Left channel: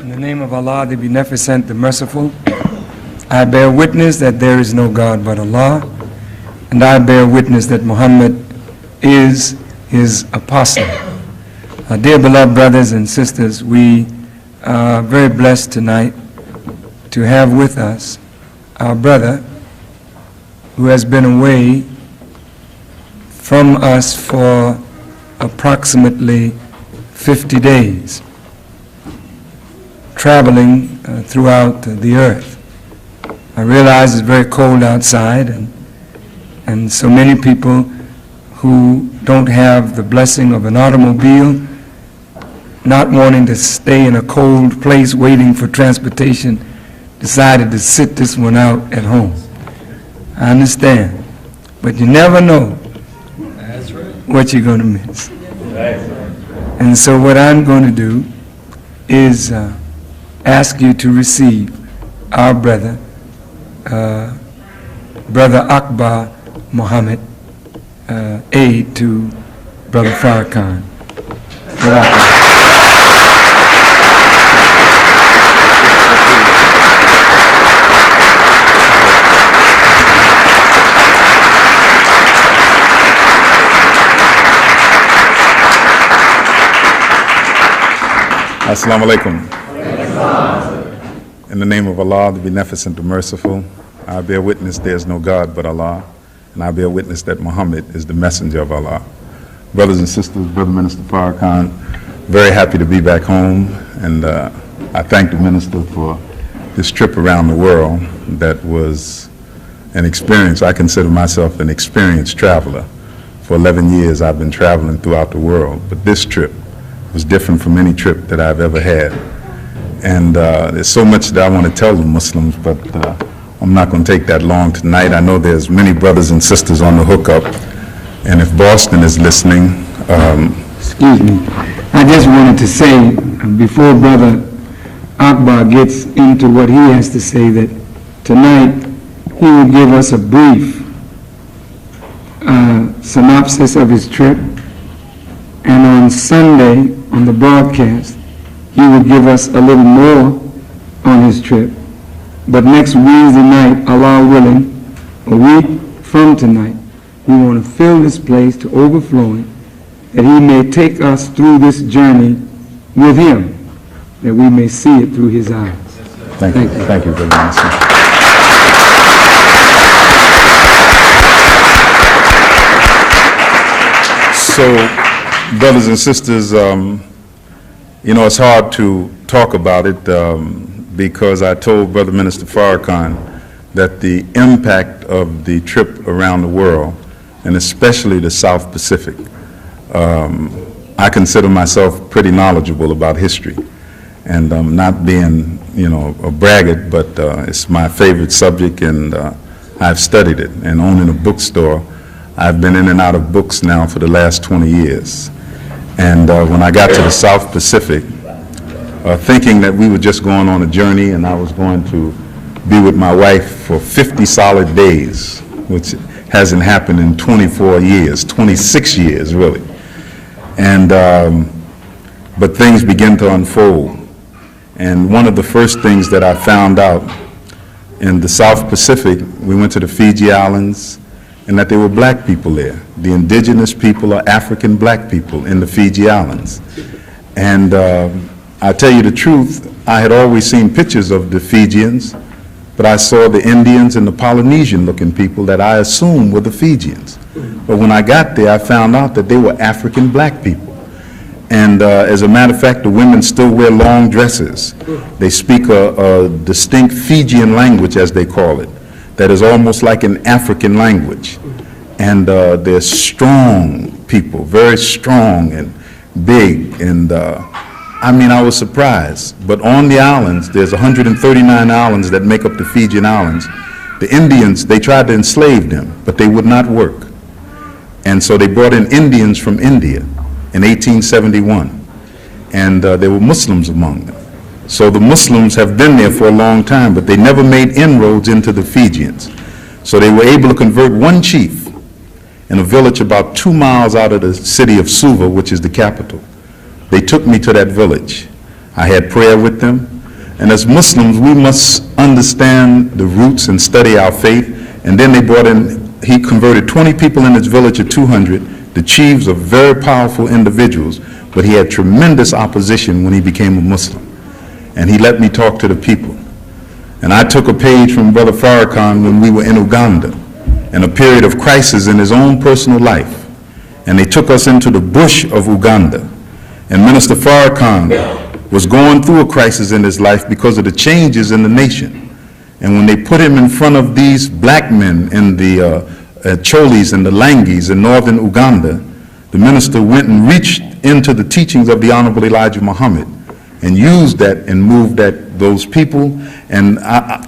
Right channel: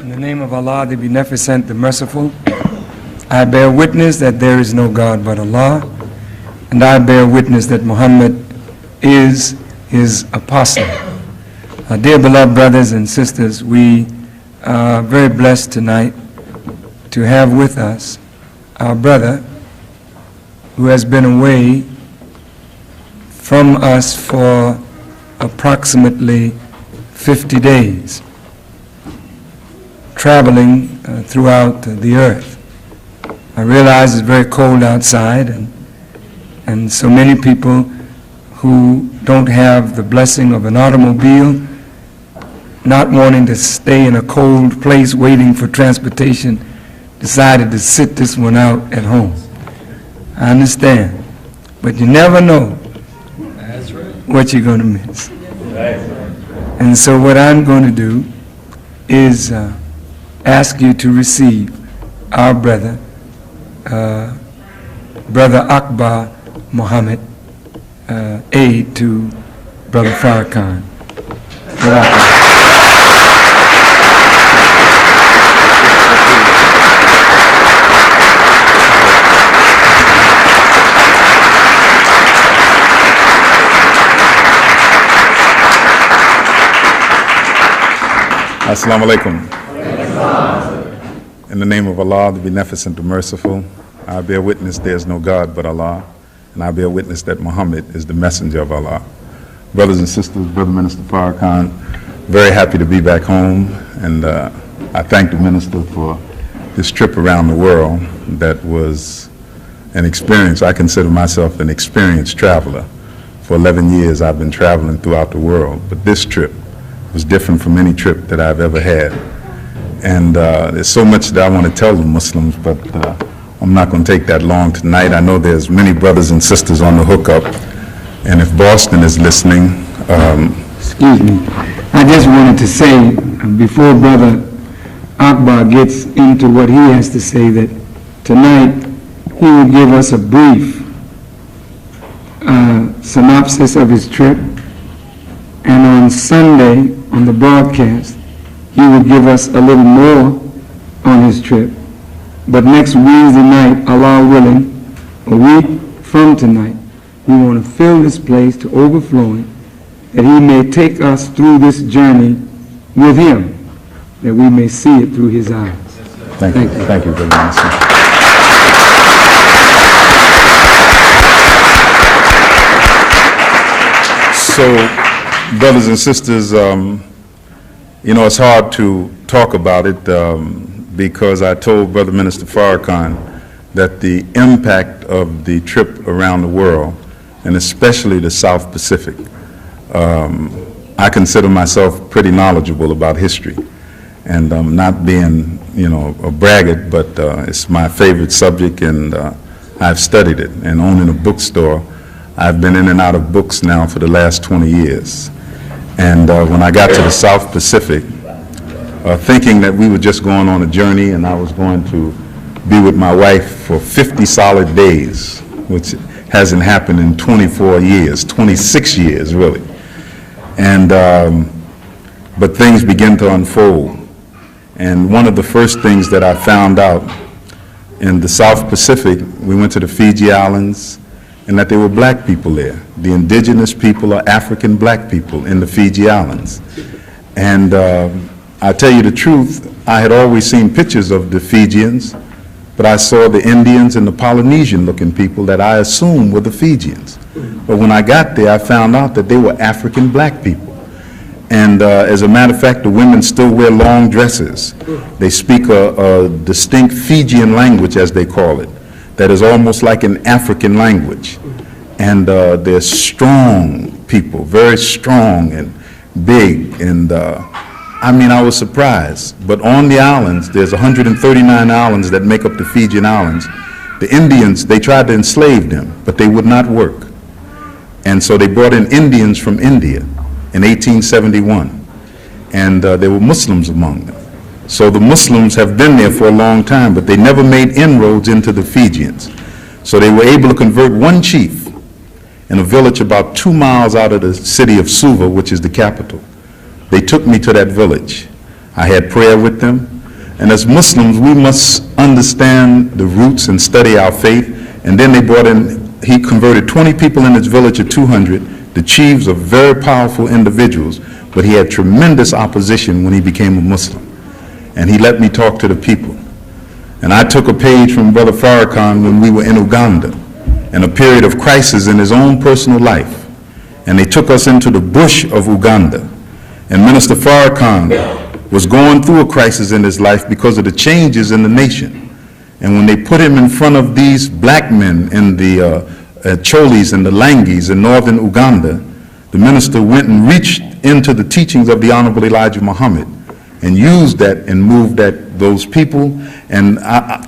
In the name of Allah, the Beneficent, the Merciful, I bear witness that there is no God but Allah, and I bear witness that Muhammad is his apostle. Dear beloved brothers and sisters, we are very blessed tonight to have with us our brother who has been away from us for approximately 50 days, traveling throughout the earth. I realize it's very cold outside, and so many people who don't have the blessing of an automobile, not wanting to stay in a cold place waiting for transportation, decided to sit this one out at home. I understand, but you never know what you're going to miss. And so what I'm going to do is ask you to receive our brother, Brother Akbar Muhammad, aid to Brother Farrakhan. Assalamu alaikum. In the name of Allah, the Beneficent, the Merciful, I bear witness there is no God but Allah, and I bear witness that Muhammad is the messenger of Allah. Brothers and sisters, Brother Minister Farrakhan, very happy to be back home, and I thank the Minister for this trip around the world that was an experience. I consider myself an experienced traveler. For 11 years I've been traveling throughout the world, but this trip was different from any trip that I've ever had. And there's so much that I want to tell the Muslims, but I'm not going to take that long tonight. I know there's many brothers and sisters on the hookup, and if Boston is listening... Excuse me. I just wanted to say, before Brother Akbar gets into what he has to say, that tonight he will give us a brief synopsis of his trip, and on Sunday, on the broadcast, he will give us a little more on his trip. But next Wednesday night, Allah willing, a week from tonight, we want to fill this place to overflowing, that he may take us through this journey with him, that we may see it through his eyes. Thank you. Thank you very much. So, brothers and sisters, you know, it's hard to talk about it because I told Brother Minister Farrakhan that the impact of the trip around the world, and especially the South Pacific, I consider myself pretty knowledgeable about history. And not being, you know, a braggart, but it's my favorite subject, and I've studied it. And owning a bookstore, I've been in and out of books now for the last 20 years. And when I got to the South Pacific, thinking that we were just going on a journey and I was going to be with my wife for 50 solid days, which hasn't happened in 24 years, 26 years really. And, but things began to unfold. And one of the first things that I found out in the South Pacific, we went to the Fiji Islands, and that there were black people there. The indigenous people are African black people in the Fiji Islands. And I tell you the truth, I had always seen pictures of the Fijians, but I saw the Indians and the Polynesian looking people that I assumed were the Fijians. But when I got there, I found out that they were African black people. And as a matter of fact, the women still wear long dresses. They speak a distinct Fijian language, as they call it, that is almost like an African language. And they're strong people, very strong and big. And I mean, I was surprised. But on the islands, there's 139 islands that make up the Fijian Islands. The Indians, they tried to enslave them, but they would not work. And so they brought in Indians from India in 1871. And there were Muslims among them. So the Muslims have been there for a long time, but they never made inroads into the Fijians. So they were able to convert one chief in a village about 2 miles out of the city of Suva, which is the capital. They took me to that village. I had prayer with them. And as Muslims, we must understand the roots and study our faith. And then they brought in, he converted 20 people in his village of 200. The chiefs are very powerful individuals, but he had tremendous opposition when he became a Muslim. And he let me talk to the people. And I took a page from Brother Farrakhan when we were in Uganda, in a period of crisis in his own personal life. And they took us into the bush of Uganda. And Minister Farrakhan was going through a crisis in his life because of the changes in the nation. And when they put him in front of these black men in the Cholis and the Langis in northern Uganda, the minister went and reached into the teachings of the Honorable Elijah Muhammad and used that and moved those people. And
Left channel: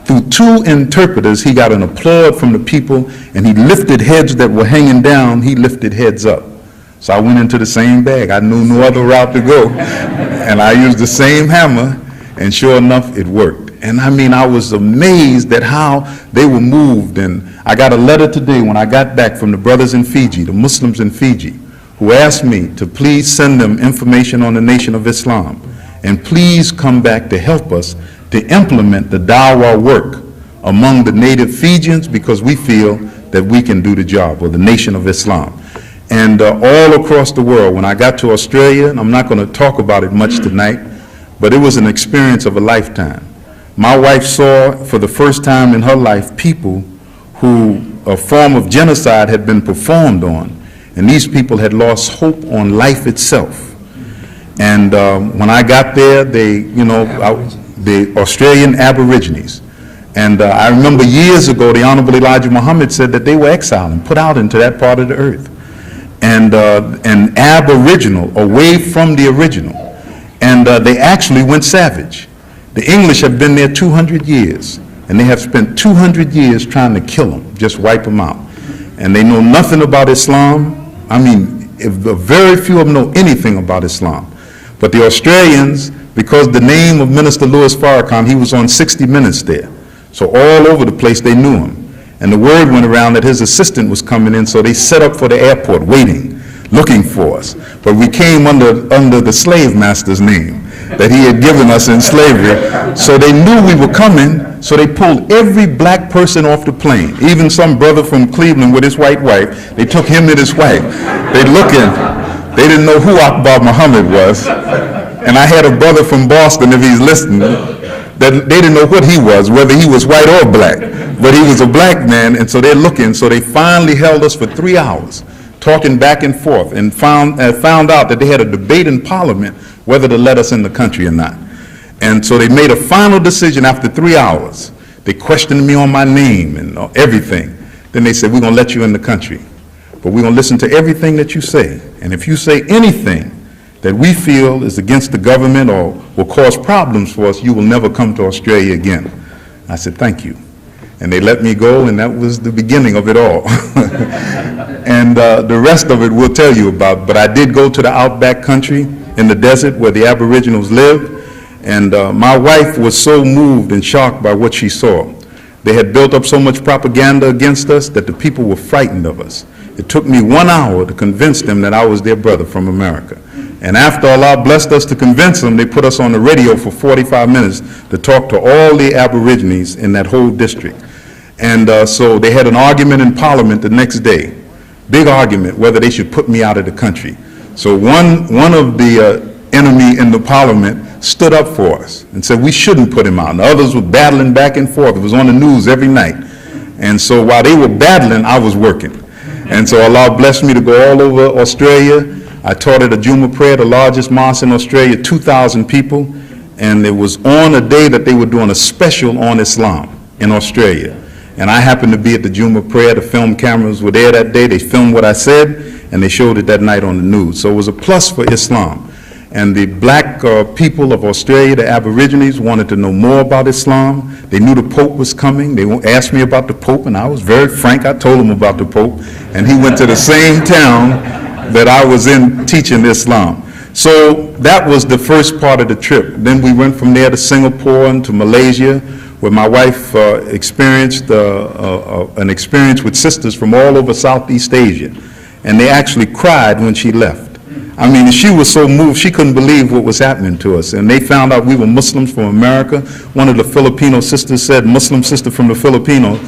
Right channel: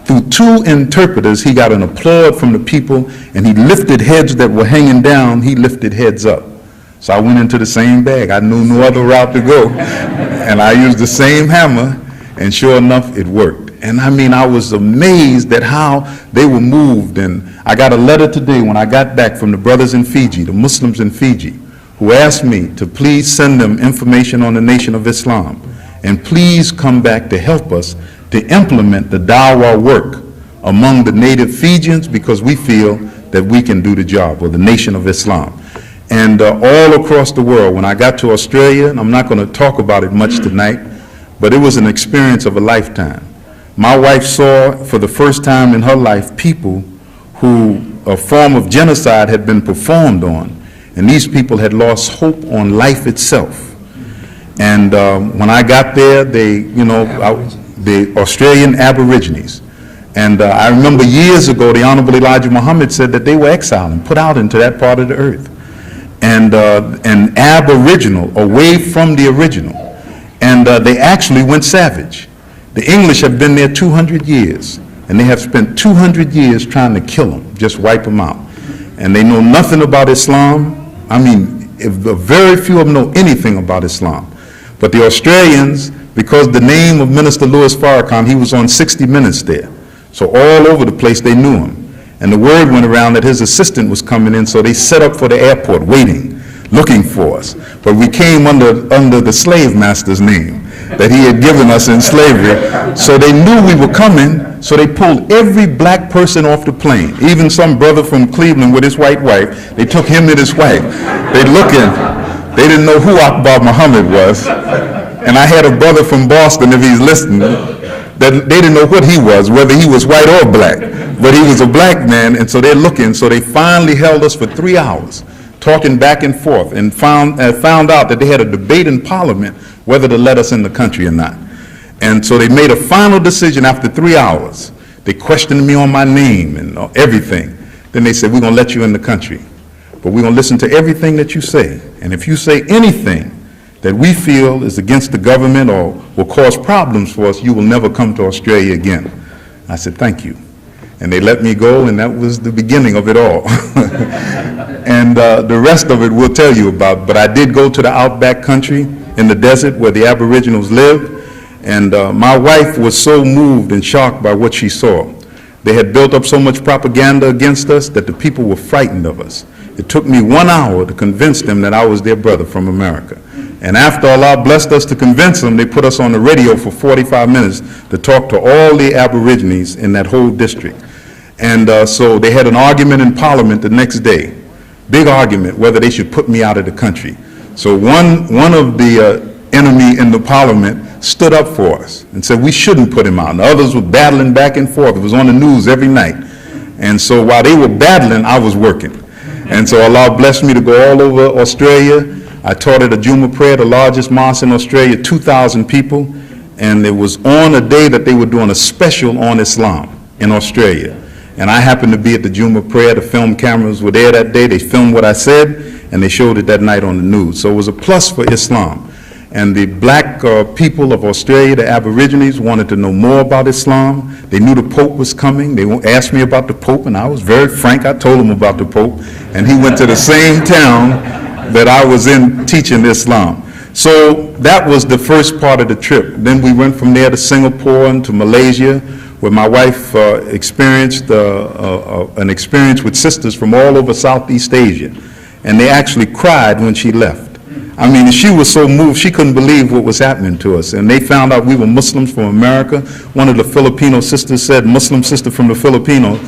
through two interpreters, he got an applaud from the people, and he lifted heads that were hanging down, he lifted heads up. So I went into the same bag. I knew no other route to go. And I used the same hammer, and sure enough, it worked. And I mean, I was amazed at how they were moved. And I got a letter today when I got back from the brothers in Fiji, the Muslims in Fiji, who asked me to please send them information on the Nation of Islam. And please come back to help us to implement the dawah work among the native Fijians, because we feel that we can do the job, or the Nation of Islam. And all across the world, when I got to Australia, and I'm not going to talk about it much tonight, but it was an experience of a lifetime. My wife saw for the first time in her life people who a form of genocide had been performed on, and these people had lost hope on life itself. And when I got there, the Australian Aborigines, and I remember years ago, the Honorable Elijah Muhammad said that they were exiled and put out into that part of the earth. And an aboriginal, away from the original. And they actually went savage. The English have been there 200 years, and they have spent 200 years trying to kill them, just wipe them out. And they know nothing about Islam. I mean, very few of them know anything about Islam. But the Australians, because the name of Minister Louis Farrakhan, he was on 60 Minutes there. So all over the place they knew him. And the word went around that his assistant was coming in, so they set up for the airport waiting, looking for us. But we came under the slave master's name that he had given us in slavery. So they knew we were coming, so they pulled every black person off the plane. Even some brother from Cleveland with his white wife, they took him and his wife. They looking, they didn't know who Akbar Muhammad was. And I had a brother from Boston, if he's listening, that they didn't know what he was, whether he was white or black. But he was a black man, and so they're looking. So they finally held us for 3 hours, talking back and forth, and found out that they had a debate in Parliament whether to let us in the country or not. And so they made a final decision after 3 hours. They questioned me on my name and everything. Then they said, we're going to let you in the country, but we're going to listen to everything that you say. And if you say anything that we feel is against the government or will cause problems for us, you will never come to Australia again. I said, thank you. And they let me go, and that was the beginning of it all. And the rest of it we'll tell you about. But I did go to the outback country in the desert where the Aboriginals live, and my wife was so moved and shocked by what she saw. They had built up so much propaganda against us that the people were frightened of us. It took me 1 hour to convince them that I was their brother from America. And after Allah blessed us to convince them, they put us on the radio for 45 minutes to talk to all the Aborigines in that whole district. And so they had an argument in Parliament the next day, big argument, whether they should put me out of the country. So one of the enemy in the Parliament stood up for us and said we shouldn't put him out. And the others were battling back and forth. It was on the news every night. And so while they were battling, I was working. And so Allah blessed me to go all over Australia. I taught at a Juma prayer, the largest mosque in Australia, 2,000 people. And it was on a day that they were doing a special on Islam in Australia. And I happened to be at the Juma prayer. The film cameras were there that day. They filmed what I said, and they showed it that night on the news. So it was a plus for Islam. And the black people of Australia, the Aborigines, wanted to know more about Islam. They knew the Pope was coming. They asked me about the Pope, and I was very frank. I told them about the Pope. And he went to the same town that I was in teaching Islam. So that was the first part of the trip. Then we went from there to Singapore and to Malaysia, where my wife experienced an experience with sisters from all over Southeast Asia. And they actually cried when she left. I mean, she was so moved, she couldn't believe what was happening to us. And they found out we were Muslims from America. One of the Filipino sisters said, Muslim sister from the Philippines,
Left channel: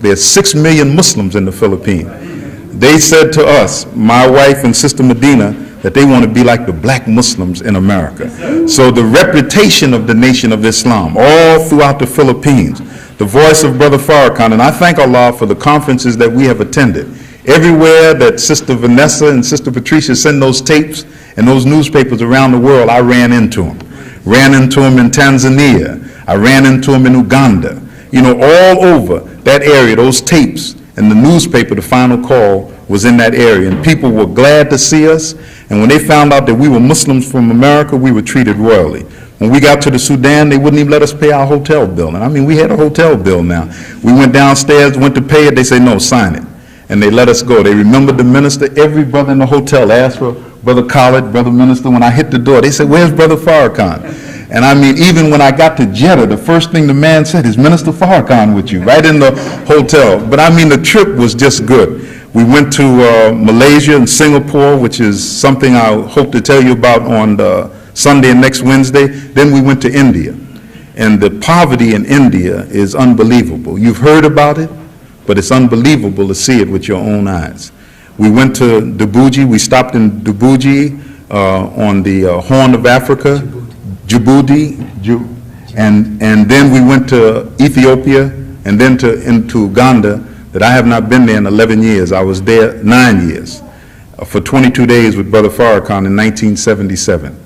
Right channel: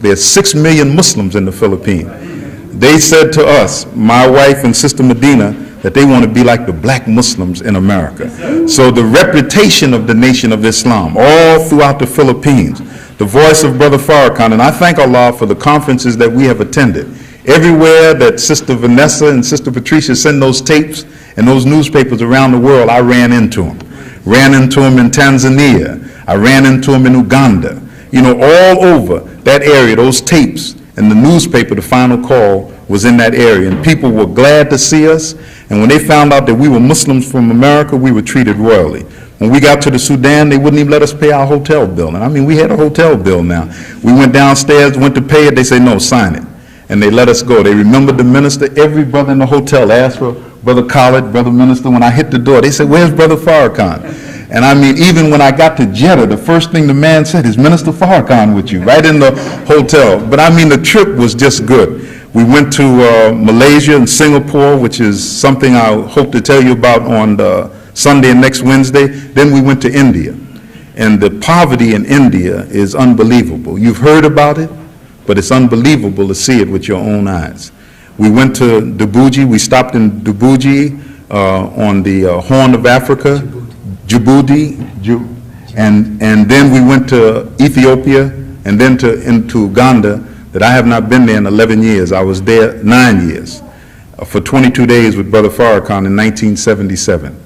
there's 6 million Muslims in the Philippines. They said to us, my wife and Sister Medina, that they want to be like the black Muslims in America. So the reputation of the Nation of Islam all throughout the Philippines, the voice of Brother Farrakhan, and I thank Allah for the conferences that we have attended. Everywhere that Sister Vanessa and Sister Patricia send those tapes and those newspapers around the world, I ran into them. Ran into them in Tanzania. I ran into them in Uganda. You know, all over that area, those tapes and the newspaper, the Final Call, was in that area. And people were glad to see us. And when they found out that we were Muslims from America, we were treated royally. When we got to the Sudan, they wouldn't even let us pay our hotel bill. And I mean, we had a hotel bill now. We went downstairs, went to pay it. They said, no, sign it. And they let us go. They remembered the minister. Every brother in the hotel asked for Brother Khaled, Brother Minister. When I hit the door, they said, where's Brother Farrakhan? And I mean, even when I got to Jeddah, the first thing the man said is, Minister Farrakhan with you, right in the hotel. But I mean, the trip was just good. We went to Malaysia and Singapore, which is something I hope to tell you about on Sunday and next Wednesday. Then we went to India. And the poverty in India is unbelievable. You've heard about it, but it's unbelievable to see it with your own eyes. We went to Djibouti. We stopped in Djibouti on the Horn of Africa, Djibouti, and then we went to Ethiopia, and then into Uganda, that I have not been there in 11 years. I was there 9 years for 22 days with Brother Farrakhan in 1977.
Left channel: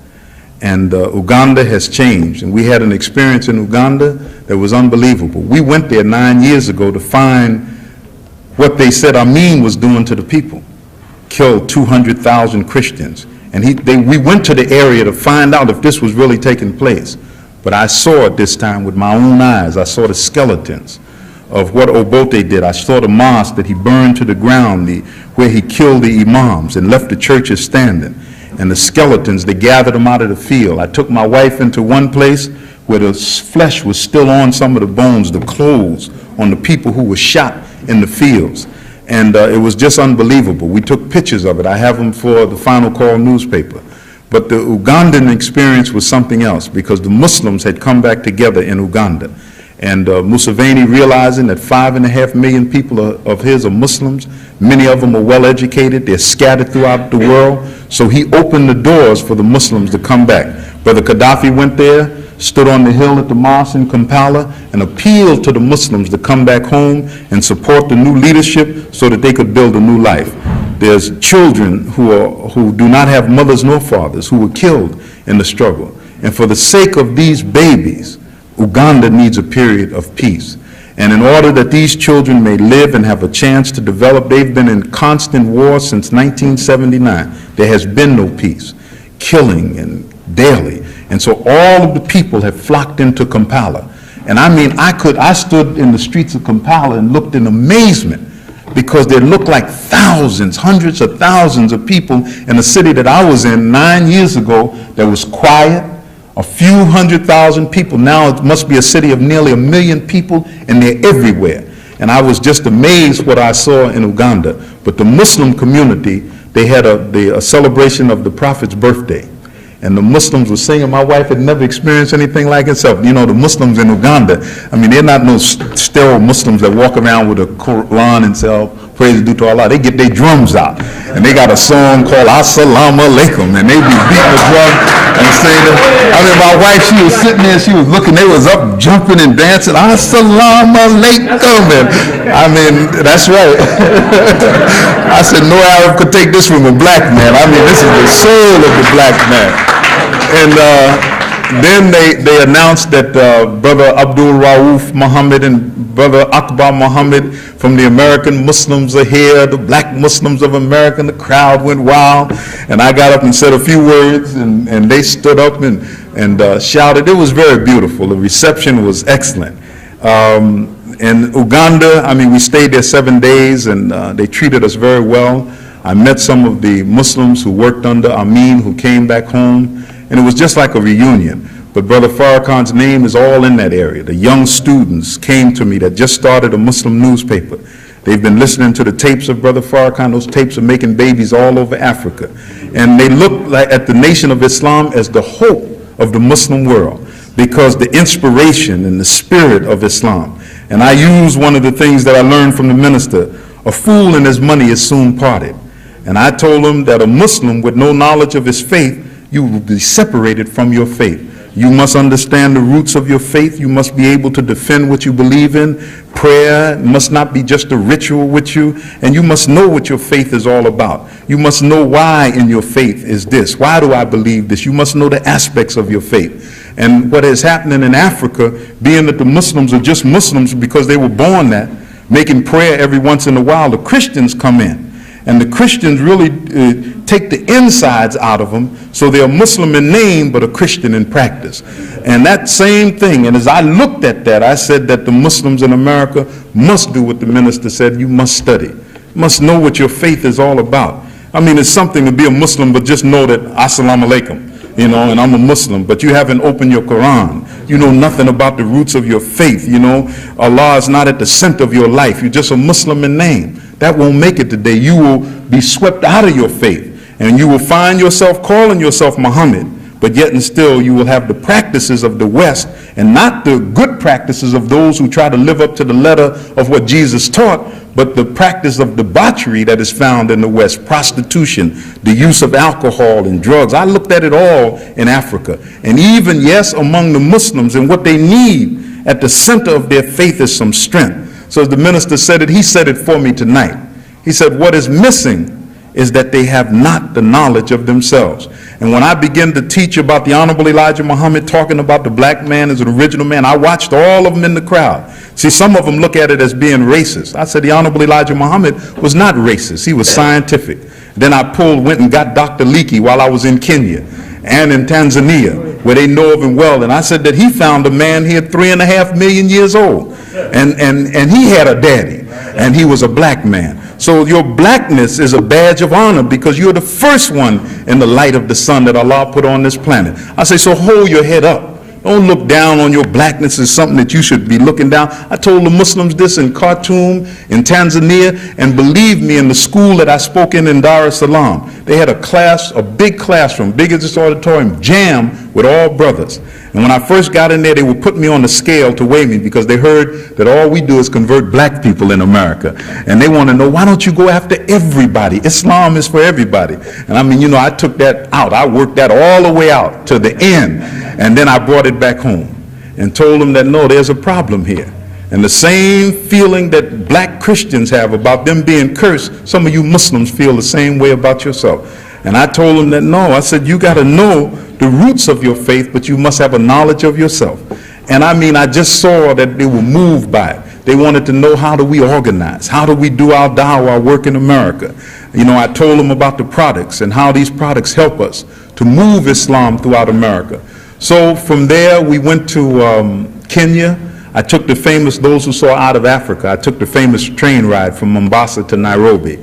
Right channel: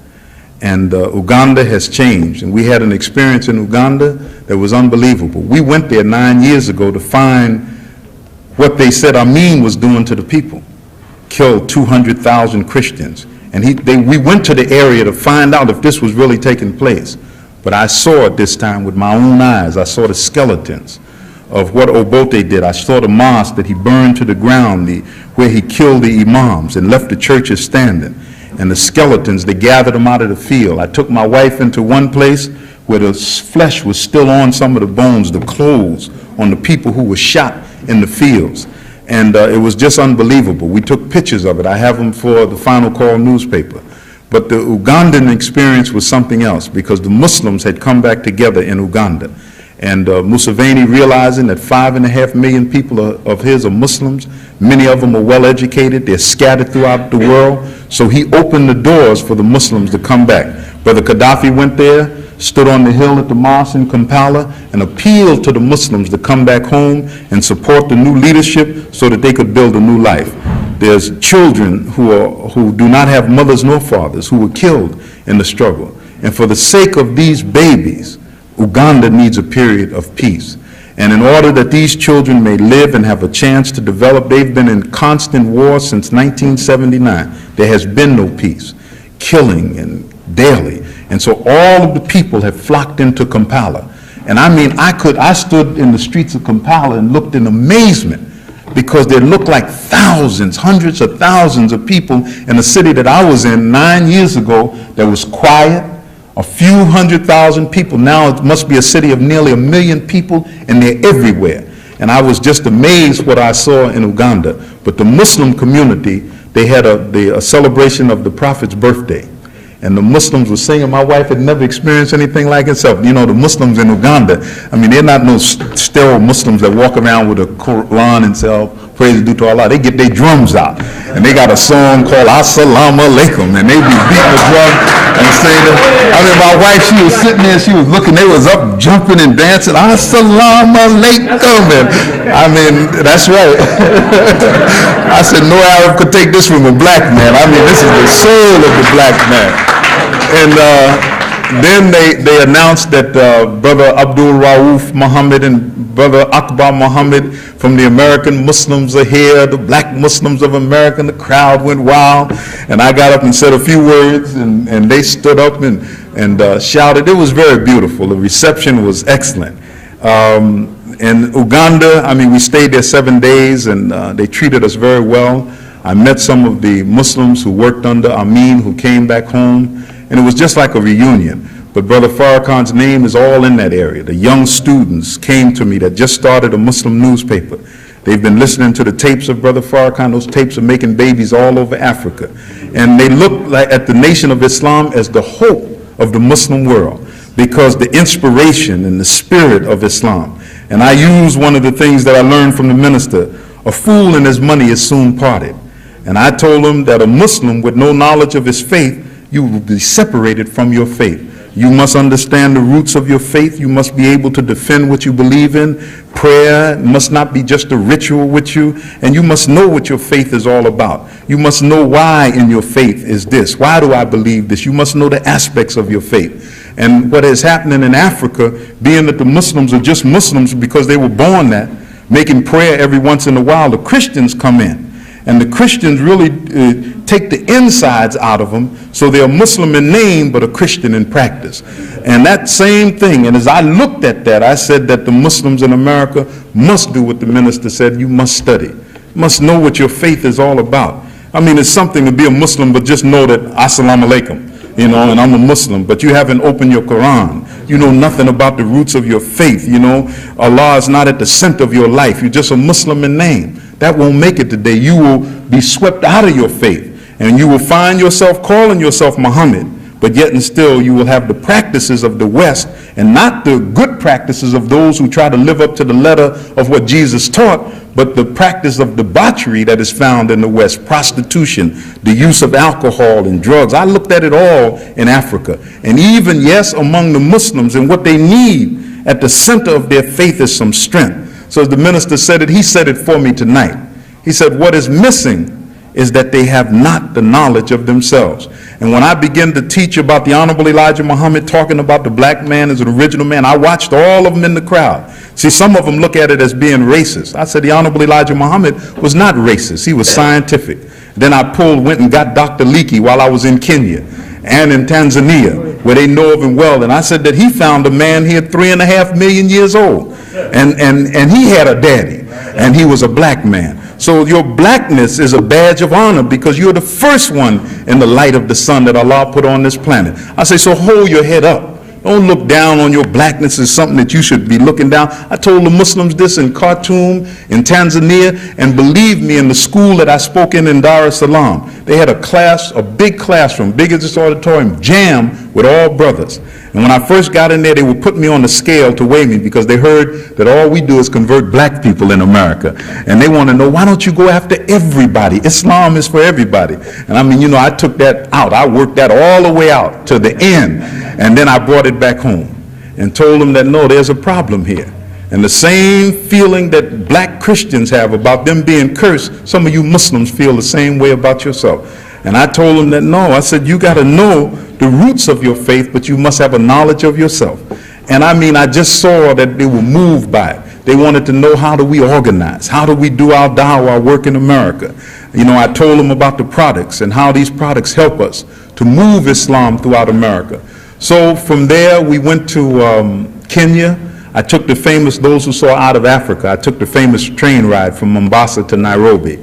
And Uganda has changed, and we had an experience in Uganda that was unbelievable. We went there 9 years ago to find what they said Amin was doing to the people. Killed 200,000 Christians. And we went to the area to find out if this was really taking place. But I saw it this time with my own eyes. I saw the skeletons of what Obote did. I saw the mosque that he burned to the ground, where he killed the imams and left the churches standing. And the skeletons, they gathered them out of the field. I took my wife into one place where the flesh was still on some of the bones, the clothes on the people who were shot in the fields. And it was just unbelievable. We took pictures of it. I have them for the Final Call newspaper. But the Ugandan experience was something else, because the Muslims had come back together in Uganda. And Museveni, realizing that 5.5 million people of his are Muslims, many of them are well educated, they're scattered throughout the world, so he opened the doors for the Muslims to come back. Brother Gaddafi went there, stood on the hill at the mosque in Kampala, and appealed to the Muslims to come back home and support the new leadership so that they could build a new life. There's children who do not have mothers nor fathers, who were killed in the struggle. And for the sake of these babies, Uganda needs a period of peace. And in order that these children may live and have a chance to develop, they've been in constant war since 1979. There has been no peace, killing and daily. And so all of the people have flocked into Kampala. And I mean, I stood in the streets of Kampala and looked in amazement, because there looked like thousands, hundreds of thousands of people in a city that I was in 9 years ago that was quiet, a few 100,000 people. Now it must be a city of nearly 1 million people, and they're everywhere. And I was just amazed what I saw in Uganda. But the Muslim community, they had a celebration of the Prophet's birthday. And the Muslims were singing. My wife had never experienced anything like itself. You know, the Muslims in Uganda, I mean, they're not no sterile Muslims that walk around with a Quran and say, oh, praise due to Allah. They get their drums out. And they got a song called Assalamu Alaikum. And they be beating the drum and saying, I mean, my wife, she was sitting there, she was looking, they was up jumping and dancing, Assalamu Alaikum. And I mean, that's right. I said, no Arab could take this from a black man. I mean, this is the soul of the black man. And then they announced that Brother Abdul Rauf Muhammad and Brother Akbar Muhammad from the American Muslims are here, the black Muslims of America, and the crowd went wild. And I got up and said a few words, and they stood up and shouted. It was very beautiful. The reception was excellent. In Uganda, I mean, we stayed there 7 days, and they treated us very well. I met some of the Muslims who worked under Amin, who came back home, and it was just like a reunion. But Brother Farrakhan's name is all in that area. The young students came to me that just started a Muslim newspaper. They've been listening to the tapes of Brother Farrakhan. Those tapes are making babies all over Africa. And they look like at the Nation of Islam as the hope of the Muslim world, because the inspiration and the spirit of Islam. And I use one of the things that I learned from the minister: a fool and his money is soon parted. And I told him that a Muslim with no knowledge of his faith, you will be separated from your faith. You must understand the roots of your faith. You must be able to defend what you believe in. Prayer must not be just a ritual with you, and you must know what your faith is all about. You must know why in your faith is this. Why do I believe this? You must know the aspects of your faith. And what is happening in Africa, being that the Muslims are just Muslims because they were born that, making prayer every once in a while, the Christians come in. And the Christians really take the insides out of them, so they're Muslim in name but a Christian in practice. And that same thing, and as I looked at that, I said that the Muslims in America must do what the minister said: you must study. You must know what your faith is all about. I mean, it's something to be a Muslim, but just know that Assalamu alaikum, you know, and I'm a Muslim, but you haven't opened your Quran. You know nothing about the roots of your faith, you know. Allah is not at the center of your life. You're just a Muslim in name. That won't make it today. You will be swept out of your faith, and you will find yourself calling yourself Muhammad, but yet and still you will have the practices of the West and not the good practices of those who try to live up to the letter of what Jesus taught, but the practice of debauchery that is found in the West: prostitution, the use of alcohol and drugs. I looked at it all in Africa, and even, yes, among the Muslims, and what they need at the center of their faith is some strength. So as the minister said it, he said it for me tonight. He said, what is missing is that they have not the knowledge of themselves. And when I began to teach about the Honorable Elijah Muhammad, talking about the black man as an original man, I watched all of them in the crowd. See, some of them look at it as being racist. I said the Honorable Elijah Muhammad was not racist. He was scientific. Then I went and got Dr. Leakey while I was in Kenya and in Tanzania, where they know of him well. And I said that he found a man here 3.5 million years old. And he had a daddy, and he was a black man. So your blackness is a badge of honor, because you're the first one in the light of the sun that Allah put on this planet. I say, so hold your head up. Don't look down on your blackness as something that you should be looking down. I told the Muslims this in Khartoum, in Tanzania, and believe me, in the school that I spoke in Dar es Salaam, they had a class, a big classroom, big as this auditorium, jammed with all brothers. And when I first got in there, they would put me on the scale to weigh me, because they heard that all we do is convert black people in America. And they want to know, why don't you go after everybody? Islam is for everybody. And I mean, you know, I took that out. I worked that all the way out to the end. And then I brought it back home and told them that, no, there's a problem here. And the same feeling that black Christians have about them being cursed, some of you Muslims feel the same way about yourself. And I told them that, no, I said, you got to know the roots of your faith, but you must have a knowledge of yourself. And I mean, I just saw that they were moved by it. They wanted to know, how do we organize? How do we do our dawah, our work in America? You know, I told them about the products and how these products help us to move Islam throughout America. So from there, we went to Kenya. I took the famous, those who saw Out of Africa, I took the famous train ride from Mombasa to Nairobi.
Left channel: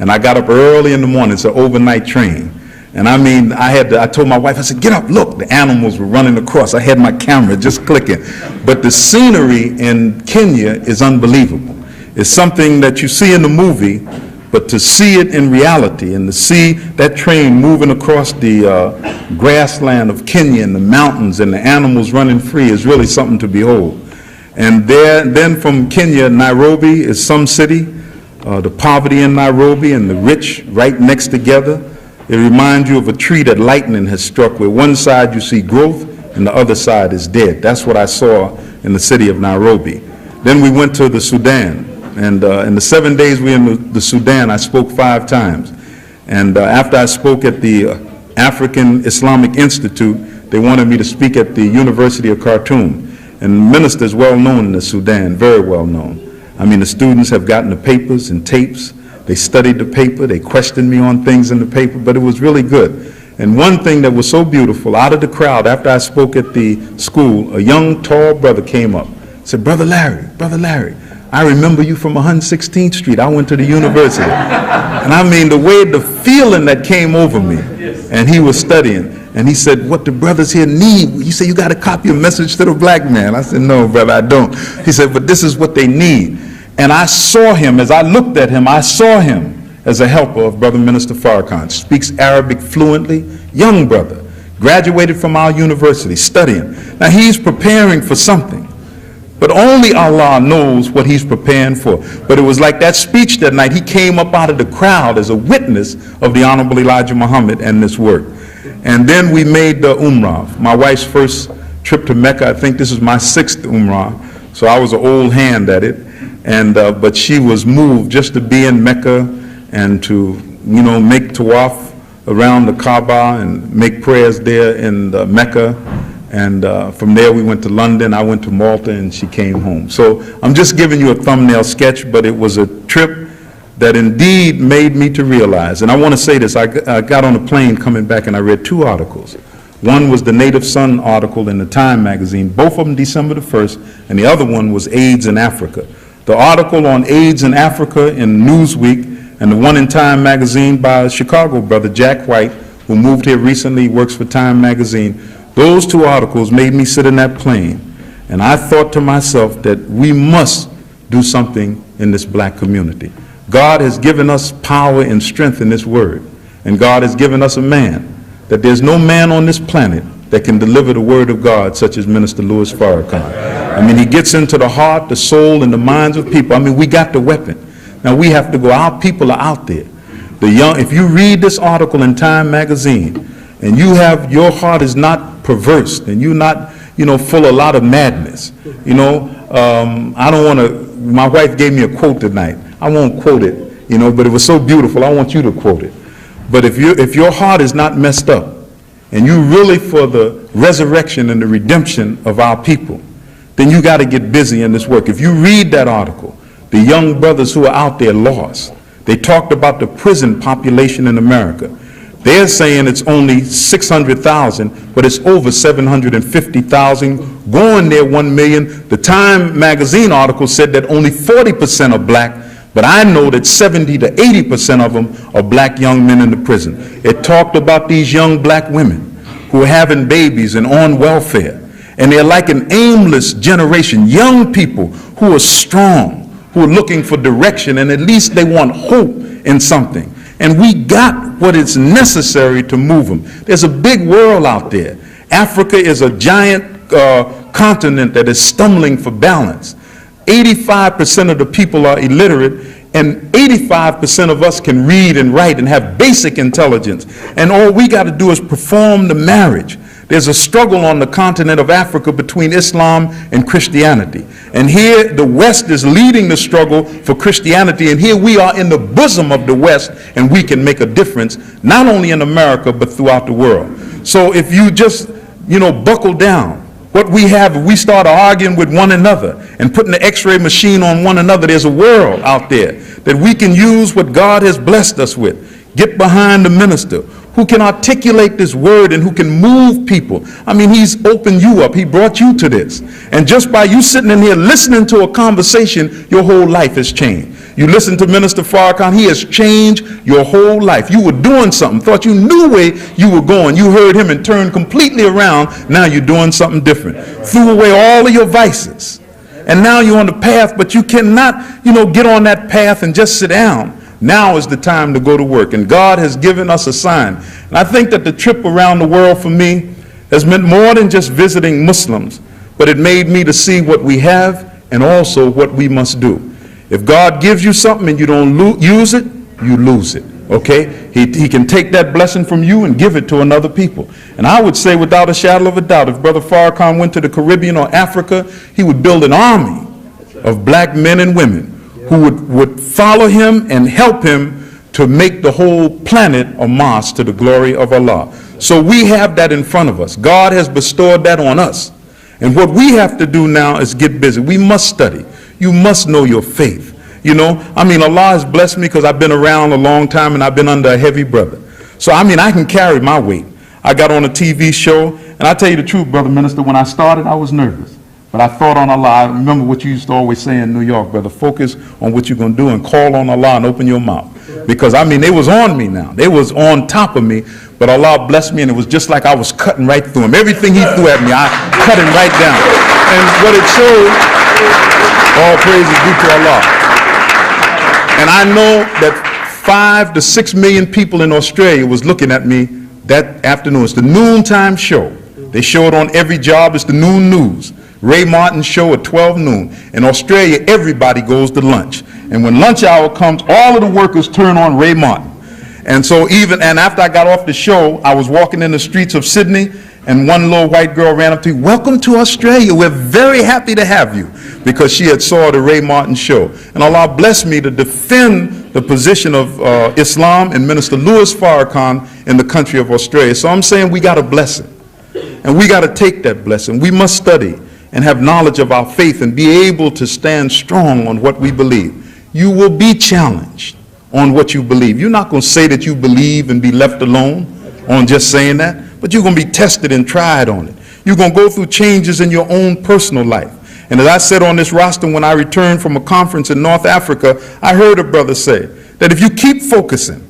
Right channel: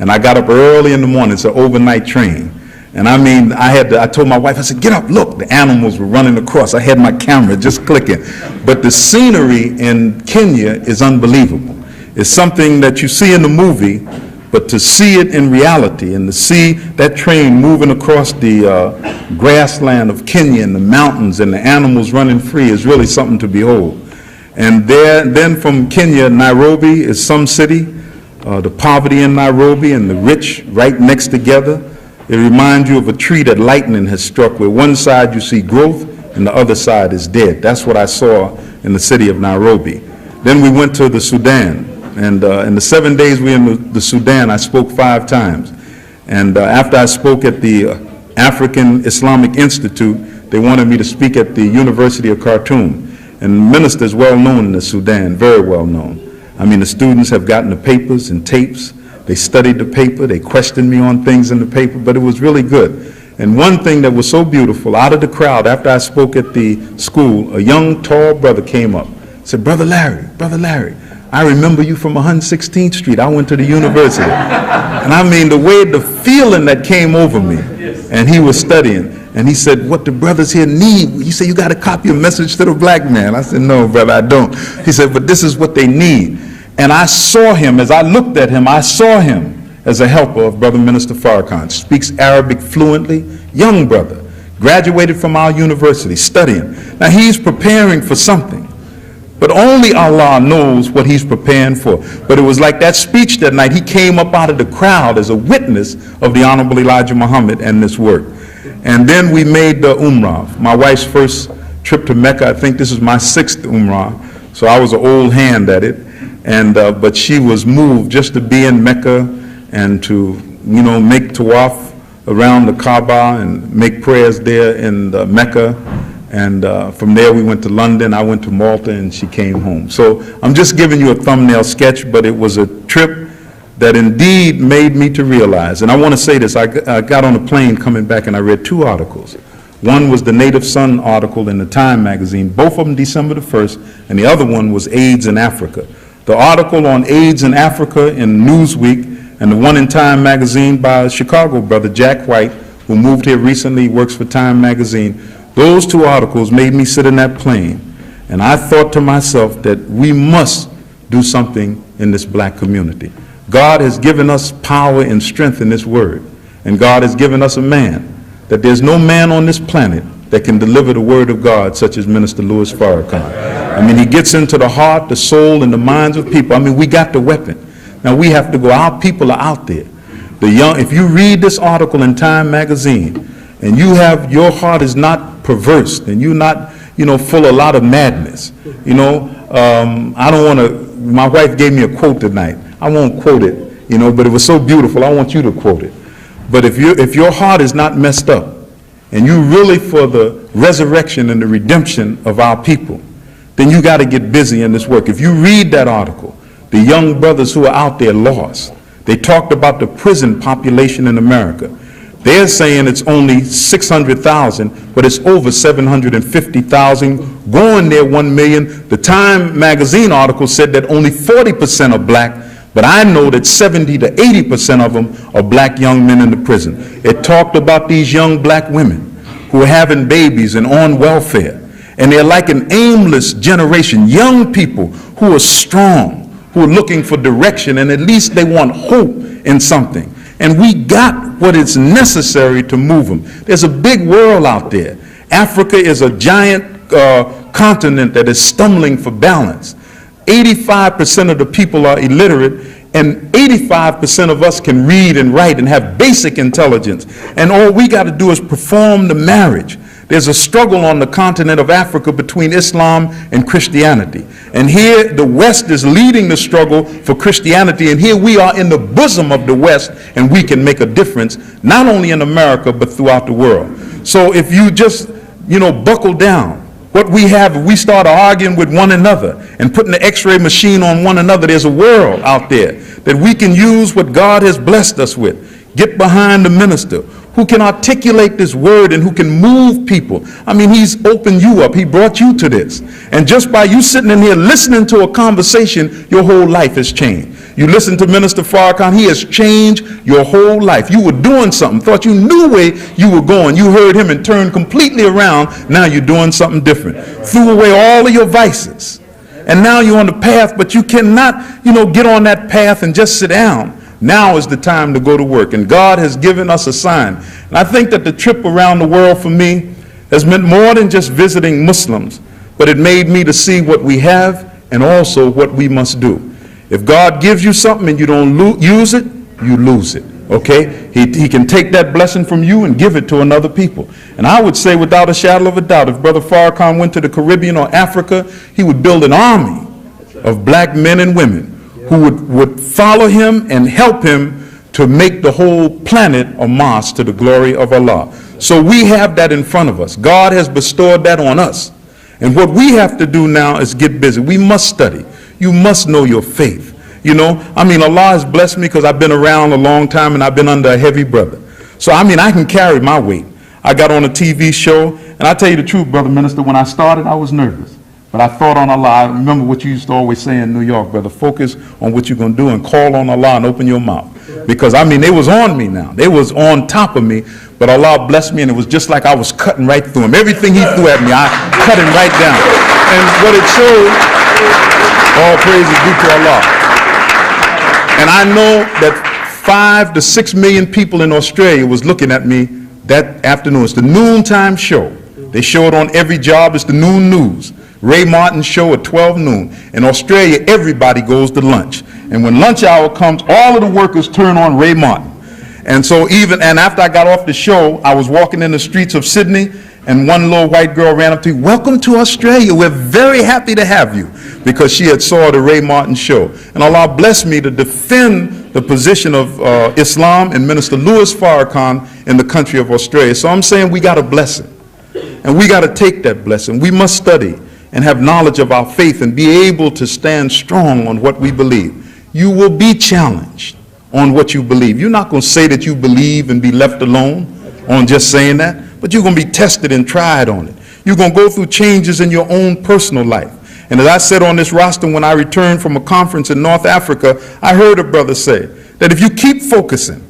And I got up early in the morning. It's an overnight train. And I mean, I told my wife, I said, get up, look, the animals were running across. I had my camera just clicking. But the scenery in Kenya is unbelievable. It's something that you see in the movie, but to see it in reality and to see that train moving across the grassland of Kenya and the mountains and the animals running free is really something to behold. And then from Kenya, Nairobi is some city. The poverty in Nairobi and the rich right next together. It reminds you of a tree that lightning has struck, where one side you see growth and the other side is dead. That's what I saw in the city of Nairobi. Then we went to the Sudan, and in the 7 days we were in the Sudan, I spoke 5 times. And after I spoke at the African Islamic Institute, they wanted me to speak at the University of Khartoum. And the minister is well known in the Sudan, very well known. I mean, the students have gotten the papers and tapes. They studied the paper. They questioned me on things in the paper, but it was really good. And one thing that was so beautiful, out of the crowd, after I spoke at the school, a young, tall brother came up, said, Brother Larry, I remember you from 116th Street. I went to the university. And I mean, the way, the feeling that came over me, and he was studying, and he said, what the brothers here need, he said, you got to copy a message to the black man. I said, no, brother, I don't. He said, but this is what they need. And I saw him, as I looked at him, I saw him as a helper of Brother Minister Farrakhan. Speaks Arabic fluently, young brother, graduated from our university, studying. Now he's preparing for something, but only Allah knows what he's preparing for. But it was like that speech that night. He came up out of the crowd as a witness of the Honorable Elijah Muhammad and this work. And then we made the Umrah, my wife's first trip to Mecca. I think this is my 6th Umrah, so I was an old hand at it. And but she was moved just to be in Mecca and to, you know, make tawaf around the Kaaba and make prayers there in Mecca. And from there we went to London, I went to Malta, and she came home. So I'm just giving you a thumbnail sketch, but it was a trip that indeed made me to realize. And I want to say this, I got on a plane coming back and I read 2 articles. One was the Native Son article in the Time magazine, both of them December the 1st, and the other one was AIDS in Africa. The article on AIDS in Africa in Newsweek, and the one in Time magazine by a Chicago brother, Jack White, who moved here recently, works for Time magazine. Those 2 articles made me sit in that plane, and I thought to myself that we must do something in this black community. God has given us power and strength in this word, and God has given us a man, that there's no man on this planet that can deliver the word of God such as Minister Louis Farrakhan. I mean, he gets into the heart, the soul, and the minds of people. I mean, we got the weapon. Now we have to go. Our people are out there. The young, if you read this article in Time magazine, and you have, your heart is not perverse, and you're not, you know, full of a lot of madness. You know, I don't want to, my wife gave me a quote tonight. I won't quote it, you know, but it was so beautiful, I want you to quote it. But if your heart is not messed up, and you really for the resurrection and the redemption of our people, then you got to get busy in this work. If you read that article, the young brothers who are out there lost, they talked about the prison population in America. They're saying it's only 600,000, but it's over 750,000, going there 1 million. The Time magazine article said that only 40% are black, but I know that 70 to 80% of them are black young men in the prison. It talked about these young black women who are having babies and on welfare, and they're like an aimless generation, young people who are strong, who are looking for direction, and at least they want hope in something. And we got what is necessary to move them. There's a big world out there. Africa is a giant continent that is stumbling for balance. 85% of the people are illiterate, and 85% of us can read and write and have basic intelligence. And all we got to do is perform the marriage. There's a struggle on the continent of Africa between Islam and Christianity. And here the West is leading the struggle for Christianity, and here we are in the bosom of the West, and we can make a difference, not only in America, but throughout the world. So if you just, you know, buckle down, what we have, if we start arguing with one another and putting the x-ray machine on one another, there's a world out there that we can use what God has blessed us with. Get behind the minister who can articulate this word and who can move people. I mean, he's opened you up. He brought you to this. And just by you sitting in here listening to a conversation, your whole life has changed. You listen to Minister Farrakhan, he has changed your whole life. You were doing something, thought you knew where you were going. You heard him and turned completely around. Now you're doing something different. Threw away all of your vices. And now you're on the path, but you cannot, you know, get on that path and just sit down. Now is the time to go to work, and God has given us a sign. And I think that the trip around the world for me has meant more than just visiting Muslims, but it made me to see what we have and also what we must do. If God gives you something and you don't use it, you lose it, okay? He can take that blessing from you and give it to another people. And I would say without a shadow of a doubt, if Brother Farrakhan went to the Caribbean or Africa, he would build an army of black men and women who would follow him and help him to make the whole planet a mosque to the glory of Allah. So we have that in front of us. God has bestowed that on us. And what we have to do now is get busy. We must study. You must know your faith. You know, I mean, Allah has blessed me because I've been around a long time and I've been under a heavy brother. So, I mean, I can carry my weight. I got on a TV show, and I tell you the truth, Brother Minister, when I started, I was nervous. But I thought on Allah. I remember what you used to always say in New York, brother, focus on what you're going to do and call on Allah and open your mouth. Because, I mean, they was on me now. They was on top of me, but Allah blessed me, and it was just like I was cutting right through him. Everything he threw at me, I cut him right down. And what it showed, all praise is due to Allah. And I know that 5 to 6 million people in Australia was looking at me that afternoon. It's the noontime show. They show it on every job. It's the noon news. Ray Martin's show at 12 noon. In Australia, everybody goes to lunch. And when lunch hour comes, all of the workers turn on Ray Martin. And so and after I got off the show, I was walking in the streets of Sydney, and one little white girl ran up to me, "Welcome to Australia. We're very happy to have you," because she had saw the Ray Martin show. And Allah blessed me to defend the position of Islam and Minister Louis Farrakhan in the country of Australia. So I'm saying we got a blessing, and we got to take that blessing. We must study and have knowledge of our faith and be able to stand strong on what we believe. You will be challenged on what you believe. You're not going to say that you believe and be left alone on just saying that, but you're going to be tested and tried on it. You're going to go through changes in your own personal life. And as I said on this roster when I returned from a conference in North Africa, I heard a brother say that if you keep focusing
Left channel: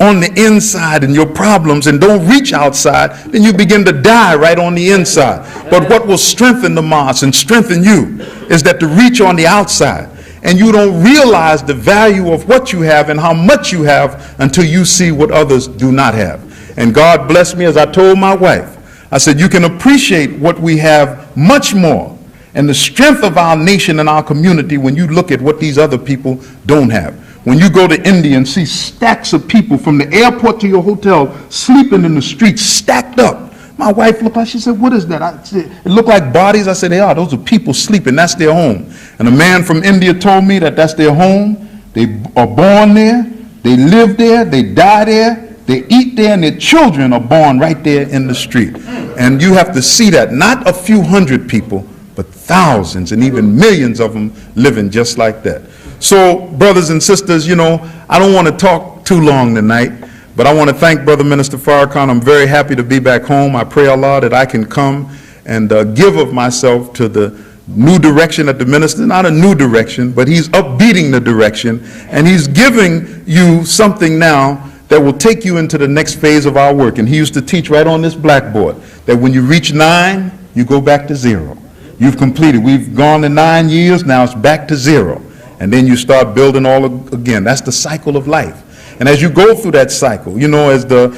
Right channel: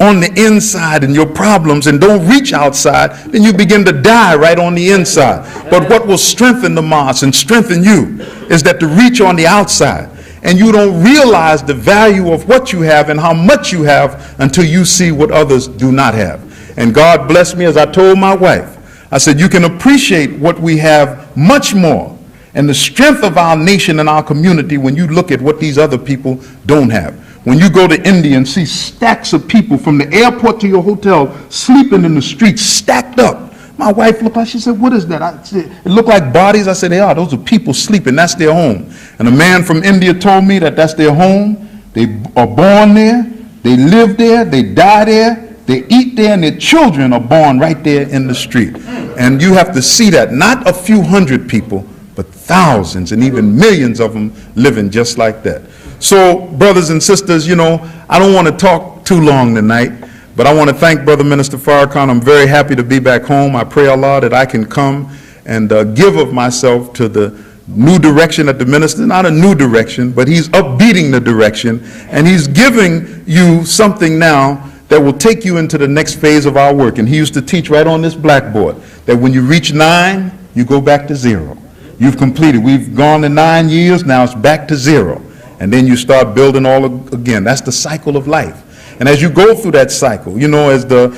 on the inside and your problems and don't reach outside, then you begin to die right on the inside. But what will strengthen the mosque and strengthen you is that to reach on the outside. And you don't realize the value of what you have and how much you have until you see what others do not have. And God bless me, as I told my wife, I said, you can appreciate what we have much more and the strength of our nation and our community when you look at what these other people don't have. When you go to India and see stacks of people from the airport to your hotel sleeping in the streets, stacked up. My wife looked like, she said, "What is that?" I said, "It looked like bodies." I said, "They are. Those are people sleeping. That's their home." And a man from India told me that that's their home. They are born there. They live there. They die there. They eat there, and their children are born right there in the street. And you have to see that. Not a few hundred people, but thousands and even millions of them living just like that. So, brothers and sisters, you know, I don't want to talk too long tonight. But I want to thank Brother Minister Farrakhan. I'm very happy to be back home. I pray Allah that I can come and give of myself to the new direction that the minister, not a new direction, but he's upbeating the direction, and he's giving you something now that will take you into the next phase of our work. And he used to teach right on this blackboard that when you reach 9, you go back to 0. You've completed. We've gone to 9 years, now it's back to 0. And then you start building all again. That's the cycle of life. And as you go through that cycle, you know, as the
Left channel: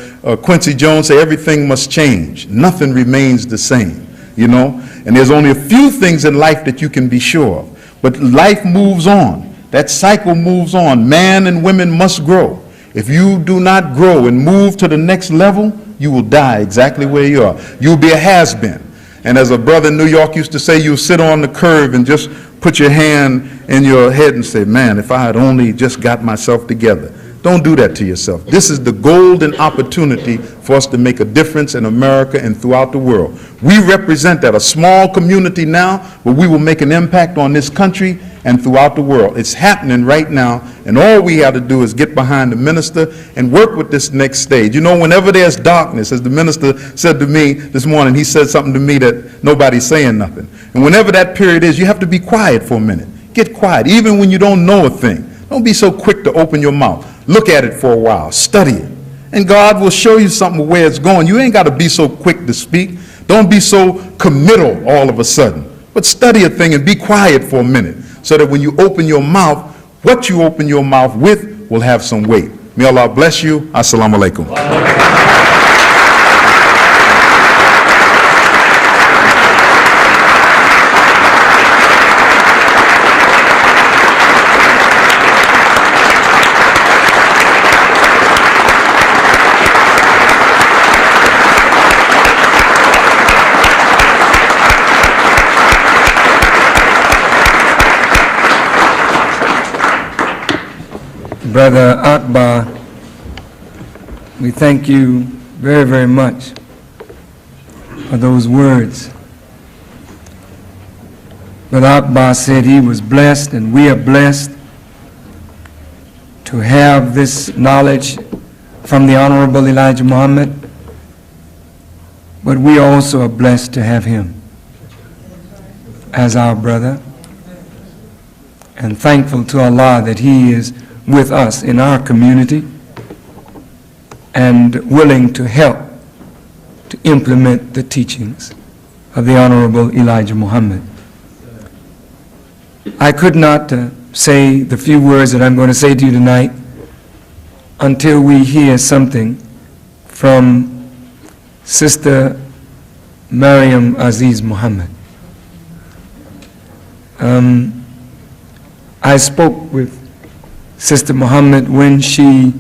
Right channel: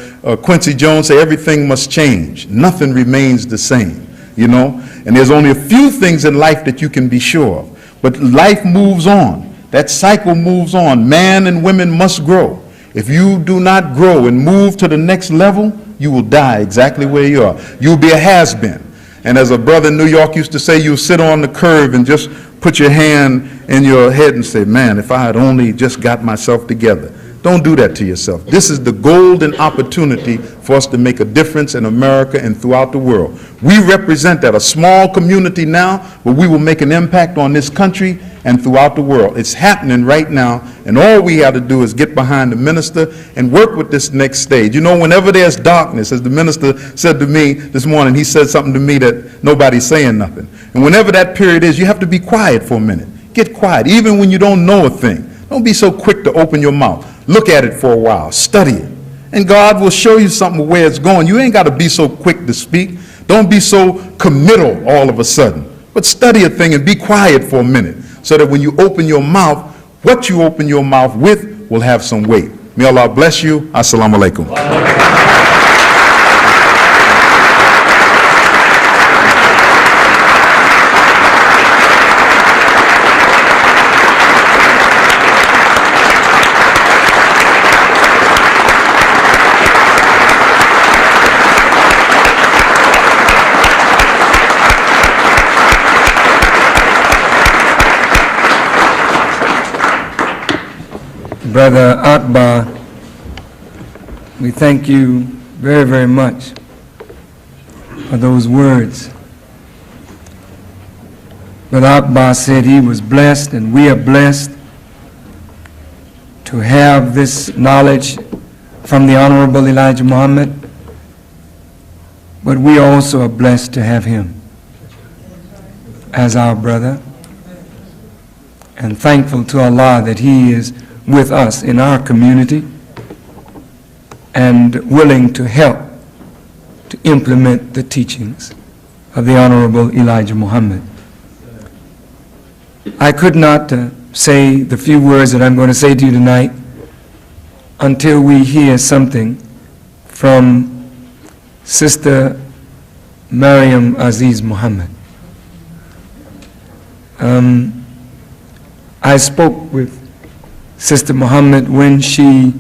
Quincy Jones say, everything must change. Nothing remains the same, you know. And there's only a few things in life that you can be sure of. But life moves on. That cycle moves on. Man and women must grow. If you do not grow and move to the next level, you will die exactly where you are. You'll be a has-been. And as a brother in New York used to say, you'll sit on the curb and just put your hand in your head and say, "Man, if I had only just got myself together." Don't do that to yourself. This is the golden opportunity for us to make a difference in America and throughout the world. We represent that, a small community now, but we will make an impact on this country and throughout the world. It's happening right now, and all we have to do is get behind the minister and work with this next stage. You know, whenever there's darkness, as the minister said to me this morning, he said something to me that nobody's saying nothing. And whenever that period is, you have to be quiet for a minute. Get quiet, even when you don't know a thing. Don't be so quick to open your mouth. Look at it for a while. Study it. And God will show you something where it's going. You ain't got to be so quick to speak. Don't be so committal all of a sudden. But study a thing and be quiet for a minute so that when you open your mouth, what you open your mouth with will have some weight. May Allah bless you. Assalamu alaikum. Brother Akbar, we thank you very, very much for those words. Brother Akbar said he was blessed, and we are blessed to have this knowledge from the Honorable Elijah Muhammad, but we also are blessed to have him as our brother, and thankful to Allah that he is with us in our community and willing to help to implement the teachings of the Honorable Elijah Muhammad. I could not say the few words that I'm going to say to you tonight until we hear something from Sister Mariam Aziz Muhammad. I spoke with Sister Muhammad when she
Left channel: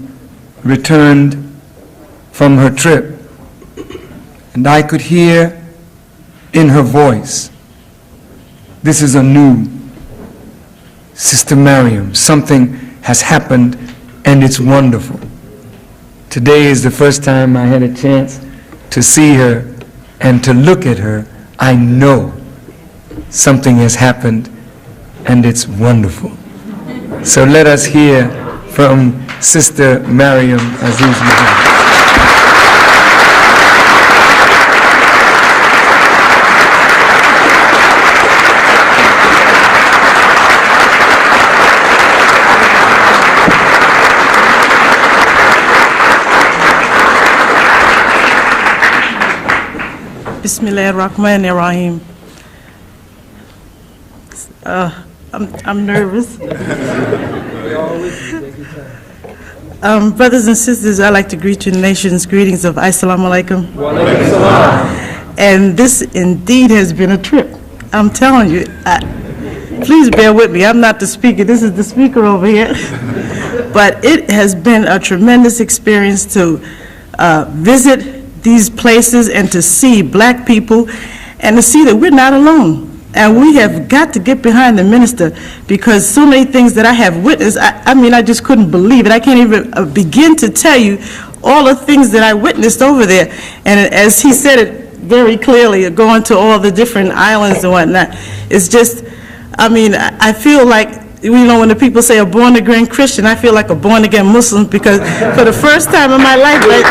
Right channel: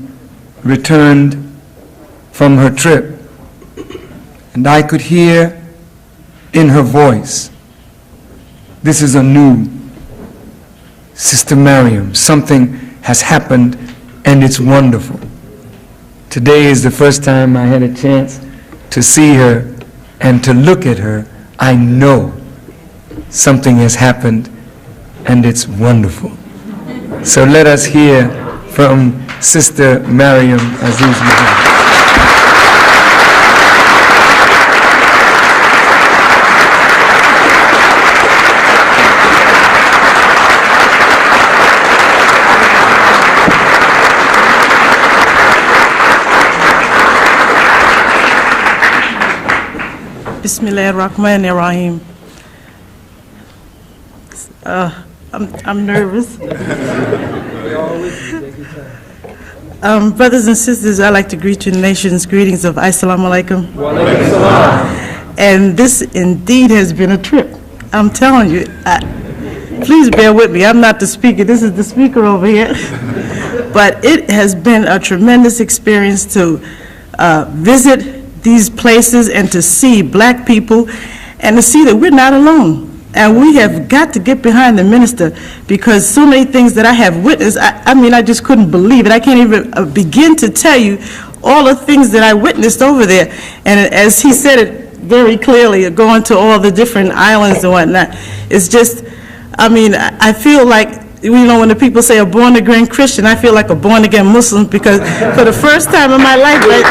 returned from her trip, and I could hear in her voice, this is a new Sister Mariam. Something has happened and it's wonderful. Today is the first time I had a chance to see her and to look at her. I know something has happened and it's wonderful. So let us hear from Sister Mariam Aziz Muhammad. Bismillahirrahmanirrahim. I'm nervous. Brothers and sisters, I'd like to greet you in the nation's greetings of Assalamu alaikum. And this indeed has been a trip. I'm telling you, please bear with me. I'm not the speaker. This is the speaker over here. But it has been a tremendous experience to visit these places and to see black people and to see that we're not alone. And we have got to get behind the minister, because so many things that I have witnessed, I mean, I just couldn't believe it. I can't even begin to tell you all the things that I witnessed over there. And as he said it very clearly, going to all the different islands and whatnot, it's just, I mean, I feel like, you know, when the people say a born-again Christian, I feel like a born-again Muslim, because for the first time in my life, like,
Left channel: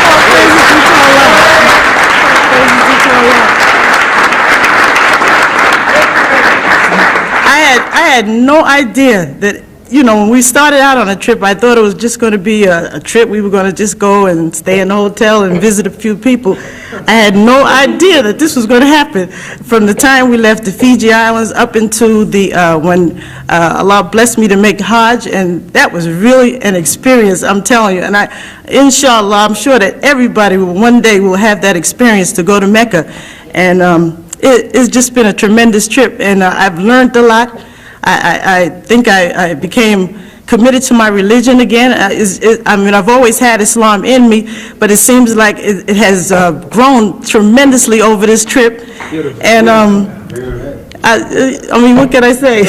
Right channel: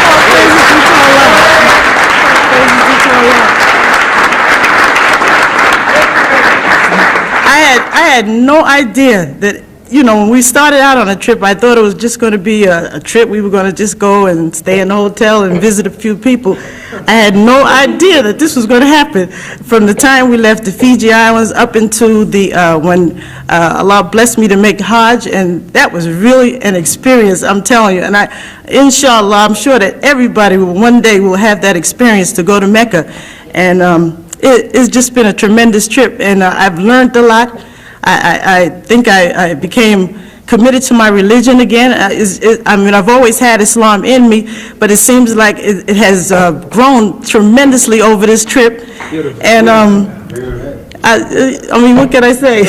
all praises be to Allah. Praises be to Allah. I had no idea that, you know, when we started out on a trip, I thought it was just going to be a trip. We were going to just go and stay in a hotel and visit a few people. I had no idea that this was going to happen. From the time we left the Fiji Islands up into the, when Allah blessed me to make Hajj, and that was really an experience, I'm telling you. And inshallah, I'm sure that everybody one day will have that experience to go to Mecca. And it's just been a tremendous trip, and I've learned a lot. I think I became committed to my religion again. I mean, I've always had Islam in me, but it seems like it has grown tremendously over this trip. Beautiful. And I mean, what can I say?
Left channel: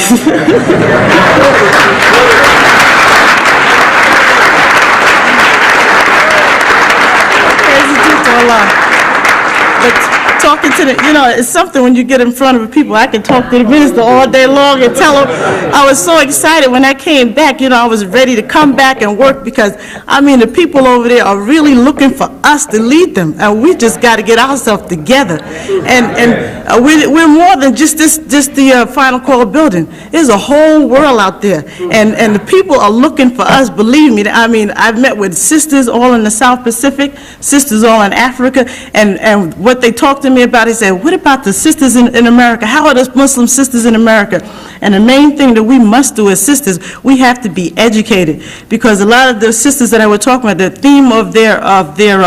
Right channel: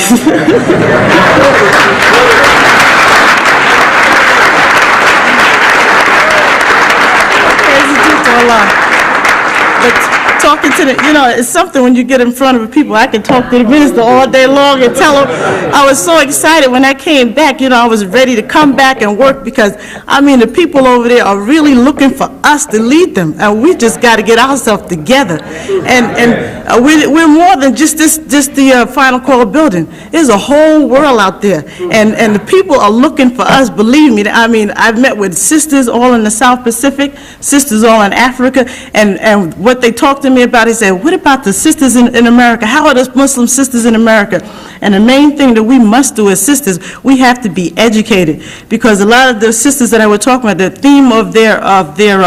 Praise to Allah. But talking to the, you know, it's something when you get in front of people. I can talk to the minister all day long and tell him. I was so excited when I came back. You know, I was ready to come back and work, because, I mean, the people over there are really looking for us to lead them, and we just got to get ourselves together. And we're more than just the Final Call building. There's a whole world out there, and the people are looking for us. Believe me. I mean, I've met with sisters all in the South Pacific, sisters all in Africa, and what they talk to me about, he said, what about the sisters in America? How are the Muslim sisters in America? And the main thing that we must do as sisters, we have to be educated, because a lot of the sisters that I was talking about, the theme of their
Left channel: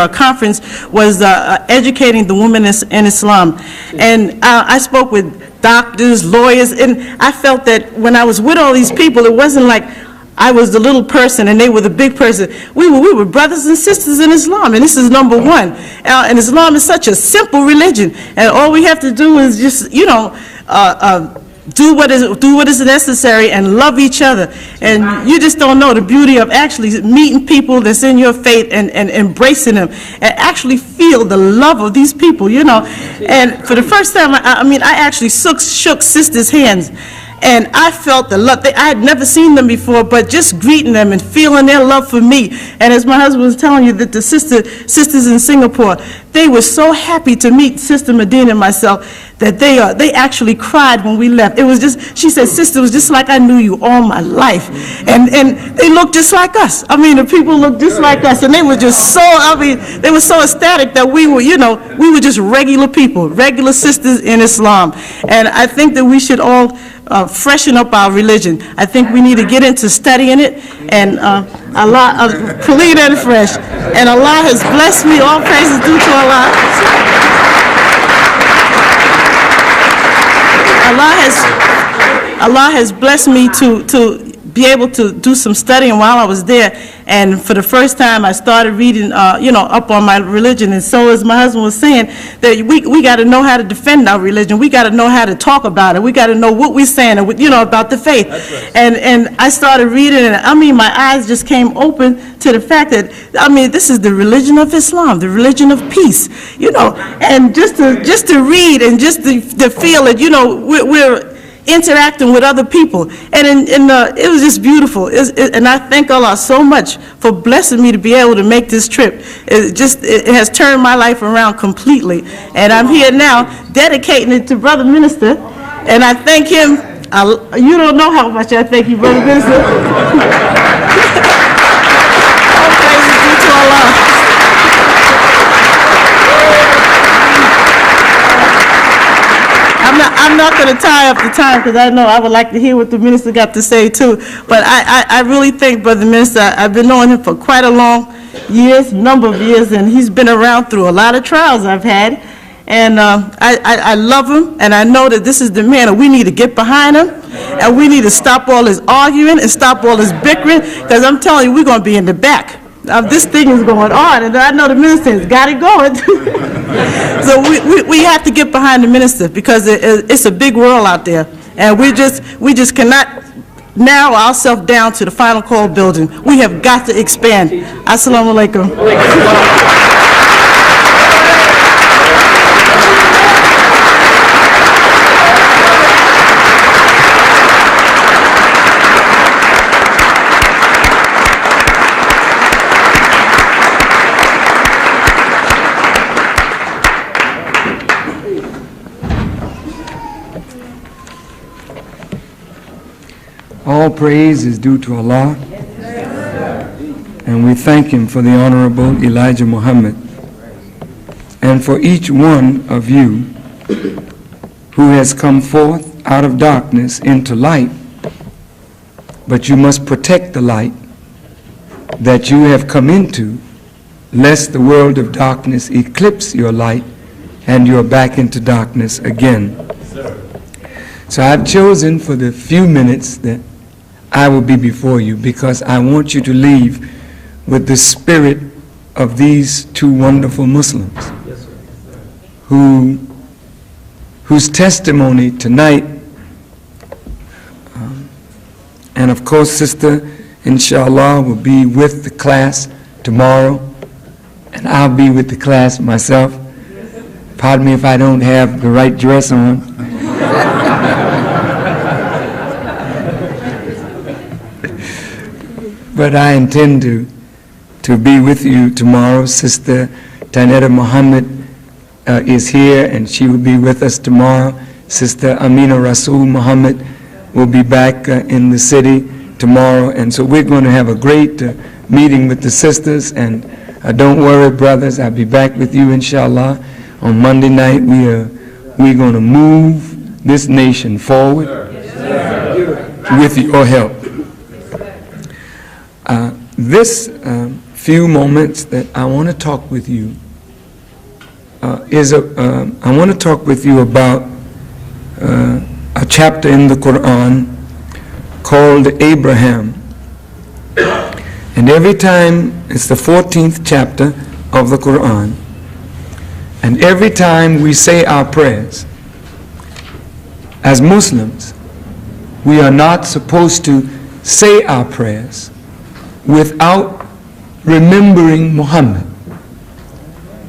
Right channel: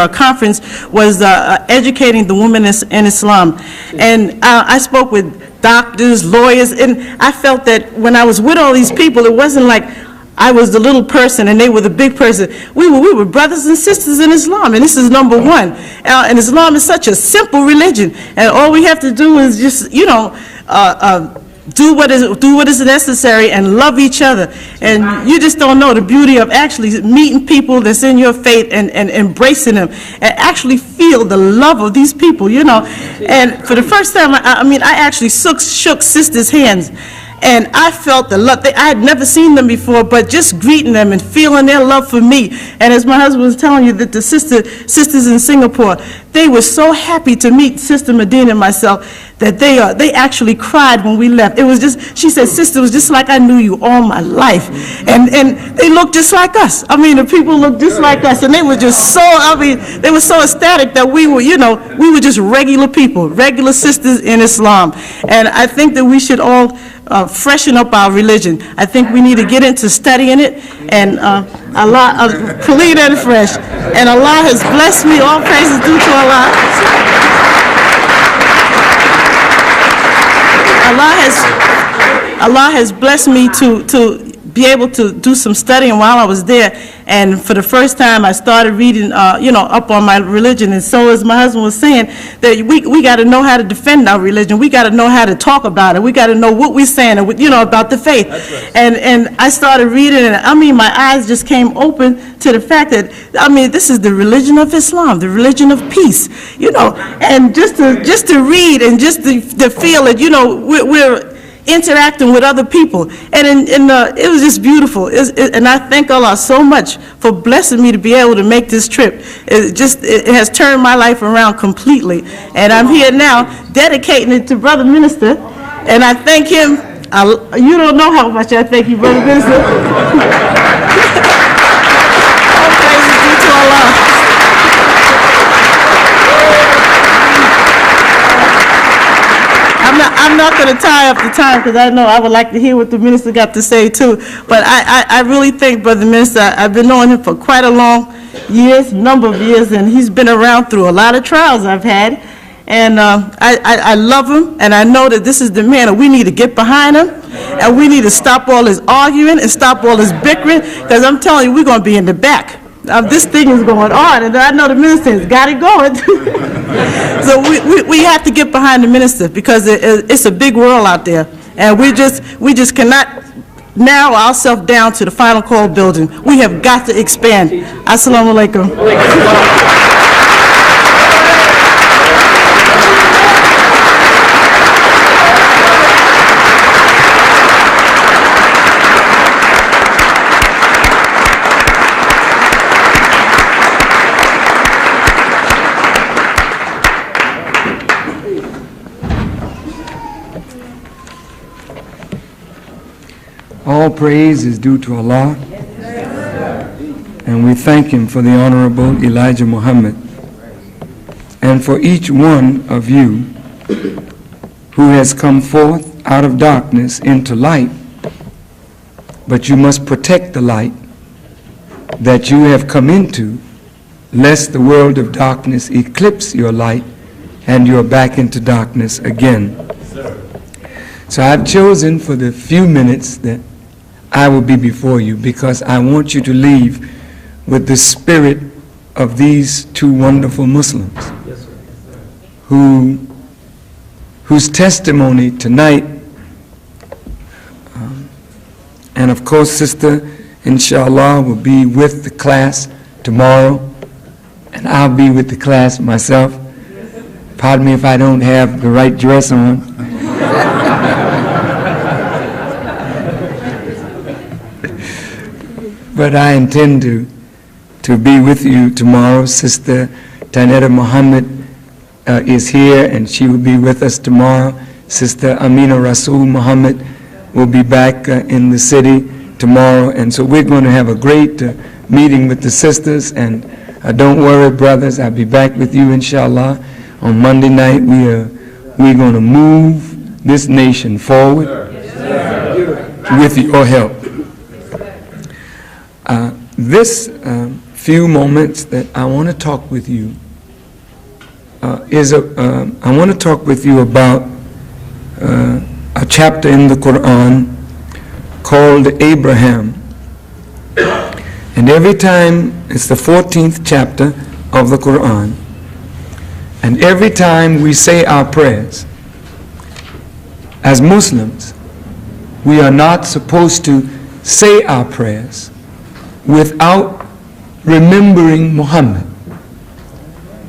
conference was educating the women in Islam. And I spoke with doctors, lawyers, and I felt that when I was with all these people, it wasn't like I was the little person and they were the big person. We were brothers and sisters in Islam, and this is number one. And Islam is such a simple religion, and all we have to do is just, you know, do what is necessary and love each other. And you just don't know the beauty of actually meeting people that's in your faith and embracing them, and actually feel the love of these people, you know. And for the first time, I mean, I actually shook sisters' hands. And I felt the love. I had never seen them before, but just greeting them and feeling their love for me. And as my husband was telling you, that the sisters in Singapore, they were so happy to meet Sister Medina and myself that they actually cried when we left. It was just, she said, sister, it was just like I knew you all my life. And they looked just like us. I mean, the people looked just like us, and they were just so, I mean, they were so ecstatic that we were, you know, we were just regular people, regular sisters in Islam. And I think that we should all freshen up our religion. I think we need to get into studying it, and Allah, clean and fresh. And Allah has blessed me. All praises due to Allah. Allah has blessed me to be able to do some studying while I was there, and for the first time I started reading, up on my religion. And so, as my husband was saying, that we got to know how to defend our religion. We got to know how to talk about it. We got to know what we're saying, about the faith. Right. And I started reading, and my eyes just came open to the fact that this is the religion of Islam, the religion of peace, and just to read and just to feel it, we're interacting with other people, and it was just beautiful. And I thank Allah so much for blessing me to be able to make this trip. It has turned my life around completely, and I'm here now dedicating it to Brother Minister, and I thank him. You don't know how much I thank you, Brother Minister. All praises due to Allah. I'm not going to tie up the time, because I know I would like to hear what the minister got to say too. But I really think, Brother Minister, I've been knowing him for quite a number of years, and he's been around through a lot of trials I've had. And I love him, and I know that this is the man, and we need to get behind him, and we need to stop all this arguing and stop all this bickering, because I'm telling you, we're going to be in the back. This thing is going on, and I know the minister has got it going. So we have to get behind the minister, because it's a big world out there, and we just cannot narrow ourselves down to the Final Call building. We have got to expand. Assalamu alaikum. All praise is due to Allah, and we thank Him for the Honorable Elijah Muhammad, and for each one of you who has come forth out of darkness into light. But you must protect the light that you have come into, lest the world of darkness eclipse your light and you are back into darkness again. So I've chosen for the few minutes that I will be before you, because I want you to leave with the spirit of these two wonderful Muslims whose testimony tonight, and of course Sister inshallah will be with the class tomorrow, and I'll be with the class myself. Pardon me if I don't have the right dress on. But I intend to be with you tomorrow. Sister Tanetta Muhammad is here, and she will be with us tomorrow. Sister Amina Rasul Muhammad will be back in the city tomorrow, and so we're going to have a great meeting with the sisters. And don't worry, brothers, I'll be back with you inshallah on Monday night. We're going to move this nation forward with your help. This few moments that I want to talk with you I want to talk with you about a chapter in the Quran called Abraham. And every time, it's the 14th chapter of the Quran, and every time we say our prayers, as Muslims, we are not supposed to say our prayers without remembering Muhammad.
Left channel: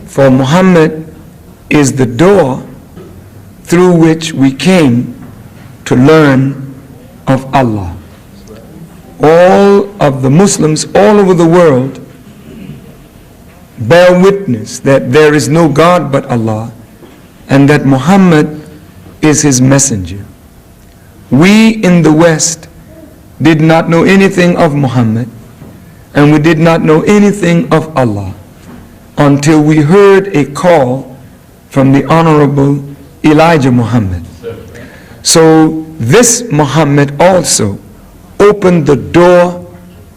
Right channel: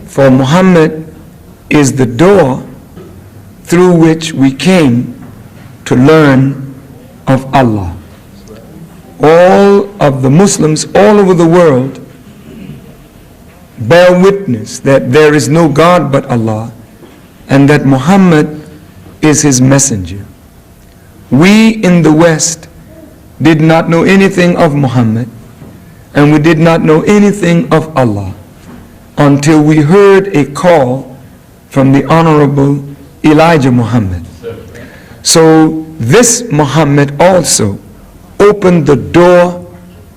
For Muhammad is the door through which we came to learn of Allah. All of the Muslims all over the world bear witness that there is no God but Allah, and that Muhammad is his messenger. We in the West did not know anything of Muhammad, and we did not know anything of Allah until we heard a call from the Honorable Elijah Muhammad. So this Muhammad also opened the door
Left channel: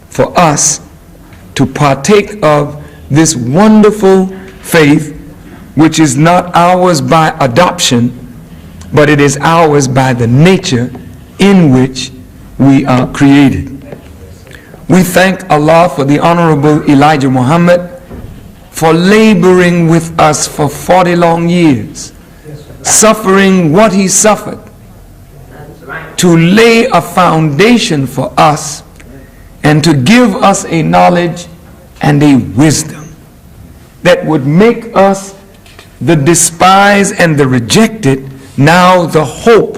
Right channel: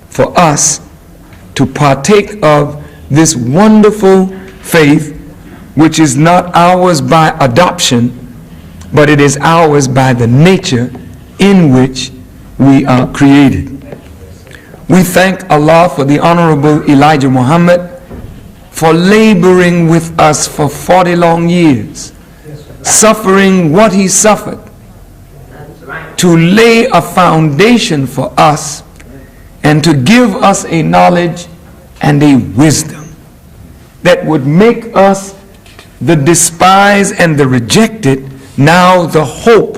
for us to partake of this wonderful faith, which is not ours by adoption, but it is ours by the nature in which we are created. We thank Allah for the Honorable Elijah Muhammad for laboring with us for 40 long years, suffering what he suffered to lay a foundation for us and to give us a knowledge and a wisdom that would make us the despised and the rejected, now the hope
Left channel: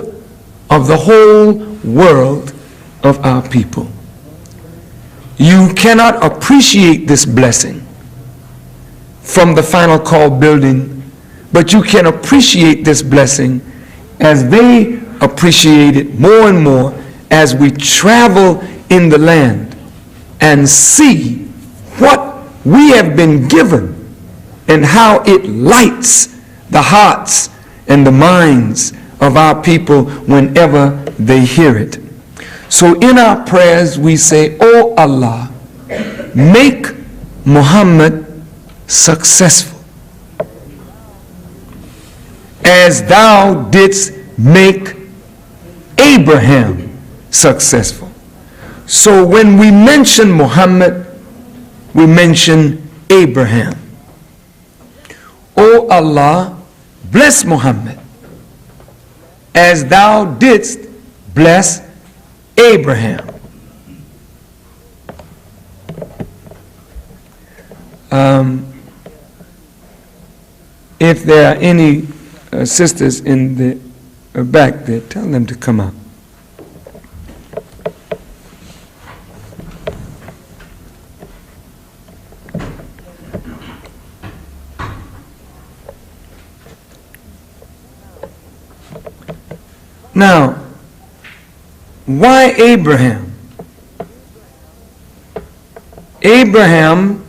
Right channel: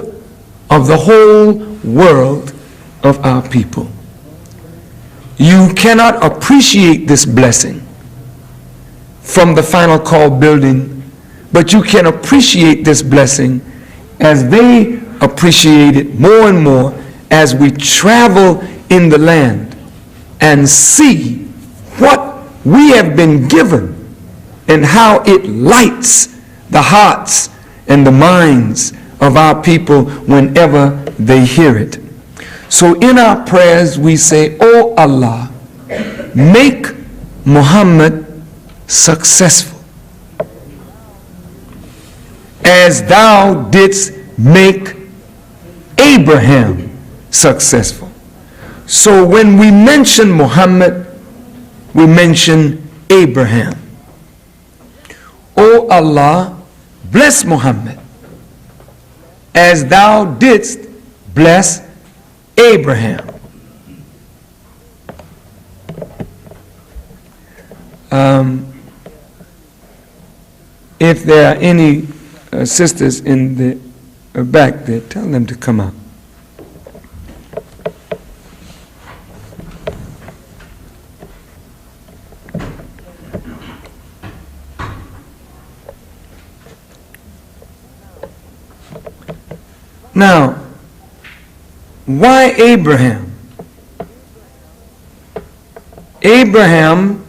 of the whole world of our people. You cannot appreciate this blessing from the Final Call building, but you can appreciate this blessing as they appreciate it more and more as we travel in the land and see what we have been given and how it lights the hearts and the minds of our people whenever they hear it. So in our prayers we say, "Oh Allah, make Muhammad successful as thou didst make Abraham successful." So when we mention Muhammad, we mention Abraham. "O Allah, bless Muhammad as thou didst bless Abraham." If there are any sisters in the back there, tell them to come out. Now, why Abraham? Abraham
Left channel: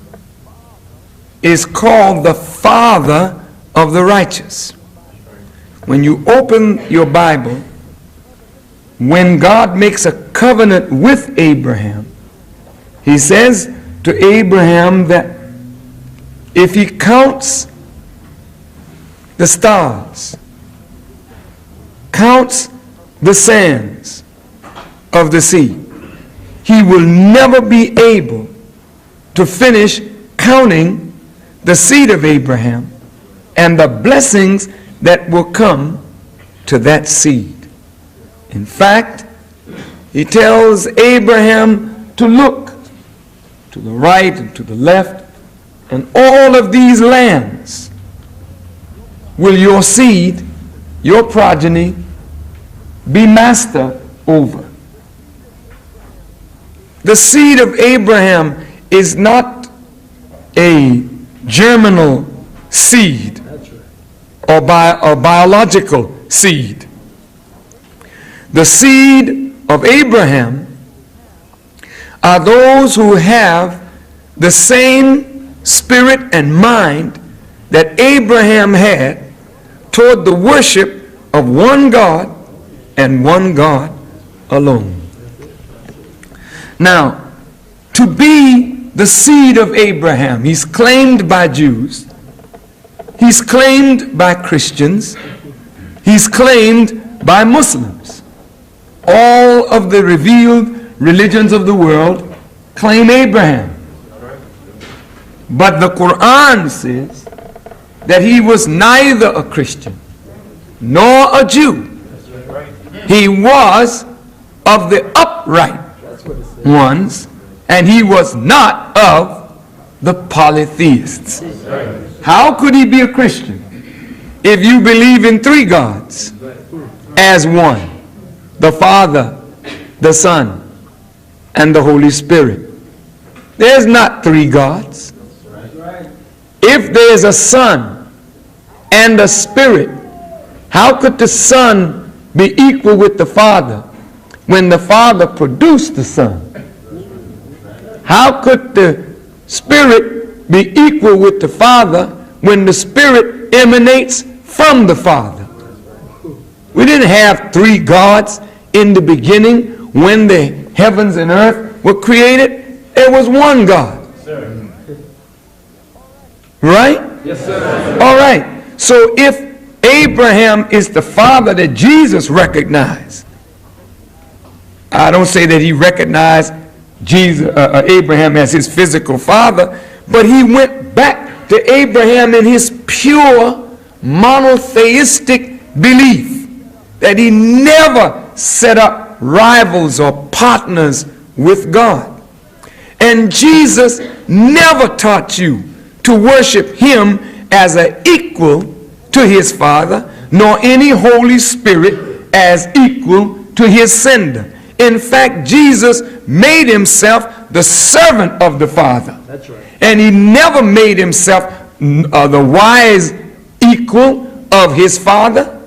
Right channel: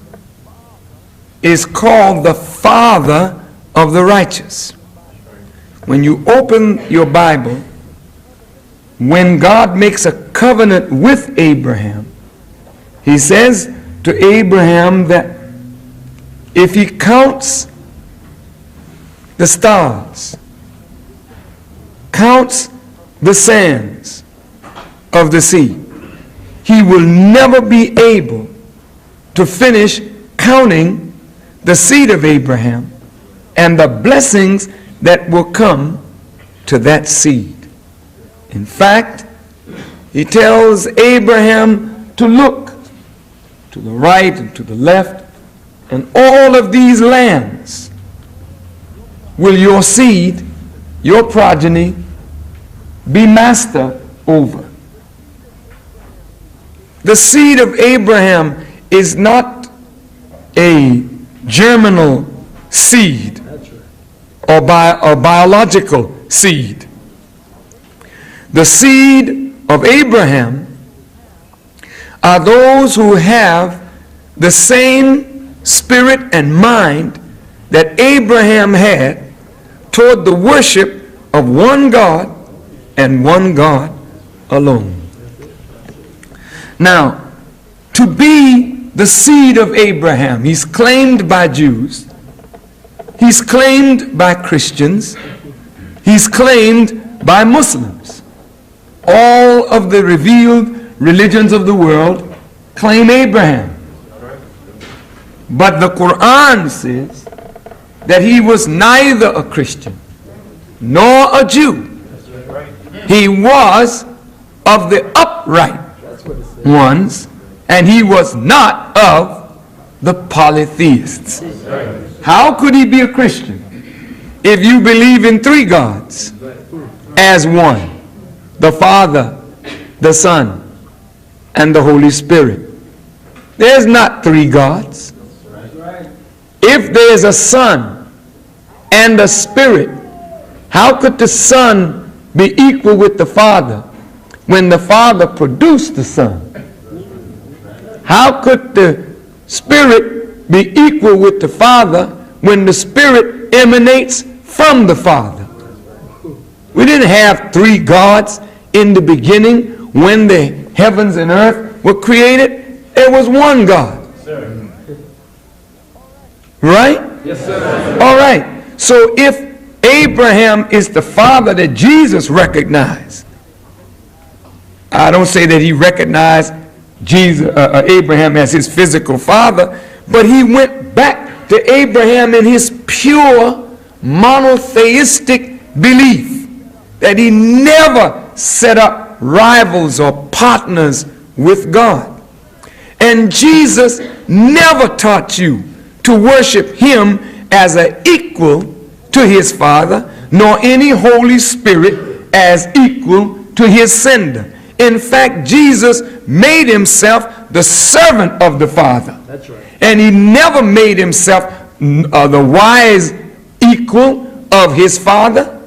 is called the father of the righteous. When you open your Bible, when God makes a covenant with Abraham, he says to Abraham that if he counts the stars, counts the sands of the sea, he will never be able to finish counting the seed of Abraham and the blessings that will come to that seed. In fact, he tells Abraham to look to the right and to the left, and all of these lands will your seed, your progeny, be master over. The seed of Abraham is not a germinal seed or biological seed. The seed of Abraham are those who have the same spirit and mind that Abraham had toward the worship of one God and one God alone. Now, to be the seed of Abraham, he's claimed by Jews, he's claimed by Christians, he's claimed by Muslims. All of the revealed religions of the world claim Abraham. But the Quran says that he was neither a Christian nor a Jew. He was of the upright ones, and he was not of the polytheists. How could he be a Christian if you believe in three gods as one? The Father, the Son, and the Holy Spirit. There's not three gods. If there's a Son and a Spirit, how could the Son be equal with the Father when the Father produced the Son? How could the Spirit be equal with the Father when the Spirit emanates from the Father? We didn't have three gods in the beginning, when the heavens and earth were created, there was one God. Right? Yes, sir. All right. So if Abraham is the father that Jesus recognized, I don't say that he recognized Abraham as his physical father, but he went back to Abraham in his pure monotheistic belief that he never set up rivals or partners with God. And Jesus never taught you to worship him as an equal to his Father, nor any Holy Spirit as equal to his sender. In fact, Jesus made himself the servant of the Father. That's right. And he never made himself the wise equal of his Father.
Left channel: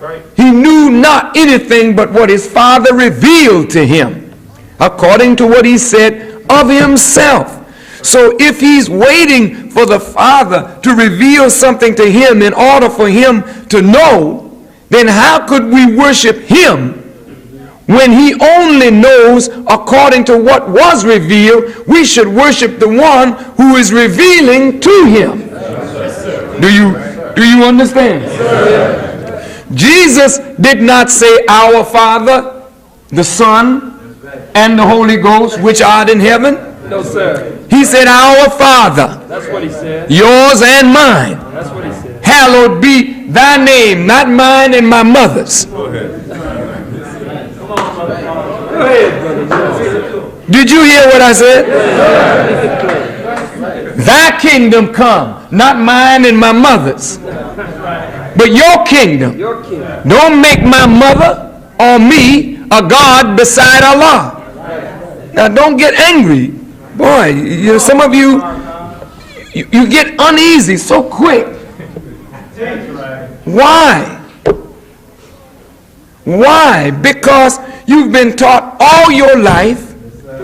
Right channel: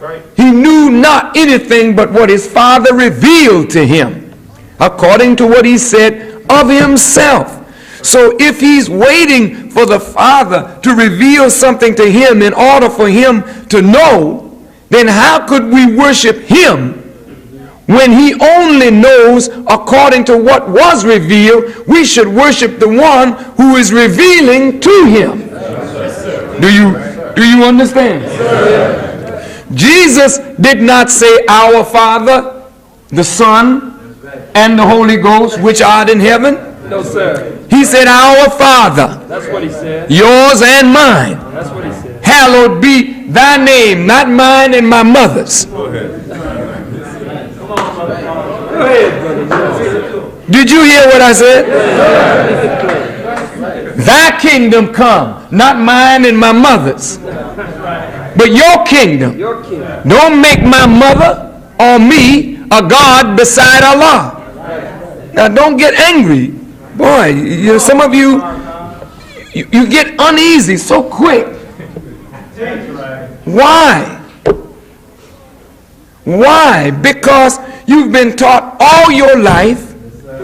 Right. He knew not anything but what his Father revealed to him, according to what he said of himself. So if he's waiting for the Father to reveal something to him in order for him to know, then how could we worship him when he only knows according to what was revealed? We should worship the one who is revealing to him. Do you understand? Jesus did not say, "Our Father, the Son, and the Holy Ghost, which art in heaven." No, sir. He said, "Our Father, That's what he said. yours and mine. That's what he said. Hallowed be thy name," not mine and my mother's. Go ahead, brother. Did you hear what I said? Thy kingdom come, not mine and my mother's, but your kingdom. Your king. Don't make my mother or me a God beside Allah. Now don't get angry. Boy, some of you get uneasy so quick. Why? Why? Because you've been taught all your life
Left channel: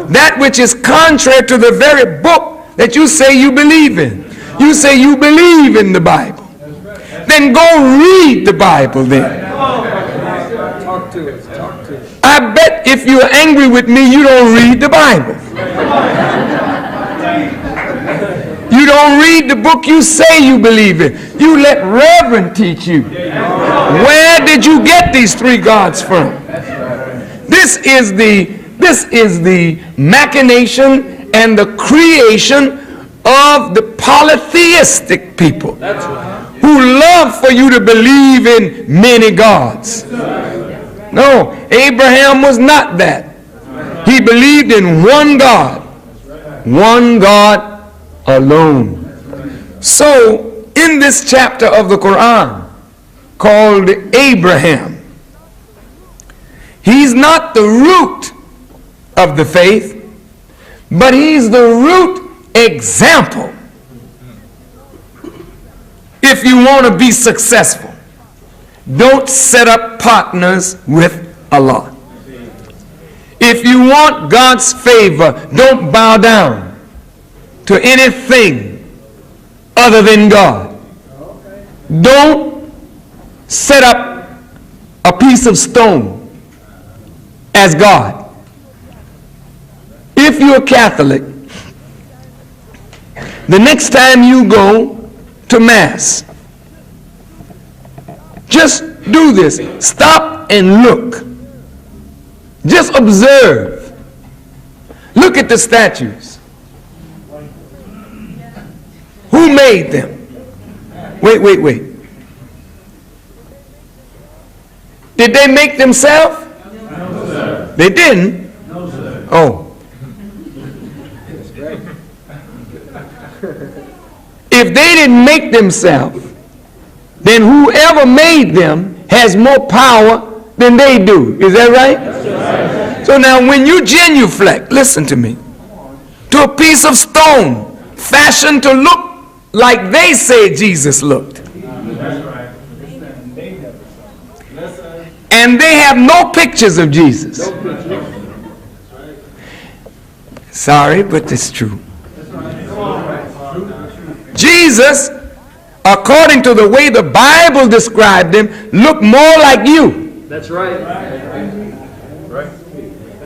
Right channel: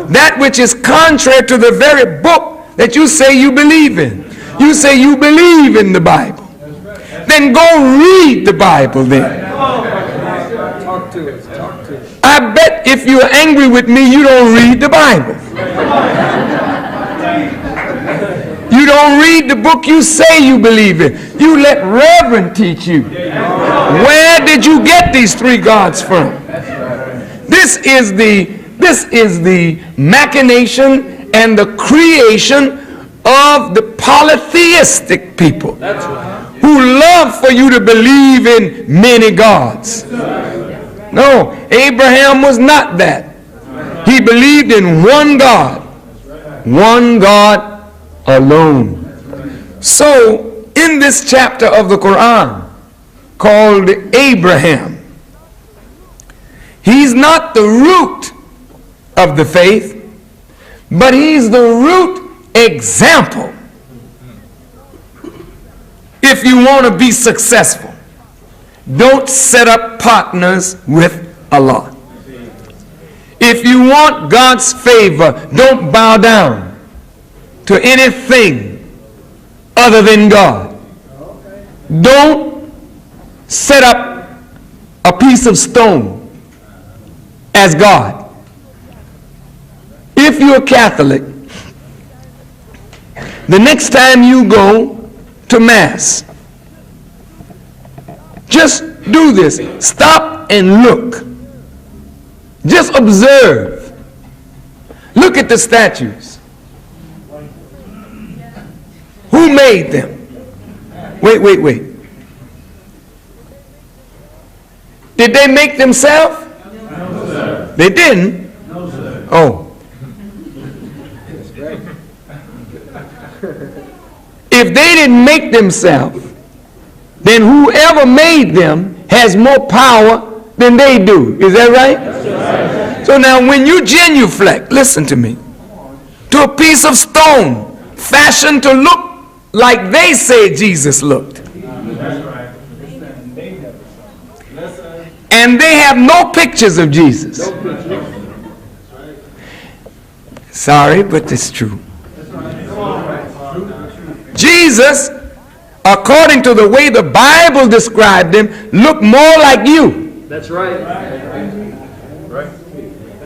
that which is contrary to the very book that you say you believe in. You say you believe in the Bible. Then go read the Bible then. Talk to us. Talk to us. I bet if you're angry with me, you don't read the Bible. You don't read the book you say you believe in. You let Reverend teach you. Where did you get these three gods from? This is the machination and the creation of the polytheistic people who love for you to believe in many gods. No, Abraham was not that. He believed in one God alone. So, in this chapter of the Quran called Abraham, he's not the root of the faith, but he's the root example. If you want to be successful, don't set up partners with Allah. If you want God's favor, don't bow down to anything other than God. Don't set up a piece of stone as God. If you're Catholic, the next time you go to Mass, just do this. Stop and look. Just observe. Look at the statues. Who made them? Wait. Did they make themselves? No, sir. They didn't? No, sir. Oh. If they didn't make themselves, then whoever made them has more power than they do. Is that right? So now when you genuflect, listen to me, to a piece of stone fashioned to look like they say Jesus looked, and they have no pictures of Jesus. Sorry, but it's true. Jesus, according to the way the Bible described him, looked more like you. That's right.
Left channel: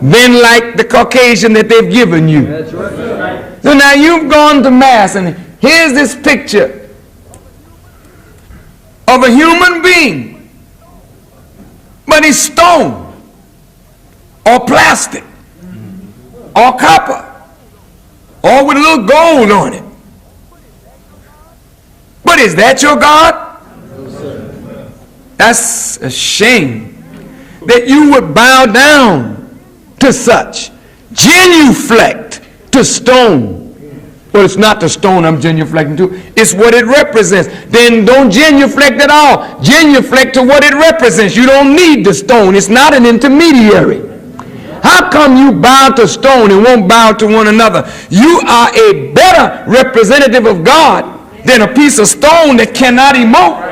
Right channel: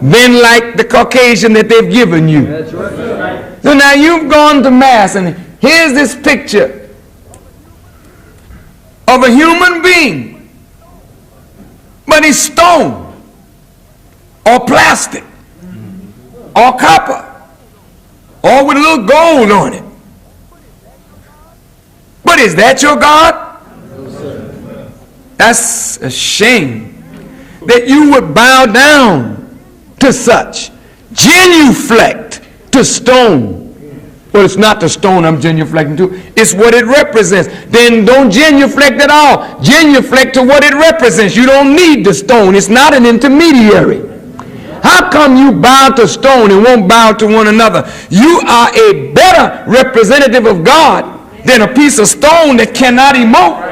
than like the Caucasian that they've given you. That's right. So now you've gone to Mass, and here's this picture of a human being, but he's stone, or plastic, or copper, or with a little gold on it. But is that your God? That's a shame that you would bow down to such. Genuflect to stone. Well, it's not the stone I'm genuflecting to. It's what it represents. Then don't genuflect at all. Genuflect to what it represents. You don't need the stone. It's not an intermediary. How come you bow to stone and won't bow to one another? You are a better representative of God than a piece of stone that cannot emote.